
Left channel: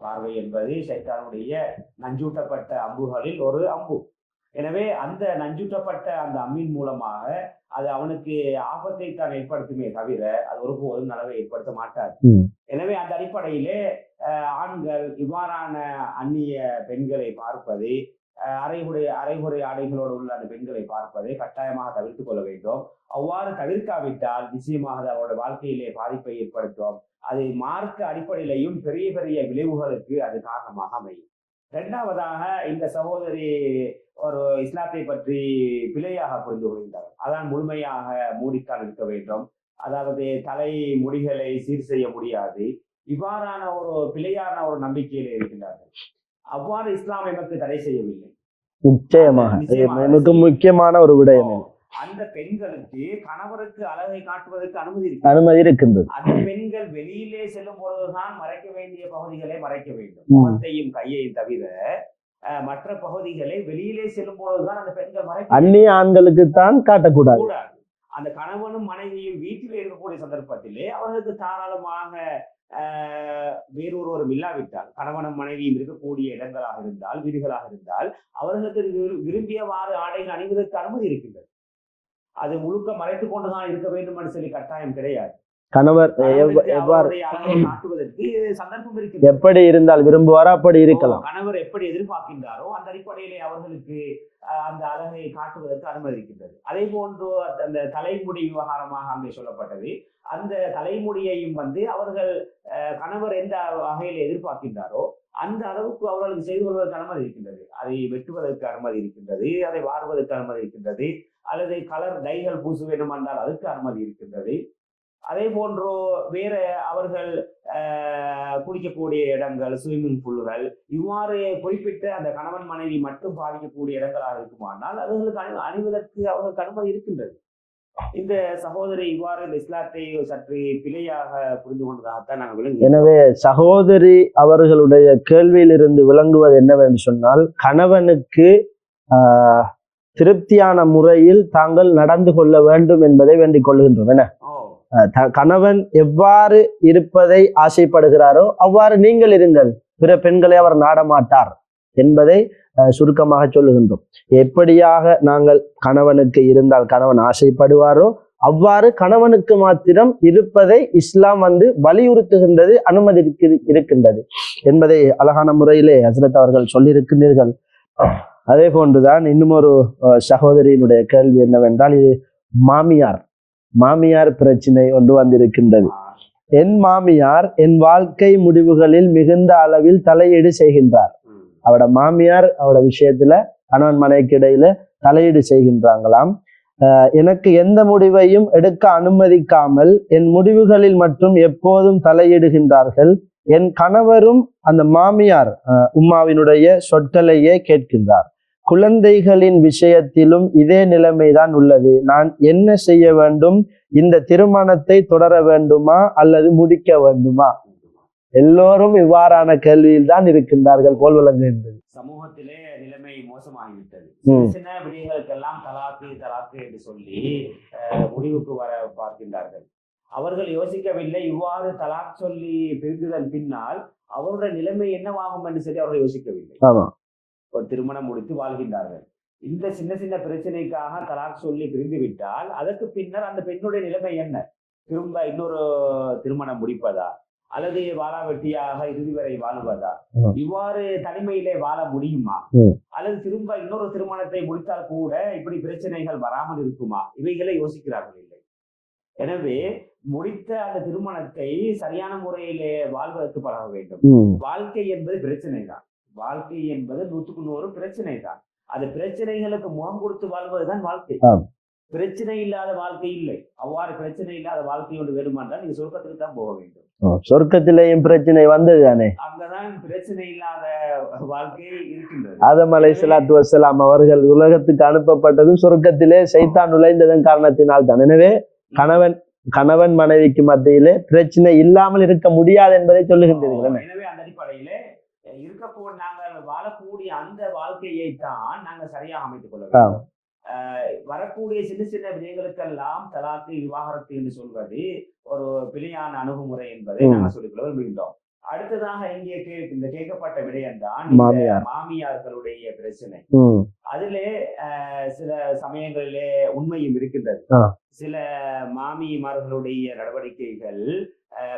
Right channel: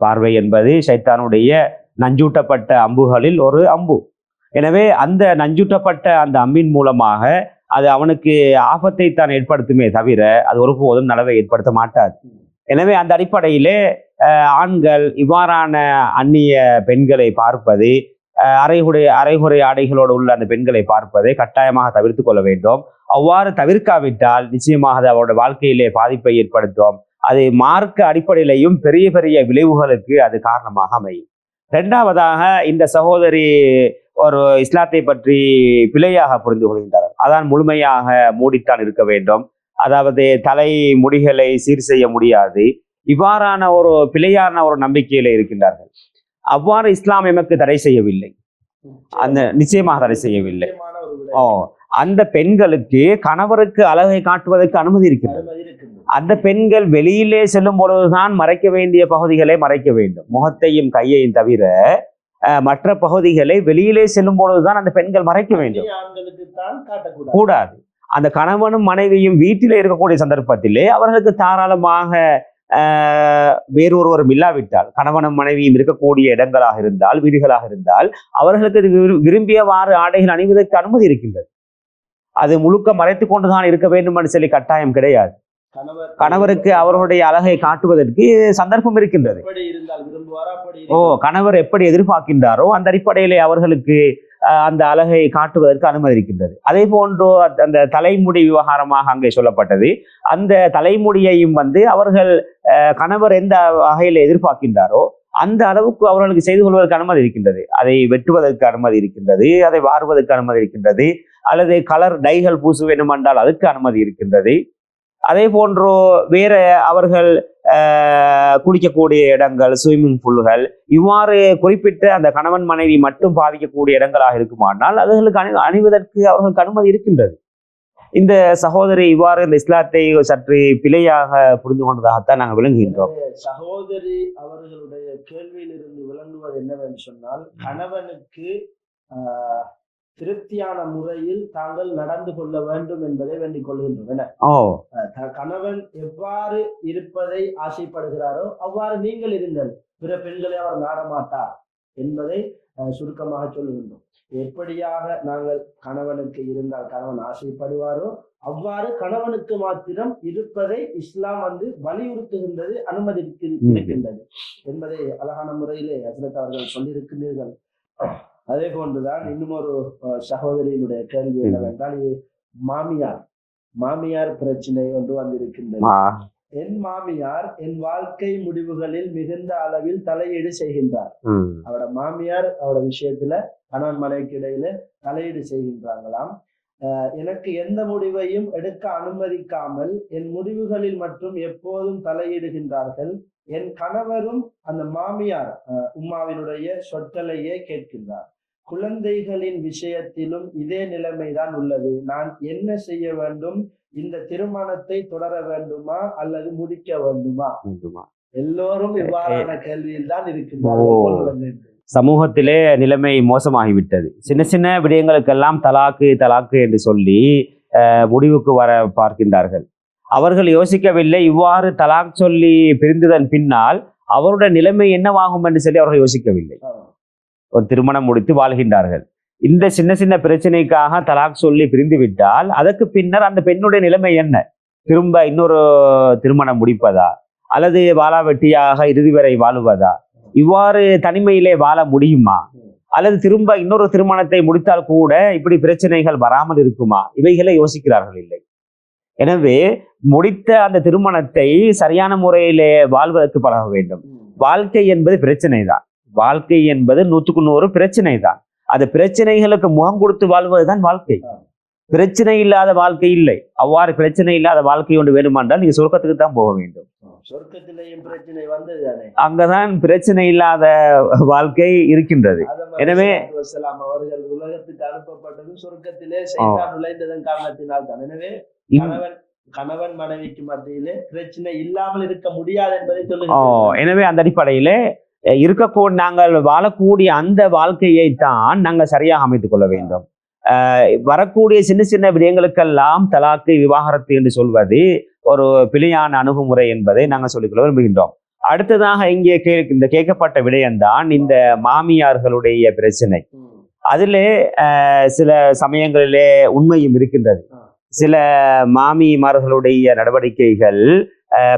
பார்வை என்பது ஷைத்தானுடைய நஞ்சூட்டப்பட்ட அம்புகளில் ஒரு அம்பு. எனவே அந்த நஞ்சூட்டப்பட்ட அந்த அம்பின் மூலமாக அது அவனுக்கு ஆபத்தை தான் ஏற்படுத்துமே தவிர அது ஒருபோதும் நலவை ஏற்படுத்த மாட்டாது. எனவே அந்த அடிப்படையிலே ஆண்கள் இவ்வாறான அந்நிய பெண்களை பார்ப்பது, அரைகுறை ஆடைகளோடு உள்ள அந்த பெண்களை பார்ப்பதை கட்டாயமாக தவிர்த்து கொள்ள வேண்டும். அவ்வாறு தவிர்க்காவிட்டால் நிச்சயமாக அது அவருடைய வாழ்க்கையிலே பாதிப்பை ஏற்படுத்தும். அது மார்க்க அடிப்படையிலையும் பெரிய பெரிய விளைவுகளுக்கு அது காரணமாக அமையும். இரண்டாவதாக, இந்த சகோதரி ஒரு இஸ்லாத்தை பற்றி பிழையாக புரிந்து கொள்கின்றார். அதான் முழுமையாக மூடித்தான் இருக்க வேண்டும், அதாவது தலை முடிகளை சீர் செய்ய முடியாது, இவ்வாறான ஒரு பிழையான ஒரு நம்பிக்கையில இருக்கின்றார்கள். அவ்வாறு இஸ்லாம் எமக்கு தடை செய்யவில்லை. நிச்சயமாக தடை செய்யவில்லை. முக்கியமான ஒரு விடயம். அந்த பெண்களுக்கு கணவருக்கு அழகை காட்டுவதற்கு அனுமதி இருக்கின்றது. அந்த பெண்கள் வெளியிலே செல்லும் பொழுதுதான் மறைக்க வேண்டிய பகுதிகளை மறைக்க வேண்டும். முகத்தையும் கையையும் தவிர மற்ற பகுதிகளை வெளியிலே செல்லும் பொழுதுதான் அந்த பெண்கள் மறைக்க வேண்டும். ஆண்களுக்கு தான் காட்டக்கூடாது. அந்த கணவனும் மனைவியும் வீட்டிலே இருக்கக்கூடிய சந்தர்ப்பத்திலே அவர்களுக்கு தாராளமாக வேறொருவரும் இல்லாவிட்டால், கணவனும் மனைவியும் இருக்கக்கூடிய இடங்களாக இருந்தால், வீடுகளாக இருந்தால், அவர்களுக்கு விரும்பியவாறு ஆடைகள் அணிவதற்கு அனுமதி இருக்கின்றது. அது முழுக்க மறைத்துக் கொண்டுதான் இருக்க வேண்டும் என்று சொல்லி கட்டாயம் கிடையாது. கணவருக்கு அவருடைய அழகை காட்டுவதற்கு சந்தர்ப்பம் இருக்கின்றது. எப்படி இருந்தால் விரும்புவாரோ அப்படி இருக்கும். கணவர் எப்படி எதிர்பார்க்கின்றாரோ அந்த அடிப்படையிலே அவர்களுக்கு அந்த அழகை காட்டுவதற்கு அனுமதி இருக்கின்றது. அதே போன்று அந்த தலைமுடி விவகாரமாக அங்கே சொல்லப்பட்டது. அந்த தலைமுடியையும் அவர்கள் கணவர் எந்த வகையில் எதிர்பார்க்கின்றாரோ அந்த அளவுக்கு அவர்களுக்கு செய்து கொள்வதற்கு அனுமதி இருக்கின்றது. அதை வெட்டுவதற்கு அனுமதி இருக்கின்றது, அதை வாருவதற்கு அனுமதி இருக்கின்றது, அல்லது கலர் டைகள் பூச வேண்டும் என்றால் அதுக்கு அனுமதி இருக்கின்றது. அதே போன்று வேற அவர்கள் குளிக்கக்கூடிய இடங்கள், ஸ்விம்மிங் பூல்கள், இவ்வாறு குறிப்பிட்ட அந்த கணவன் மனைவி மட்டும் பாவிக்கக்கூடிய இடங்களாக இருக்குமானால் அதுகளுக்கு அணிவதற்கு அவர்களுக்கு அனுமதி இருக்கின்றது. இந்த சகோதரி இவ்வாறு இந்த இஸ்லாத்தை சற்று பிழையாக புரிந்து கொண்டதாகத்தான் நாங்கள் விளங்குகிறோம். எனவே சகோதரி அவர்களுடைய கேள்வியிலிருந்து விளங்குவது என்னவென்று சொன்னால், கணவனுக்கு திருப்தியான முறையில் தாங்கள் நடந்து கொள்ள வேண்டும் என்பதை வேண்டிக் கொள்கின்றோம். கணவன் எவ்வாறு இருப்பதை ஆசைப்படுகிறாரோ அவ்வாறு நீங்கள் இருங்கள், பிற பெண்களை அவர் நாடமாட்டார் என்பதை சுருக்கமாக சொல்லுகின்றோம். எப்படியாக நாங்கள் கணவனுக்கு இருந்தால் கணவன் ஆசைப்படுவாரோ அவ்வாறு கணவனுக்கு மாத்திரம் இருப்பதை இஸ்லாம் வலியுறுத்துகின்றது, அனுமதி இருக்கின்றது என்பதை அழகான முறையிலே ஹஸ்ரத் அவர்கள் சொல்லியிருக்கின்றீர்கள். அதே போன்றுதான் இன்னும் ஒரு சகோதரியினுடைய கேள்வி என்னவென்றால், இது மாமியார் பிரச்சனை ஒன்று வந்திருக்கின்றது. என் மாமியார் என் வாழ்க்கை முடிவுகளில் மிகுந்த அளவில் தலையீடு செய்கின்றார். அவட மாமியார் அவட விஷயத்துல கணவன் மனைவிக்கு இடையில தலையீடு செய்கின்றாங்களாம். எனக்கு எந்த முடிவையும் எடுக்க அனுமதிக்காமல் என் முடிவுகளில் மட்டும் எப்போதும் தலையிடுகின்றார்கள். என் கணவரும் அந்த மாமியார் உம்மாவினுடைய சொற்களையே கேட்கின்றார். குழந்தைகளின் விஷயத்திலும் இதே நிலைமைதான் உள்ளது. நான் என்ன செய்ய வேண்டும்? இந்த திருமணத்தை தொடர வேண்டுமா அல்லது முடிக்க வேண்டுமா? எல்லோரும் இவ்வாறான கேள்வியில் தான் இருக்கின்றார்கள் போல் விளங்குகின்றது. சமூகத்திலே நிலைமை மோசமாகிவிட்டது. சின்ன சின்ன விடயங்களுக்கெல்லாம் தலாக்கு என்று சொல்லி முடிவுக்கு வர பார்க்கின்றார்கள். அவர்கள் யோசிக்கவில்லை, இவ்வாறு தலாக் சொல்லி பிரிந்ததன் பின்னால் அவருடைய நிலைமை என்னவாகும் என்று சொல்லி அவர்கள் யோசிக்கவில்லை. ஒரு திருமணம் முடித்து வாழ்கின்றார்கள். இந்த சின்ன சின்ன பிரச்சனைக்காக தலாக் சொல்லி பிரிந்து விட்டால் அதற்கு பின்னர் அந்த பெண்ணுடைய நிலைமை என்ன? திரும்ப இன்னொரு திருமணம் முடிப்பதா அல்லது வாழாவெட்டியாக இறுதி வரை வாழுவதா? இவ்வாறு தனிமையிலே வாழ முடியுமா? அல்லது திரும்ப இன்னொரு திருமணத்தை முடித்தால் கூட இப்படி பிரச்சனைகள் வராமல் இருக்குமா? இவைகளை யோசிக்கிறார்கள் இல்லை. எனவே முடித்த அந்த திருமணத்தை சரியான முறையிலே வாழ்வதற்கு பழக வேண்டும். வாழ்க்கை என்பது பிரச்சனை தான். வாழ்க்கை என்பது 100% பிரச்சனை தான். அந்த பிரச்சனைகளுக்கு முகம் கொடுத்து வாழ்வதுதான் வாழ்க்கை. பிரச்சனை இல்லாத வாழ்க்கை இல்லை. அவ்வாறு பிரச்சனை இல்லாத வாழ்க்கை ஒன்று வேண்டுமென்றால் நீங்க சொர்க்கத்துக்கு தான் போக வேண்டும். சொர்க்கத்திலேயும் பிரச்சனை வந்ததுதானே, அங்கதான் பிரச்சனை இல்லாத வாழ்க்கை இருக்கின்றது. ஆதம் அலைஹிஸ்ஸலாம் அவர்கள் உலகத்துக்கு அனுப்பப்பட்டதும் சொர்க்கத்திலே சைத்தான் நுழைந்ததன் காரணத்தினால் தான். எனவே கணவன் மனைவிக்கு மத்தியிலே பிரச்சனை இல்லாமல் இருக்க முடியாது என்பதை சொல்லுகிறோம். எனவே அந்த அடிப்படையிலே இருக்கக்கூடிய நாங்கள் வாழக்கூடிய அந்த வாழ்க்கையை தான் நாங்கள் சரியாக அமைத்துக் கொள்ள வேண்டும். வரக்கூடிய சின்ன சின்ன விடயங்களுக்கெல்லாம் தலாக்கு, விவாகரத்து என்று சொல்வது ஒரு பிழையான அணுகுமுறை என்பதை நாங்கள் சொல்லிக்கொள்ள விரும்புகின்றோம். அடுத்ததாக இங்கே இந்த கேட்கப்பட்ட விடயம்தான் இந்த மாமியார்களுடைய பிரச்சனை. அதிலே சில சமயங்களிலே உண்மையும் இருக்கின்றது. சில மாமிமார்களுடைய நடவடிக்கைகள்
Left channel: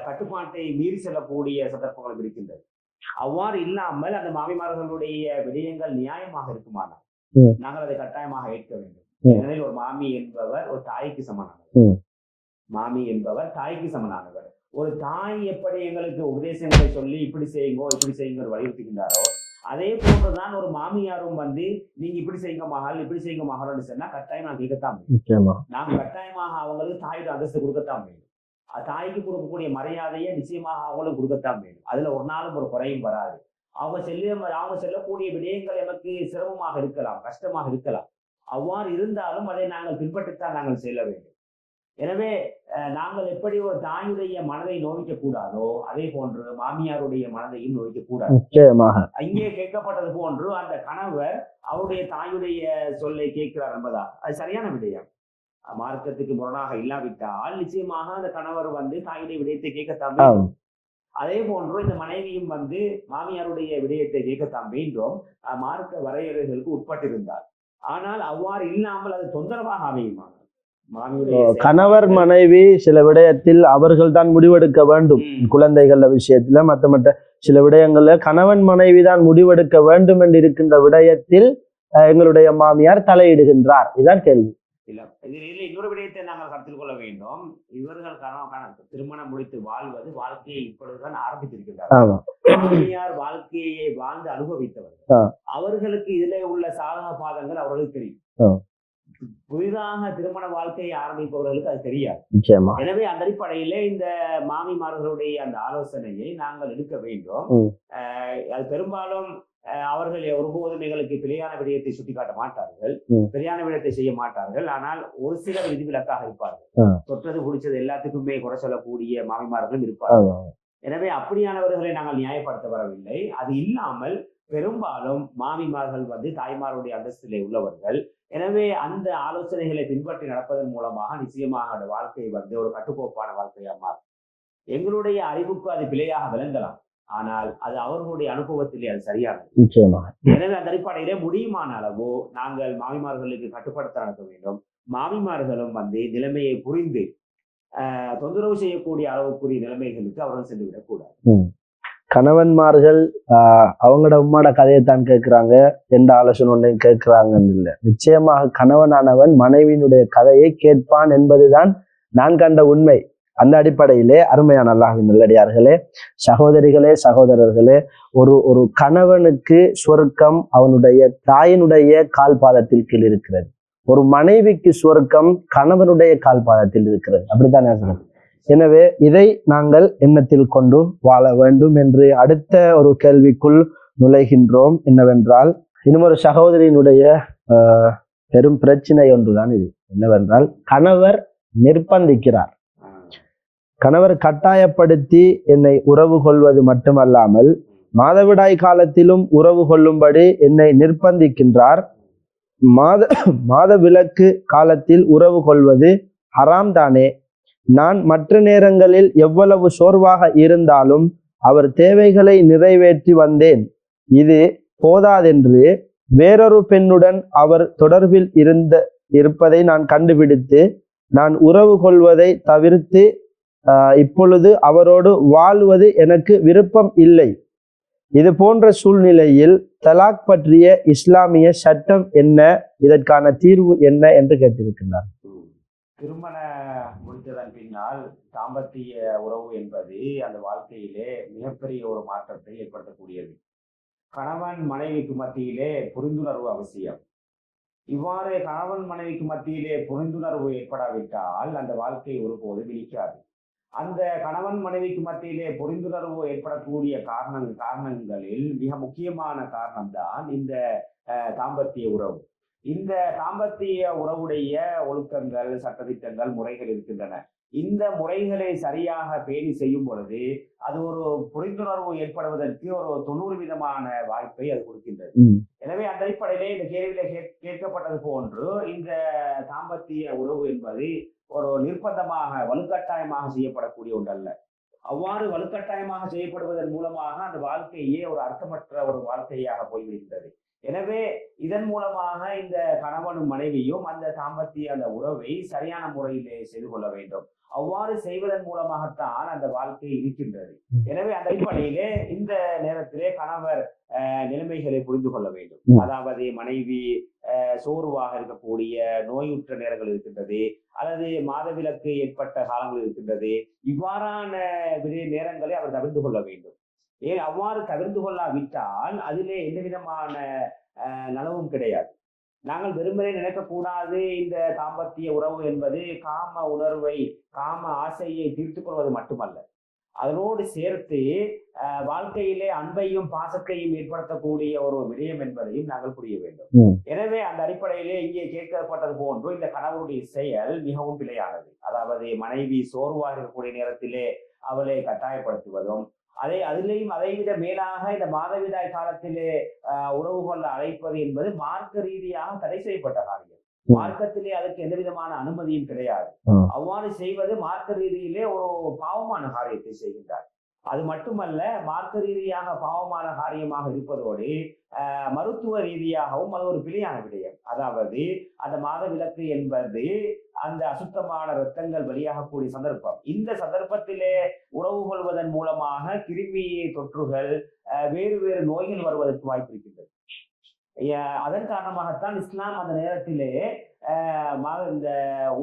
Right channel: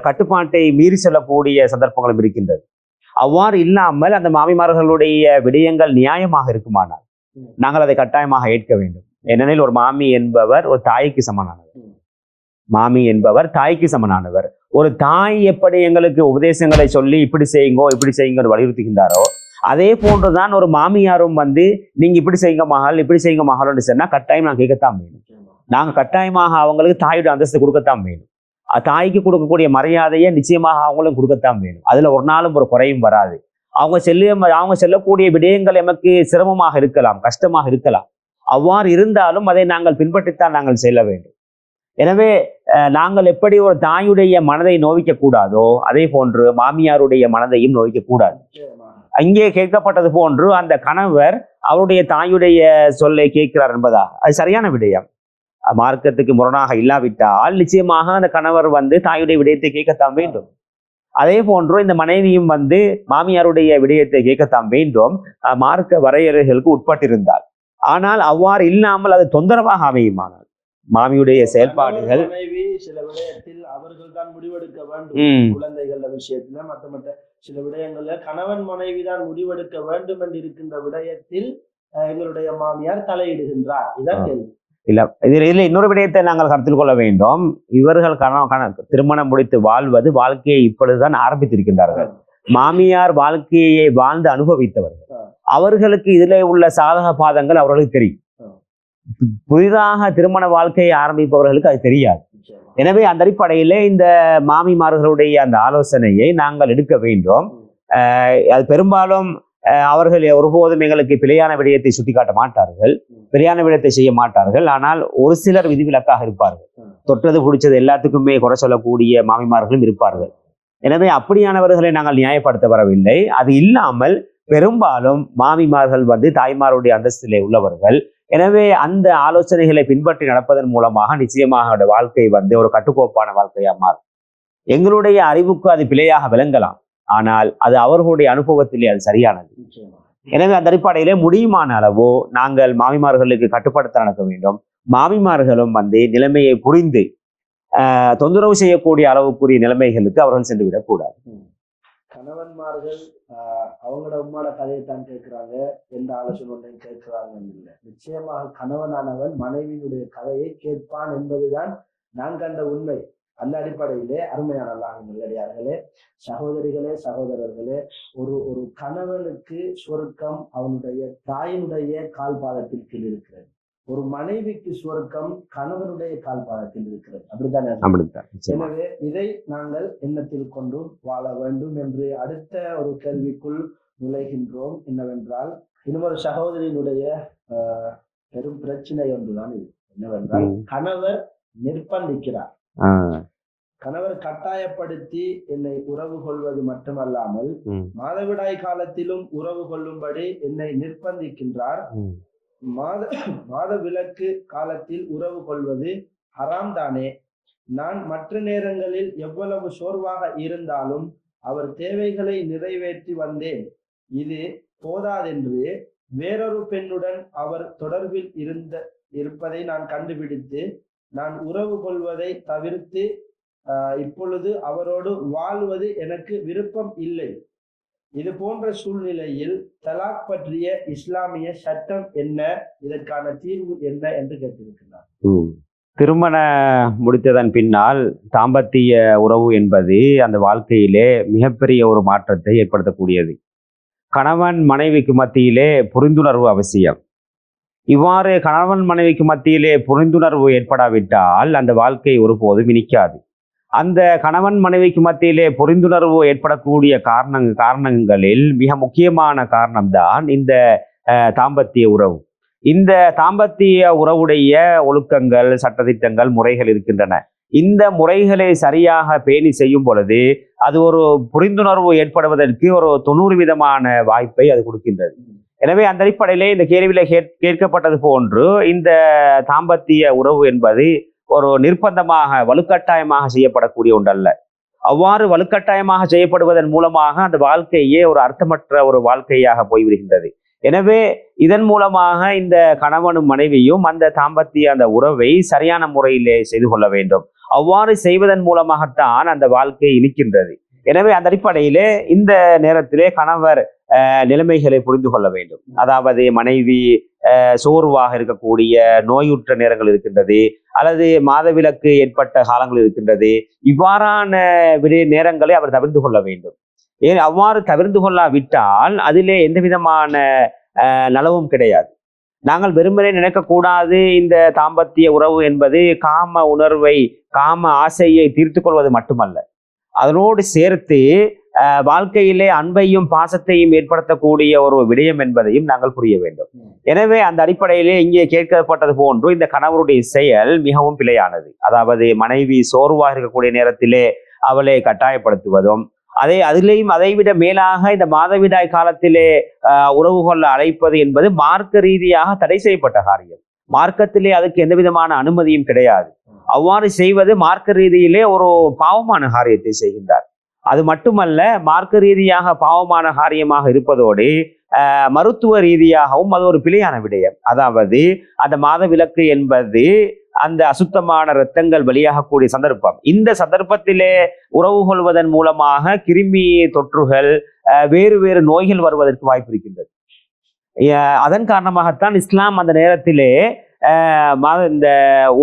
கட்டுப்பாட்டை மீறி செல்லக்கூடிய சந்தர்ப்பங்களும் இருக்கின்றது. அவ்வாறு இல்லாமல் அந்த மாமிமார்களுடைய விடயங்கள் நியாயமாக இருக்குமானால் நாங்கள் அதை கட்டாயமாக ஏற்க வேண்டும். ஏனெனில் ஒரு மாமி என்பவர் ஒரு தாய்க்கு சமனானவர். ஒரு தாய் எப்படி எங்களுக்கு உபதேசங்களை சொல்லி இப்படி செய்யுங்க வலியுறுத்துகின்றாரோ அதே போன்றுதான் ஒரு மாமியாரும் நீங்க இப்படி செய்யுங்க மகள் சொன்னா கட்டாயம் நான் கேட்கத்தான் வேணும். நாங்க கட்டாயமாக அவங்களுக்கு தாயோட அந்தஸ்து கொடுக்கத்தான் வேணும். தாய்க்கு கொடுக்கக்கூடிய மரியாதையை நிச்சயமாக அவங்களும் கொடுக்கத்தான் வேணும். அதுல ஒரு நாளும் ஒரு குறையும் வராது. அவங்க செல்லக்கூடிய விடயங்கள் எமக்கு சிரமமாக இருக்கலாம், கஷ்டமாக இருக்கலாம். அவ்வாறு இருந்தாலும் அதை நாங்கள் பின்பற்றித்தான் நாங்கள் செல்ல வேண்டும். எனவே நாங்கள் எப்படி ஒரு தாயுடைய மனதை நோவிக்க கூடாதோ அதே போன்று மாமியாருடைய மனதையும் நோவிக்க கூடாது. அங்கே கேட்கப்பட்டது போன்று அந்த கணவர் அவருடைய தாயுடைய சொல்லை கேட்கிறார் என்பதாக அது சரியான விடயம். மார்க்கத்துக்கு முரணாக இல்லாவிட்டால் நிச்சயமாக அந்த கணவர் தாயுடைய விடயத்தை கேட்கத்தான் வேண்டும். அதே போன்று இந்த மனைவியும் மாமியாருடைய விடயத்தை கேட்கத்தான் வேண்டும், மார்க்க வரையறைகளுக்கு உட்பட்டிருந்தால். ஆனால் அவ்வாறு இல்லாமல் அது தொந்தரவாக அமையுமானால் மாமியுடைய கணவர் மனைவி சில விடயத்தில் அவர்கள் தான் முடிவெடுக்க வேண்டும். குழந்தைகள விஷயத்துல மற்ற சில விடயங்கள்ல கணவன் மனைவி தான் முடிவெடுக்க வேண்டும் என்று இருக்கின்ற விடயத்தில் எங்களுடைய மாமியார் தலையிடுகின்றார். இதான் கேள்வி. இதுல இன்னொரு விடயத்தை நாங்கள் கருத்தில் கொள்ள வேண்டும். இவர்கள் திருமணம் முடித்து வாழ்வது வாழ்க்கையை இப்பொழுதுதான் ஆரம்பித்திருக்கின்றார்கள். மாமியார் வாழ்க்கையை வாழ்ந்து அனுபவித்தவர்கள், அவர்களுக்கு இதுல உள்ள சாதக பாதங்கள் அவர்களுக்கு தெரியும். புதிதாக திருமண வாழ்க்கையை ஆரம்பிப்பவர்களுக்கு அது தெரியாது. எனவே அந்த அடிப்படையிலே இந்த மாமிமார்களுடைய அந்த ஆலோசனையை நாங்கள் எடுக்க வேண்டும். அது பெரும்பாலும் அவர்கள் ஒருபோதும் எங்களுக்கு பிழையான விடயத்தை சுட்டிக்காட்ட மாட்டார்கள், பிழையான விடயத்தை செய்ய மாட்டார்கள். ஆனால் ஒரு சிலர் விதிவிலக்காக இருப்பார்கள். தொட்டது பிடிச்சது எல்லாத்துக்குமே குறை சொல்லக்கூடிய மாமிமார்களும் இருப்பார்கள். எனவே அப்படியானவர்களை நாங்கள் நியாயப்படுத்த வரவில்லை. அது இல்லாமல் பெரும்பாலும் மாமிமார்கள் தாய்மாருடைய அந்தஸ்திலே உள்ளவர்கள். எனவே அந்த ஆலோசனைகளை பின்பற்றி நடப்பதன் மூலமாக நிச்சயமாக வாழ்க்கை ஒரு கட்டுக்கோப்பான வாழ்க்கையா மாறும். எங்களுடைய அறிவுக்கு அது பிழையாக விளங்கலாம், ஆனால் அது அவர்களுடைய அனுபவத்திலே அது சரியானது. நிச்சயமாக. எனவே அந்த அடிப்படையிலே முடியுமான அளவோ நாங்கள் மாமிமார்களுக்கு கட்டுப்படுத்த நடக்க வேண்டும். மாமிமார்களும் நிலைமையை புரிந்து தொந்தரவு செய்யக்கூடிய அளவுக்குரிய நிலைமைகளுக்கு அவர்கள் சென்று விடக்கூடாது. கணவன்மார்கள் அவங்களோட உம்மாட கதையைத்தான் கேட்கிறாங்க, எந்த ஆலோசனை ஒன்றையும் கேட்கிறாங்கன்னு இல்லை. நிச்சயமாக கணவனானவன் மனைவியினுடைய கதையை கேட்பான் என்பதுதான் நான் கண்ட உண்மை. அந்த அடிப்படையிலே அருமையான அல்லாஹ்வின் நல்லடியார்களே, சகோதரிகளே, சகோதரர்களே, ஒரு கணவனுக்கு சொர்க்கம் அவனுடைய தாயினுடைய கால் பாதத்தில் கீழ் இருக்கிறது. ஒரு மனைவிக்கு சொர்க்கம் கணவனுடைய கால் பாதத்தில் இருக்கிறது. அப்படித்தான். எனவே இதை நாங்கள் எண்ணத்தில் கொண்டு வாழ வேண்டும் என்று அடுத்த ஒரு கேள்விக்குள் நுழைகின்றோம். என்னவென்றால், இன்னும் ஒரு சகோதரியினுடைய பெரும் பிரச்சனை ஒன்றுதான் இது. என்னவென்றால், கணவர் நிர்பந்திக்கிறார். கணவர் கட்டாயப்படுத்தி என்னை உறவு கொள்வது மட்டுமல்லாமல் மாதவிடாய் காலத்திலும் உறவு கொள்ளும்படி என்னை நிர்பந்திக்கின்றார். மாத விலக்கு காலத்தில் உறவு கொள்வது ஹராம் தானே? நான் மற்ற நேரங்களில் எவ்வளவு சோர்வாக இருந்தாலும் அவர் தேவைகளை நிறைவேற்றி வந்தேன். இது போதாதென்று வேறொரு பெண்ணுடன் அவர் தொடர்பில் இருப்பதை நான் கண்டுபிடித்து நான் உறவு கொள்வதை தவிர்த்து இப்பொழுது அவரோடு வாழ்வது எனக்கு விருப்பம் இல்லை. இது போன்ற சூழ்நிலையில் தலாக் பற்றிய இஸ்லாமிய சட்டம் என்ன, இதற்கான தீர்வு என்ன என்று கேட்டிருக்கிறார். திருமண முடித்ததன் பின்னால் தாம்பத்திய உறவு என்பது அந்த வாழ்க்கையிலே மிகப்பெரிய ஒரு மாற்றத்தை ஏற்படுத்தக்கூடியது. கணவன் மனைவிக்கு மத்தியிலே புரிந்துணர்வு அவசியம். இவ்வாறு கணவன் மனைவிக்கு மத்தியிலே புரிந்துணர்வு ஏற்படாவிட்டால் அந்த வாழ்க்கை ஒருபோதும் இனிக்காது. அந்த கணவன் மனைவிக்கு மத்தியிலே புரிந்துணர்வு ஏற்படக்கூடிய காரணங்களில் மிக முக்கியமான காரணம்தான் இந்த தாம்பத்திய உறவு. இந்த தாம்பத்திய உறவுடைய ஒழுக்கங்கள், சட்டதிட்டங்கள், முறைகள் இருக்கின்றன. இந்த முறைகளை சரியாக பேணி செய்யும் பொழுது அது ஒரு புரிந்துணர்வு ஏற்படுவதற்கு ஒரு 90% வாய்ப்பை அது கொடுக்கின்றது. எனவே அந்த அடிப்படையிலே இந்த கேள்வியில கேட்கப்பட்டது போன்று இந்த தாம்பத்திய உறவு என்பது ஒரு நிர்பந்தமாக வலுக்கட்டாயமாக செய்யப்படக்கூடிய ஒன்றல்ல. அவ்வாறு வலுக்கட்டாயமாக செய்யப்படுவதன் மூலமாக அந்த வாழ்க்கையே ஒரு அர்த்தமற்ற ஒரு வாழ்க்கையாக போய்விடுகின்றது. எனவே இதன் மூலமாக இந்த கணவனும் மனைவியும் அந்த தாம்பத்திய அந்த உறவை சரியான முறையிலே செய்து கொள்ள வேண்டும். அவ்வாறு செய்வதன் மூலமாகத்தான் அந்த வாழ்க்கை இனிக்கின்றது. எனவே அந்த அடிப்படையிலே இந்த நேரத்திலே கணவர் நிலைமைகளை புரிந்து கொள்ள வேண்டும். அதாவது மனைவி சோர்வாக இருக்கக்கூடிய நோயுற்ற நேரங்கள் இருக்கின்றது, அல்லது மாதவிலக்கு ஏற்பட்ட காலங்கள் இருக்கின்றது. இவ்வாறான நேரங்களை அவர் தவிர்த்து கொள்ள வேண்டும். அவ்வாறு தவிர்த்து கொள்ளாவிட்டால் அதிலே எந்த விதமான நலவும் கிடையாது. நாங்கள் வெறுமனே நினைக்கக்கூடாது இந்த தாம்பத்திய உறவு என்பது காம உணர்வை, காம ஆசையை தீர்த்து கொள்வது மட்டுமல்ல, அதனோடு சேர்த்து வாழ்க்கையிலே அன்பையும் பாசத்தையும் ஏற்படுத்தக்கூடிய ஒரு விடயம் என்பதையும் நாங்கள் புரிய வேண்டும். எனவே அந்த அடிப்படையிலே இங்கே கேட்கப்பட்டது போன்று இந்த கணவருடைய செயல் மிகவும் பிழையானது. அதாவது மனைவி சோர்வாக இருக்கக்கூடிய நேரத்திலே அவளை கட்டாயப்படுத்துவதும், அதிலேயும் அதைவிட மேலாக இந்த மாதவிடாய் காலத்திலே உறவு கொள்ள அழைப்பது என்பது மார்க்க ரீதியாக தடை செய்யப்பட்ட காரியம். மார்க்கத்திலே அதுக்கு எந்த விதமான அனுமதியும் கிடையாது. அவ்வாறு செய்வது மார்க்க ரீதியிலே ஒரு பாவமான காரியத்தை செய்கின்றார். அது மட்டுமல்ல, மார்க்க ரீதியாக பாவமான காரியமாக இருப்பதோடு மருத்துவ ரீதியாகவும் அது ஒரு பிழையான விடயம். அதாவது அந்த மாதவிலக்கு என்பது அந்த அசுத்தமான இரத்தங்கள் வெளியாகக்கூடிய சந்தர்ப்பம். இந்த சந்தர்ப்பத்திலே உறவு கொள்வதன் மூலமாக கிருமி தொற்றுகள், வேறு வேறு நோய்கள் வருவதற்கு வாய்ப்பு இருக்கின்றது. அதன் காரணமாகத்தான் இஸ்லாம் அந்த நேரத்திலே இந்த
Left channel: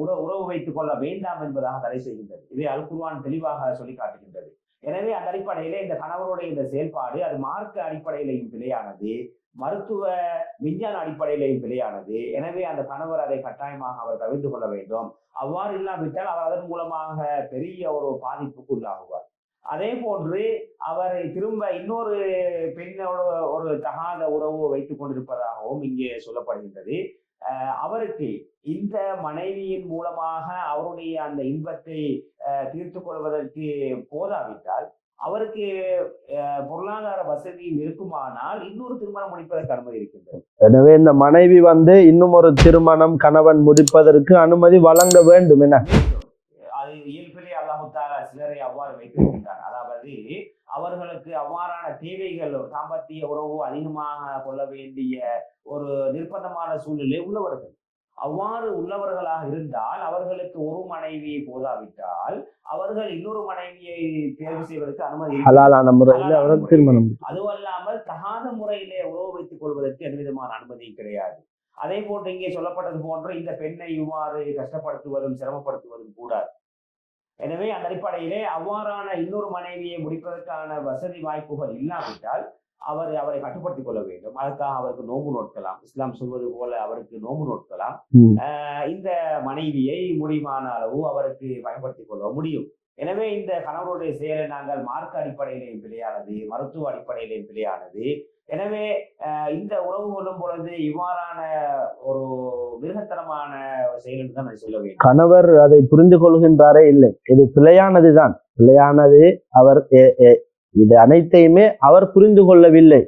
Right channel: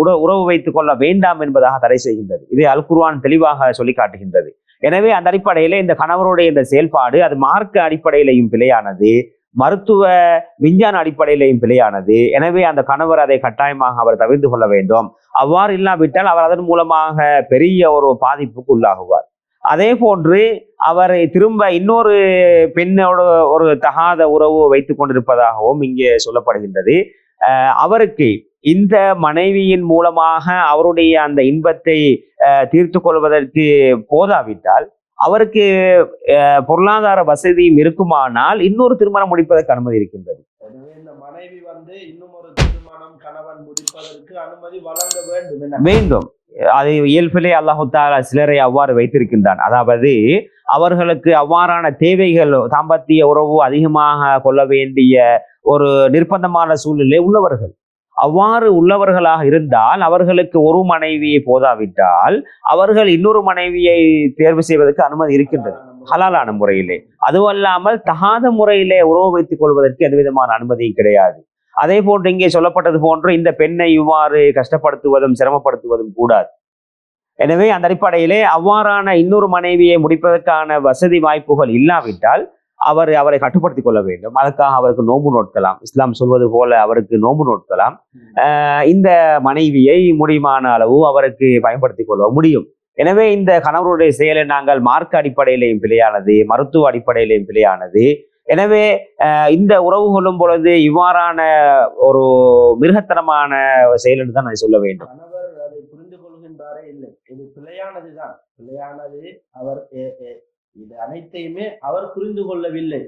உறவு வைத்துக் கொள்ள வேண்டாம் என்பதாக தடை செய்கின்றது. இதை அல் குர்ஆன் தெளிவாக சொல்லி காட்டுகின்றது. எனவே அந்த அடிப்படையிலே இந்த கணவருடைய இந்த செயல்பாடு அது மார்க்க அடிப்படையிலையும் பிழையானது, மருத்துவ விஞ்ஞான அடிப்படையிலையும் பிழையானது. எனவே அந்த கணவர் அதை கட்டாயமாக அவர் தவிர்த்து கொள்ள வேண்டும். அவ்வாறு இல்லாவிட்டால் அவர் அதன் மூலமாக பெரிய ஒரு பாதிப்புக்கு உள்ளாகுவார். அதே போன்று அவர் திரும்ப இன்னொரு பெண்ணோடு ஒரு தகாத உறவு வைத்துக் கொண்டிருப்பதாகவும் இங்கே சொல்லப்படுகின்றது. அவருக்கு இந்த மனைவியின் மூலமாக அவருடைய அந்த இன்பத்தை தீர்த்து கொள்வதற்கு போதாவிட்டால், அவருக்கு பொருளாதார வசதியும் இருக்குமானால் இன்னொரு திருமணம் முடிப்பதற்கு அனுமதி இருக்கின்றது. எனவே இந்த மனைவி இன்னும் ஒரு திருமணம் கணவன் முடிப்பதற்கு அனுமதி வழங்க வேண்டும் என வேண்டும். அது இயல்பிலே அல்லாஹு தஆலா சிலரை அவ்வாறு வைத்திருக்கின்றான். அதாவது அவர்களுக்கு அவ்வாறான தேவைகள், தாம்பத்திய உறவு அதிகமாக கொள்ள வேண்டிய ஒரு நிர்பந்தமான சூழ்நிலை உள்ளவர்கள், அவ்வாறு உள்ளவர்களாக இருந்தால் அவர்களுக்கு ஒரு மனைவியை போதாவிட்டால் அவர்கள் இன்னொரு மனைவியை தேர்வு செய்வதற்கு அனுமதி இருக்கிறது, ஹலாலான முறையிலே. அதுவல்லாமல் தகாத முறையிலே உறவு வைத்துக் கொள்வதற்கு எந்த விதமான அனுமதியும் கிடையாது. அதே போன்று இங்கே சொல்லப்பட்டது போன்று இந்த பெண்ணை இவ்வாறு கஷ்டப்படுத்துவதும் சிரமப்படுத்துவதும் கூடாது. எனவே அந்த அடிப்படையிலே அவ்வாறான இன்னொரு மனைவியை முடிப்பதற்கான வசதி வாய்ப்புகள் இல்லாவிட்டால் அவரை கட்டுப்படுத்திக் கொள்ள வேண்டும். அதுக்காக அவருக்கு நோன்பு நோட்கலாம். இஸ்லாம் சொல்வது போல அவருக்கு நோன்பு நோட்கலாம். இந்த மனைவியை முடியுமான அளவு அவருக்கு பயன்படுத்திக் கொள்ள முடியும். எனவே இந்த கணவருடைய செயலை நாங்கள் மார்க்க அடிப்படையிலையும் பிழையானது, மருத்துவ அடிப்படையிலையும் பிழையானது. எனவே இந்த உறவு கொள்ளும் பொழுது இவ்வாறான ஒரு மிருகத்தனமான செயல் என்று தான் நான் சொல்ல வேண்டும். கணவர் அதை புரிந்து கொள்கின்றாரே இல்லை, இது பிழையானதுதான், பிழையானது. அவர் இது அனைத்தையுமே அவர் புரிந்து கொள்ளவில்லை.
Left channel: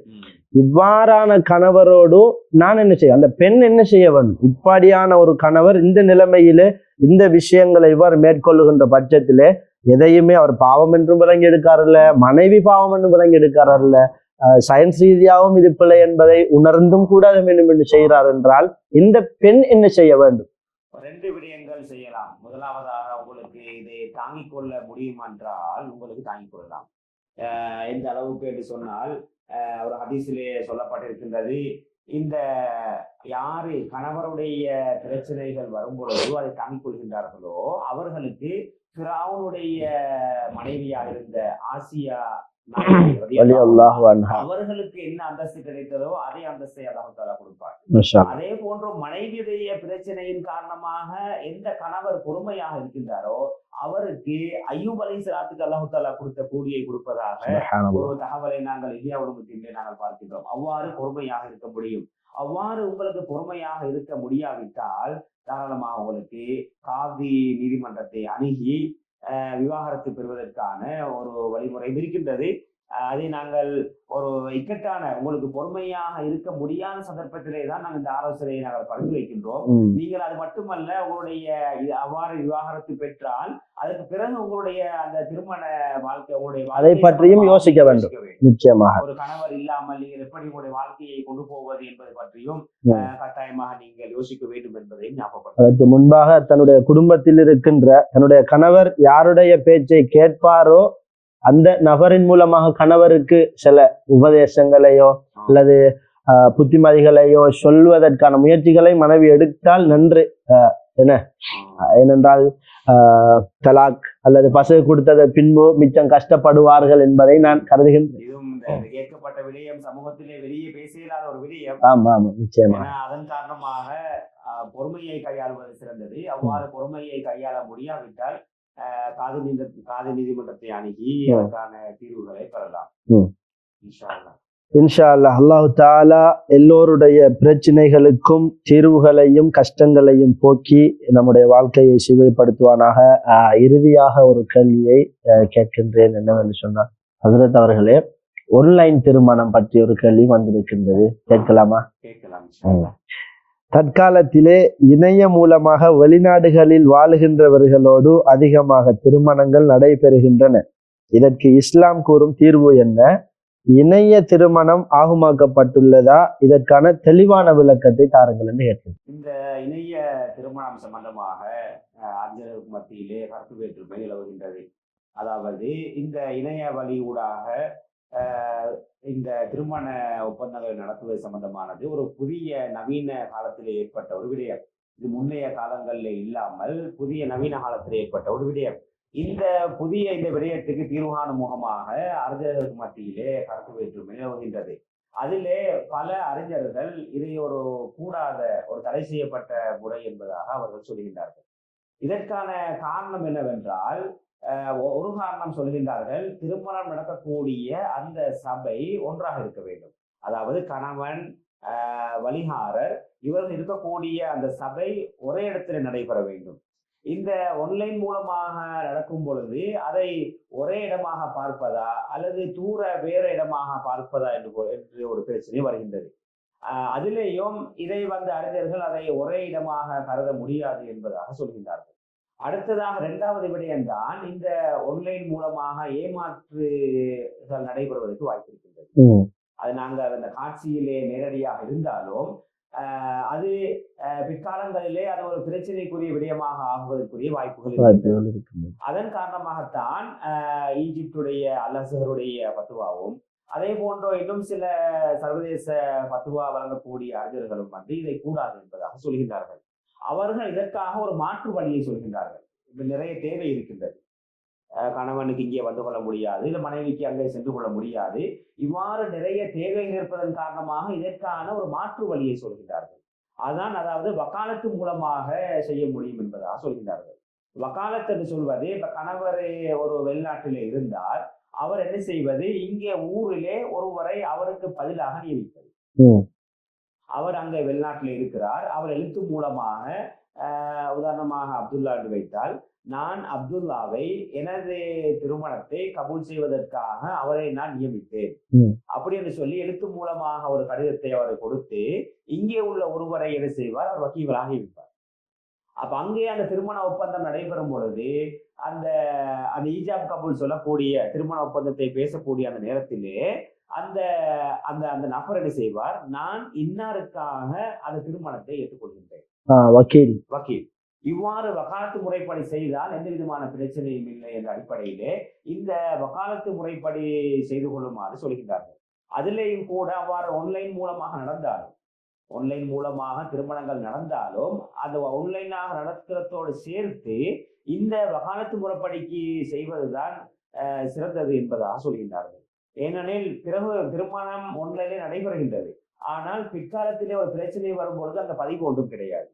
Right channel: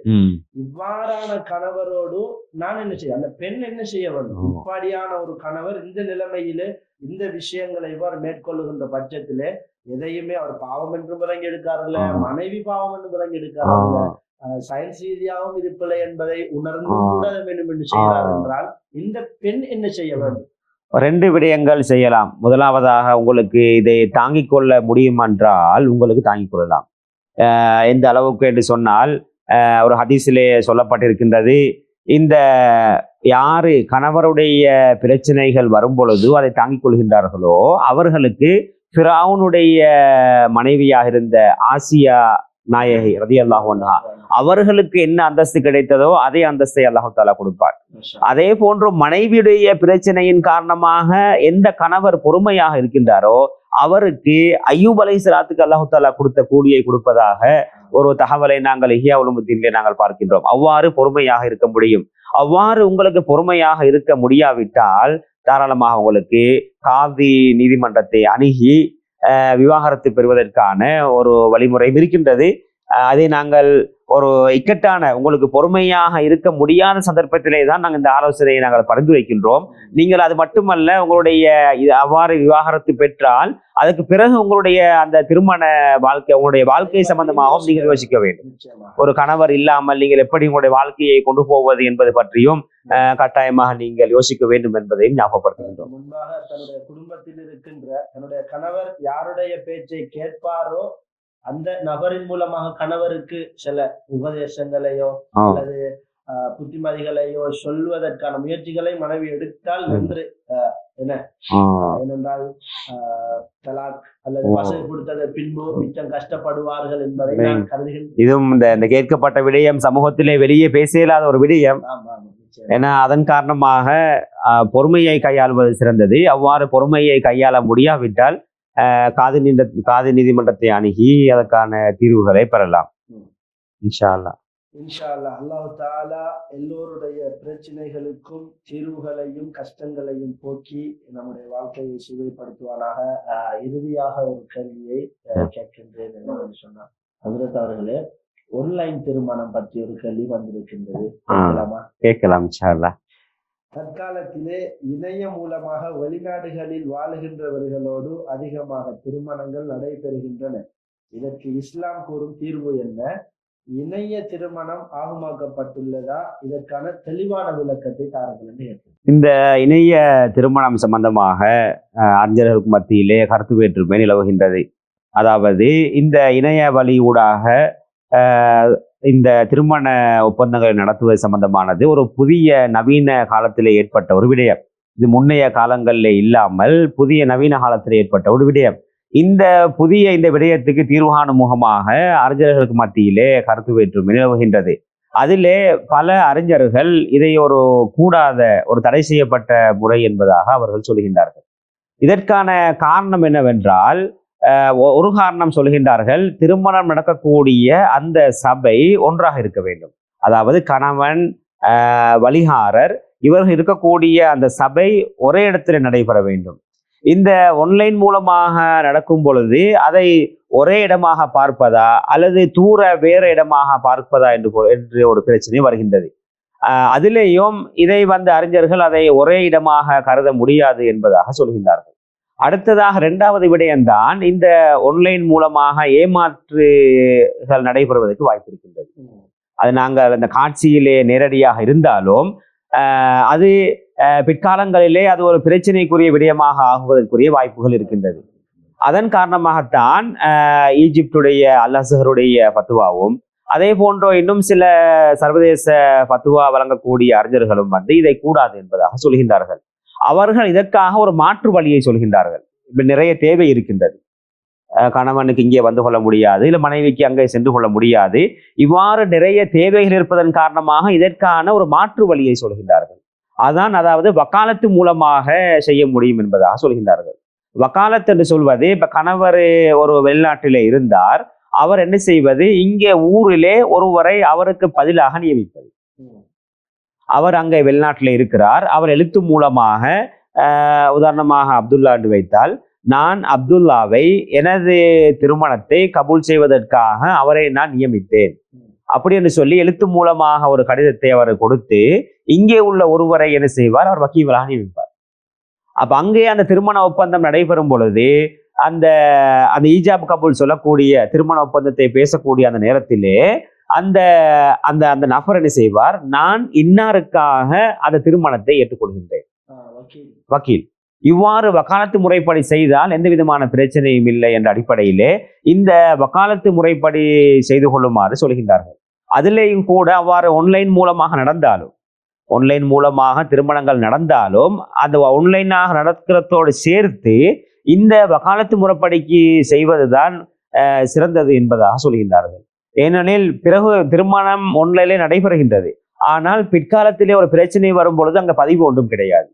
இவ்வாறான கணவரோடு நான் என்ன செய்ய, அந்த பெண் என்ன செய்ய வேண்டும்? இப்படியான ஒரு கணவர் இந்த நிலைமையிலே இந்த விஷயங்களை இவ்வாறு மேற்கொள்ளுகின்ற பட்சத்திலே எதையுமே அவர் பாவம் என்றும் விளங்கி எடுக்காரில்ல, மனைவி பாவம் என்றும் விளங்கி எடுக்காரில்ல, சயின்ஸ் ரீதியாகவும் இது பிள்ளை என்பதை உணர்ந்தும் கூட வேண்டும் என்று செய்கிறார் என்றால் இந்த பெண் என்ன செய்ய வேண்டும்? 2 விடயங்கள் செய்யலாம். முதலாவதாக, உங்களுக்கு இதை தாங்கிக் கொள்ள முடியும் என்றால் உங்களுக்கு தாங்கிக் கொள்ளலாம். எந்த அளவுக்கு என்று சொன்னால், ஒரு ஹதீஸிலே சொல்லப்பட்டிருக்கின்றது, இந்த யாரு கணவருடைய பிரச்சனைகள் வரும் பொழுது அதை தாங்கிக் கொள்கின்றார்களோ அவர்களுக்கு ஃபிரௌனுடைய மனைவியாக இருந்த ஆசியா நாயகி ரலியல்லாஹு அன்ஹா அவர்களுக்கு என்ன அந்தஸ்து கிடைத்ததோ அதே அந்தஸ்தை அல்லாஹ் தஆலா கொடுப்பார். அதே போன்று மனைவியுடைய பிரச்சனையின் காரணமாக எந்த கணவர் பொறுமையாக இருக்கின்றாரோ அவருக்கு அய்யூப் அலைஹிஸ்ஸலாத்துக்கு அல்லாஹ் தஆலா கொடுத்த கூலியை கொடுப்பதாக ஒரு தகவலை நாங்கள் இஹ்யா உலூமுத்தீனிலே நாங்கள் பார்க்கின்றோம். அவ்வாறு பொறுமையாக இருக்க முடியும். அவ்வாறு உங்களுக்கு பொறுமையாக இருக்க முடியாவிட்டால் தாராளமாக உங்களுக்கு காதி நீதிமன்றத்தை அணுகி விவாகரத்து பெறுவதற்கான ஒரு வழிமுறையும் இருக்கின்றது. அதை நாங்கள் ஒரு இக்கட்டான, உங்களுக்கு பொறுமையாக இருக்க முடியாத சந்தர்ப்பத்திலே தான் நாங்கள் இந்த ஆலோசனையை நாங்கள் பரிந்துரைக்கின்றோம். நீங்கள் அது மட்டுமல்ல, உங்களுடைய அவ்வாறு விவாகரத்து பெற்றால் அதுக்கு பிறகு உங்களுடைய அந்த திருமண வாழ்க்கை, உங்களுடைய வாழ்க்கை சம்பந்தமாக யோசிக்க வேண்டும். நிச்சயமாக ஒரு கணவர் இல்லாமல் நீங்கள் எப்படி உங்களுடைய வாழ்க்கையை கொண்டு போவது என்பது பற்றியும் கட்டாயமாக நீங்கள் யோசிக்க வேண்டும் என்பதையும் ஞாபகப்படுத்த. அதற்கு முன்பாக தன்னுடைய குடும்பத்தில் இருக்கின்ற தன்னுடைய கணவர் யாருடைய பேச்சை கேட்பாரோ அந்த நபரின் மூலமாக கணவருக்கு சில உபதேசங்களையோ அல்லது புத்திமதிகளையோ சொல்வதற்கான முயற்சிகளை மனைவி எடுத்தால் நன்று. என்ன ஏனென்றால் தலாக் அல்லது பசு கொடுத்ததை பின்பு மிச்சம் கஷ்டப்படுவார்கள் என்பதை நான் கருதுகின்றேன். இதுவும் இந்த கேட்கப்பட்ட விடயம் சமூகத்திலே வெளியே பேச இயலாத ஒரு விடயம். ஆமா ஆமா நிச்சயம். ஏன்னா அதன் காரணமாக பொறுமையை கையாள்வது சிறந்தது. அவ்வாறு பொறுமையை கையாள முடியாவிட்டால் காதி நீதிமன்றத்தை அணுகி அதற்கான தீர்வுகளை பெறலாம். இன்ஷா அல்லாஹ். இன்ஷா அல்லாஹ். அல்லாஹு தாலா எல்லோருடைய பிரச்சனைகளுக்கும் தீர்வுகளையும் கஷ்டங்களையும் போக்கி நம்முடைய வாழ்க்கையை சுவைப்படுத்துவானாக. இறுதியாக ஒரு கேள்வியை கேட்கின்றேன். என்னவென்று சொன்னால், ஹஜ்ரத் அவர்களே, ஆன்லைன் திருமணம் பற்றி ஒரு கேள்வி வந்திருக்கின்றது. கேட்கலாமா? கேட்கலாம் இன்ஷா அல்லாஹ். தற்காலத்திலே இணைய மூலமாக வெளிநாடுகளில் வாழுகின்றவர்களோடு அதிகமாக திருமணங்கள் நடைபெறுகின்றன. இதற்கு இஸ்லாம் கூறும் தீர்வு என்ன? இணைய திருமணம் ஆகுமாக்கப்பட்டுள்ளதா? இதற்கான தெளிவான விளக்கத்தை தாருங்கள் என்று கேட்கிறேன். இந்த இணைய திருமணம் சம்பந்தமாக அறிஞர்களுக்கு மத்தியிலே கருத்து வேற்றுமை நிலவுகின்றது. அதாவது இந்த இணைய வழி ஊடாக இந்த திருமண ஒப்பந்தங்களை நடத்துவது சம்பந்தமானது ஒரு புதிய நவீன காலத்திலே ஏற்பட்ட ஒரு விடயம். இது முன்னைய காலங்களில் இல்லாமல் புதிய நவீன காலத்தில் ஏற்பட்ட ஒரு விடயம். இந்த விடயத்துக்கு தீர்வு காணும் முகமாக அறிஞர்களுக்கு மத்தியிலே கருத்து வேற்றுமை நிலவுகின்றது. அதிலே பல அறிஞர்கள் இதை ஒரு கூடாத ஒரு தடை செய்யப்பட்ட முறை என்பதாக அவர்கள் சொல்கின்றார்கள். இதற்கான காரணம் என்னவென்றால், ஒரு காரணம் சொல்கின்றார்கள், திருமணம் நடக்கக்கூடிய அந்த சபை ஒன்றாக இருக்க வேண்டும். அதாவது கணவன், வழிகாரர் இவர்கள் இருக்கக்கூடிய அந்த சபை ஒரே இடத்துல நடைபெற வேண்டும். இந்த ஆன்லைன் மூலமாக நடக்கும் பொழுது அதை ஒரே இடமாக பார்ப்பதா அல்லது வேற இடமாக பார்ப்பதா என்று ஒரு பிரச்சனை வருகின்றது. அதிலேயும் இதை அறிஞர்கள் அதை ஒரே இடமாக கருத முடியாது என்பதாக சொல்கின்றார்கள். அடுத்ததாக இரண்டாவது விடயம்தான், இந்த ஆன்லைன் மூலமாக ஏமாற்றுகள் நடைபெறுவதற்கு வாய்ப்பு இருக்கின்றது. அது நாங்கள் அந்த காட்சியிலே நேரடியாக இருந்தாலும் அது பிற்காலங்களிலே அது ஒரு பிரச்சனைக்குரிய விடயமாக ஆகுவதற்குரிய வாய்ப்புகள் இருக்கின்றது. அதன் காரணமாகத்தான் ஈஜிப்டுடைய அல் அஸ்ஹருடைய ஃபத்வாவும் அதே போன்றோ இன்னும் சில சர்வதேச ஃபத்வா வழங்கக்கூடிய அறிஞர்களும் இதை கூடாது என்பதாக சொல்கின்றார்கள். அவர்கள் இதற்காக ஒரு மாற்று வழியை சொல்கின்றார்கள். இப்ப நிறைய தேவை இருக்கின்றது, கணவனுக்கு இங்கே வந்து கொள்ள முடியாது, இல்லை மனைவிக்கு அங்கே சென்று கொள்ள முடியாது, இவ்வாறு நிறைய தேவைகள் இருப்பதன் காரணமாக இதற்கான ஒரு மாற்று வழியை சொல்கின்றார்கள். அதாவது வக்காலத்து மூலமாக செய்ய முடியும் என்பதாக சொல்கின்றார்கள். வக்காலத்து என்று சொல்வது, இப்ப கணவர் ஒரு வெளிநாட்டிலே இருந்தார், அவர் என்ன செய்வது, இங்கே ஊரிலே ஒருவரை அவருக்கு பதிலாக நியமிப்பது. அவர் அங்கே வெளிநாட்டில் இருக்கிறார், அவர் எழுத்து மூலமாக உதாரணமாக அப்துல்லா என்று வைத்தால், நான் அப்துல்லாவை எனது திருமணத்தை கபூல் செய்வதற்காக அவரை நான் நியமித்தேன் அப்படி என்று சொல்லி எழுத்து மூலமாக ஒரு கடிதத்தை அவர் கொடுத்து இங்கே உள்ள ஒருவரை என்ன செய்வார், அவர் வக்கீலாக நியமிப்பார். அப்ப அங்கே அந்த திருமண ஒப்பந்தம் நடைபெறும் பொழுது அந்த ஈஜாப் கபூல் சொல்லக்கூடிய திருமண ஒப்பந்தத்தை பேசக்கூடிய அந்த நேரத்திலே அந்த அந்த அந்த நபர் என்ன செய்வார், நான் இன்னாருக்காக அந்த திருமணத்தை ஏற்றுக்கொள்கின்றேன், வக்கீல். இவ்வாறு வக்காலத்து முறைப்படி செய்தால் எந்த விதமான பிரச்சனையும் இல்லை என்ற அடிப்படையிலே இந்த வக்காலத்து முறைப்படி செய்து கொள்ளுமாறு சொல்கின்றார்கள். அதிலேயும் கூட அவ்வாறு ஆன்லைன் மூலமாக திருமணங்கள் நடந்தாலும் அந்த ஆன்லைனாக நடக்கிறதோடு சேர்த்து இந்த வக்காலத்து முறைப்படிக்கு செய்வதுதான் சிறந்தது என்பதாக சொல்கின்றார்கள். ஏனெனில் பிறகு திருமணம் ஆன்லைனிலே நடைபெறுகின்றது, ஆனால் பிற்காலத்திலே ஒரு பிரச்சனை வரும் பொழுது அங்கே பதிவு ஒன்றும் கிடையாது.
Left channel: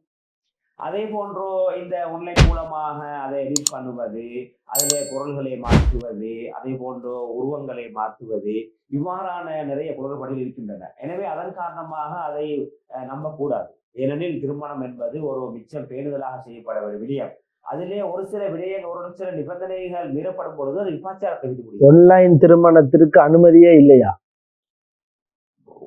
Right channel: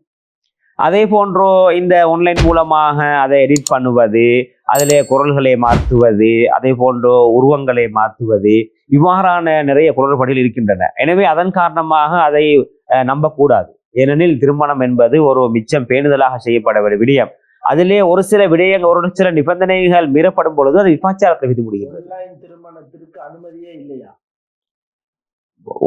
அதே போன்றோ இந்த ஆன்லைன் மூலமாக அதை எடிட் பண்ணுவது, அதிலே குரல்களை மாற்றுவது, அதே போன்றோ உருவங்களை மாற்றுவது, இவ்வாறான நிறைய குளறுபடிகள் இருக்கின்றன. எனவே அதன் காரணமாக அதை நம்பக்கூடாது. ஏனெனில் திருமணம் என்பது ஒரு மிச்சம் பேணுதலாக செய்யப்பட வேண்டிய விடயம். அதிலே ஒரு சில நிபந்தனைகள் மீறப்படும் பொழுது அது விபச்சாரத்தை விதி முடியும். ஆன்லைன் திருமணத்திற்கு அனுமதியே இல்லையா?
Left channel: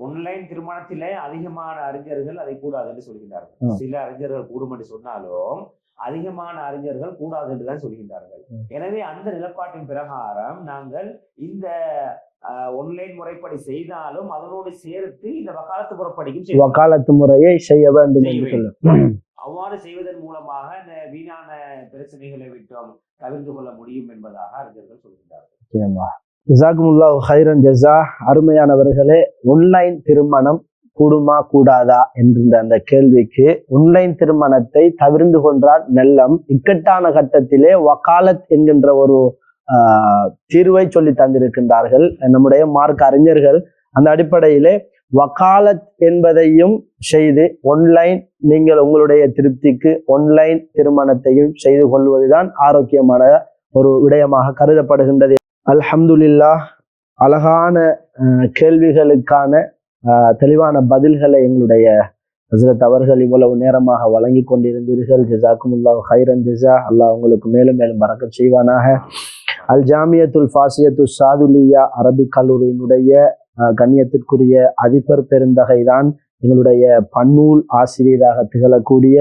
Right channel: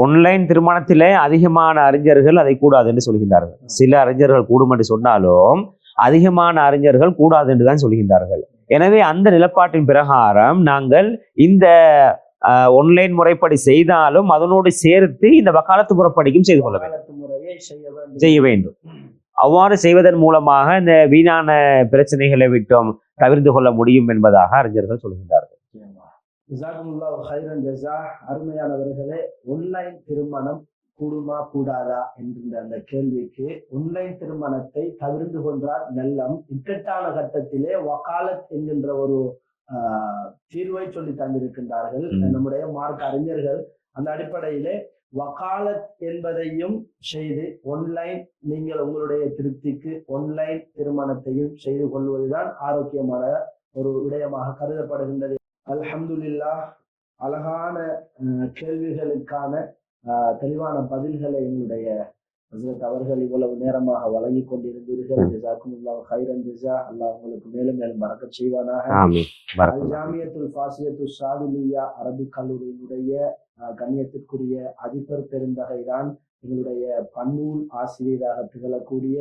ஆன்லைன் திருமணத்திலே அதிகமான அறிஞர்கள் அதை கூடாது என்று சொல்கின்றார்கள். சில அறிஞர்கள் கூடும் என்று சொன்னாலும் அதிகமான அறிஞர்கள் கூடாது என்றுதான் சொல்கின்றார்கள். எனவே அந்த நிலப்பாட்டின் பிரகாரம் நாங்கள் இந்த ஆன்லைன் முறைப்படி செய்தாலும் அதனோடு சேர்த்து இந்த வக்காலத்து முறைப்படிக்கும் வக்காலத்து முறையை செய்ய வேண்டும். அவ்வாறு செய்வதன் மூலமாக இந்த வீணான பிரச்சனைகளை விட்டும் தவிர்த்து கொள்ள முடியும் என்பதாக அறிஞர்கள் சொல்கின்றார்கள். ஜஸாக்குமுல்லாஹு ஹைரன் ஜஸா. அருமையானவர்களே, ஆன்லைன் திருமணம் கூடுமா கூடாதா என்கின்ற அந்த கேள்விக்கு ஆன்லைன் திருமணத்தை தவிர்ந்து கொண்டால் நல்லம். இக்கட்டான கட்டத்திலே வக்காலத் என்கின்ற ஒரு தீர்வை சொல்லி தந்திருக்கின்றார்கள் நம்முடைய மார்க் அறிஞர்கள். அந்த அடிப்படையிலே வக்காலத் என்பதையும் செய்து ஆன்லைன் நீங்கள் உங்களுடைய திருப்திக்கு ஆன்லைன் திருமணத்தையும் செய்து கொள்வதுதான் ஆரோக்கியமான ஒரு விடயமாக கருதப்படுகின்றது. அல்ஹம்துலில்லாஹ், அழகான கேள்விகளுக்கான தெளிவான பதில்களை எங்களுடைய ஹஸ்ரத் அவர்கள் இவ்வளவு நேரமாக வழங்கி கொண்டிருந்தீர்கள். ஜஸாக்குமுல்லாஹு ஹைரன் ஜஸா. அல்லாஹ் உங்களுக்கு மேலும் மேலும் பரக்கத் செய்வானாக. அல் ஜாமியத்துல் ஃபாசியத்து சாதுலியா அரபிக் கல்லூரியினுடைய கண்ணியத்திற்குரிய அதிபர் பெருந்தகைதான் எங்களுடைய பன்னூல் ஆசிரியராக திகழக்கூடிய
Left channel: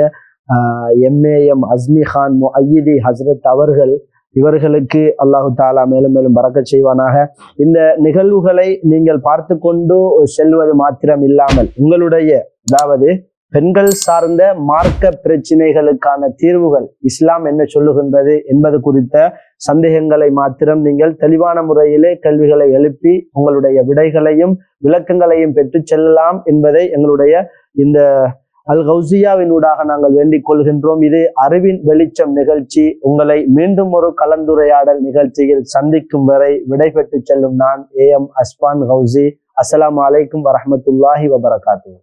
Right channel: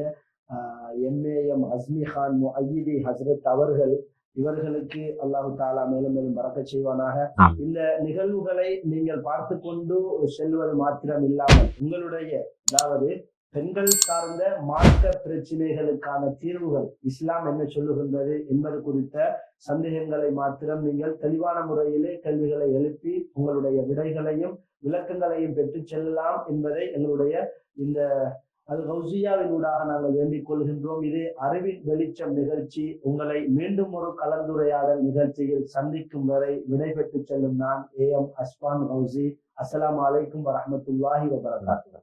எம்ஏஎம் அஸ்மி கான் முஅய்யிதி ஹஸ்ரத் அவர்கள். இவர்களுக்கு அல்லாஹு தாலா மேலும் மேலும் பரக்கத் செய்வானாக. இந்த நிகழ்வுகளை நீங்கள் பார்த்து கொண்டு செல்வது மாத்திரம் இல்லாமல் உங்களுடைய, அதாவது பெண்கள் சார்ந்த மார்க்க பிரச்சனைகளுக்கான தீர்வுகள் இஸ்லாம் என்ன சொல்லுகின்றது என்பது குறித்த சந்தேகங்களை மாத்திரம் நீங்கள் தெளிவான முறையிலே கேள்விகளை எழுப்பி உங்களுடைய விடைகளையும் விளக்கங்களையும் பெற்று செல்லலாம் என்பதை எங்களுடைய இந்த அல் கௌசியாவினூடாக நாங்கள் வேண்டிக் கொள்கின்றோம். இது அறிவின் வெளிச்சம் நிகழ்ச்சி. உங்களை மீண்டும் ஒரு கலந்துரையாடல் நிகழ்ச்சியில் சந்திக்கும் வரை விடைபெற்று செல்லும் நான் AM அஸ்மான் கௌசி. அஸ்ஸலாமு அலைக்கும் வரஹ்மத்துல்லாஹி வபரகாத்துஹு.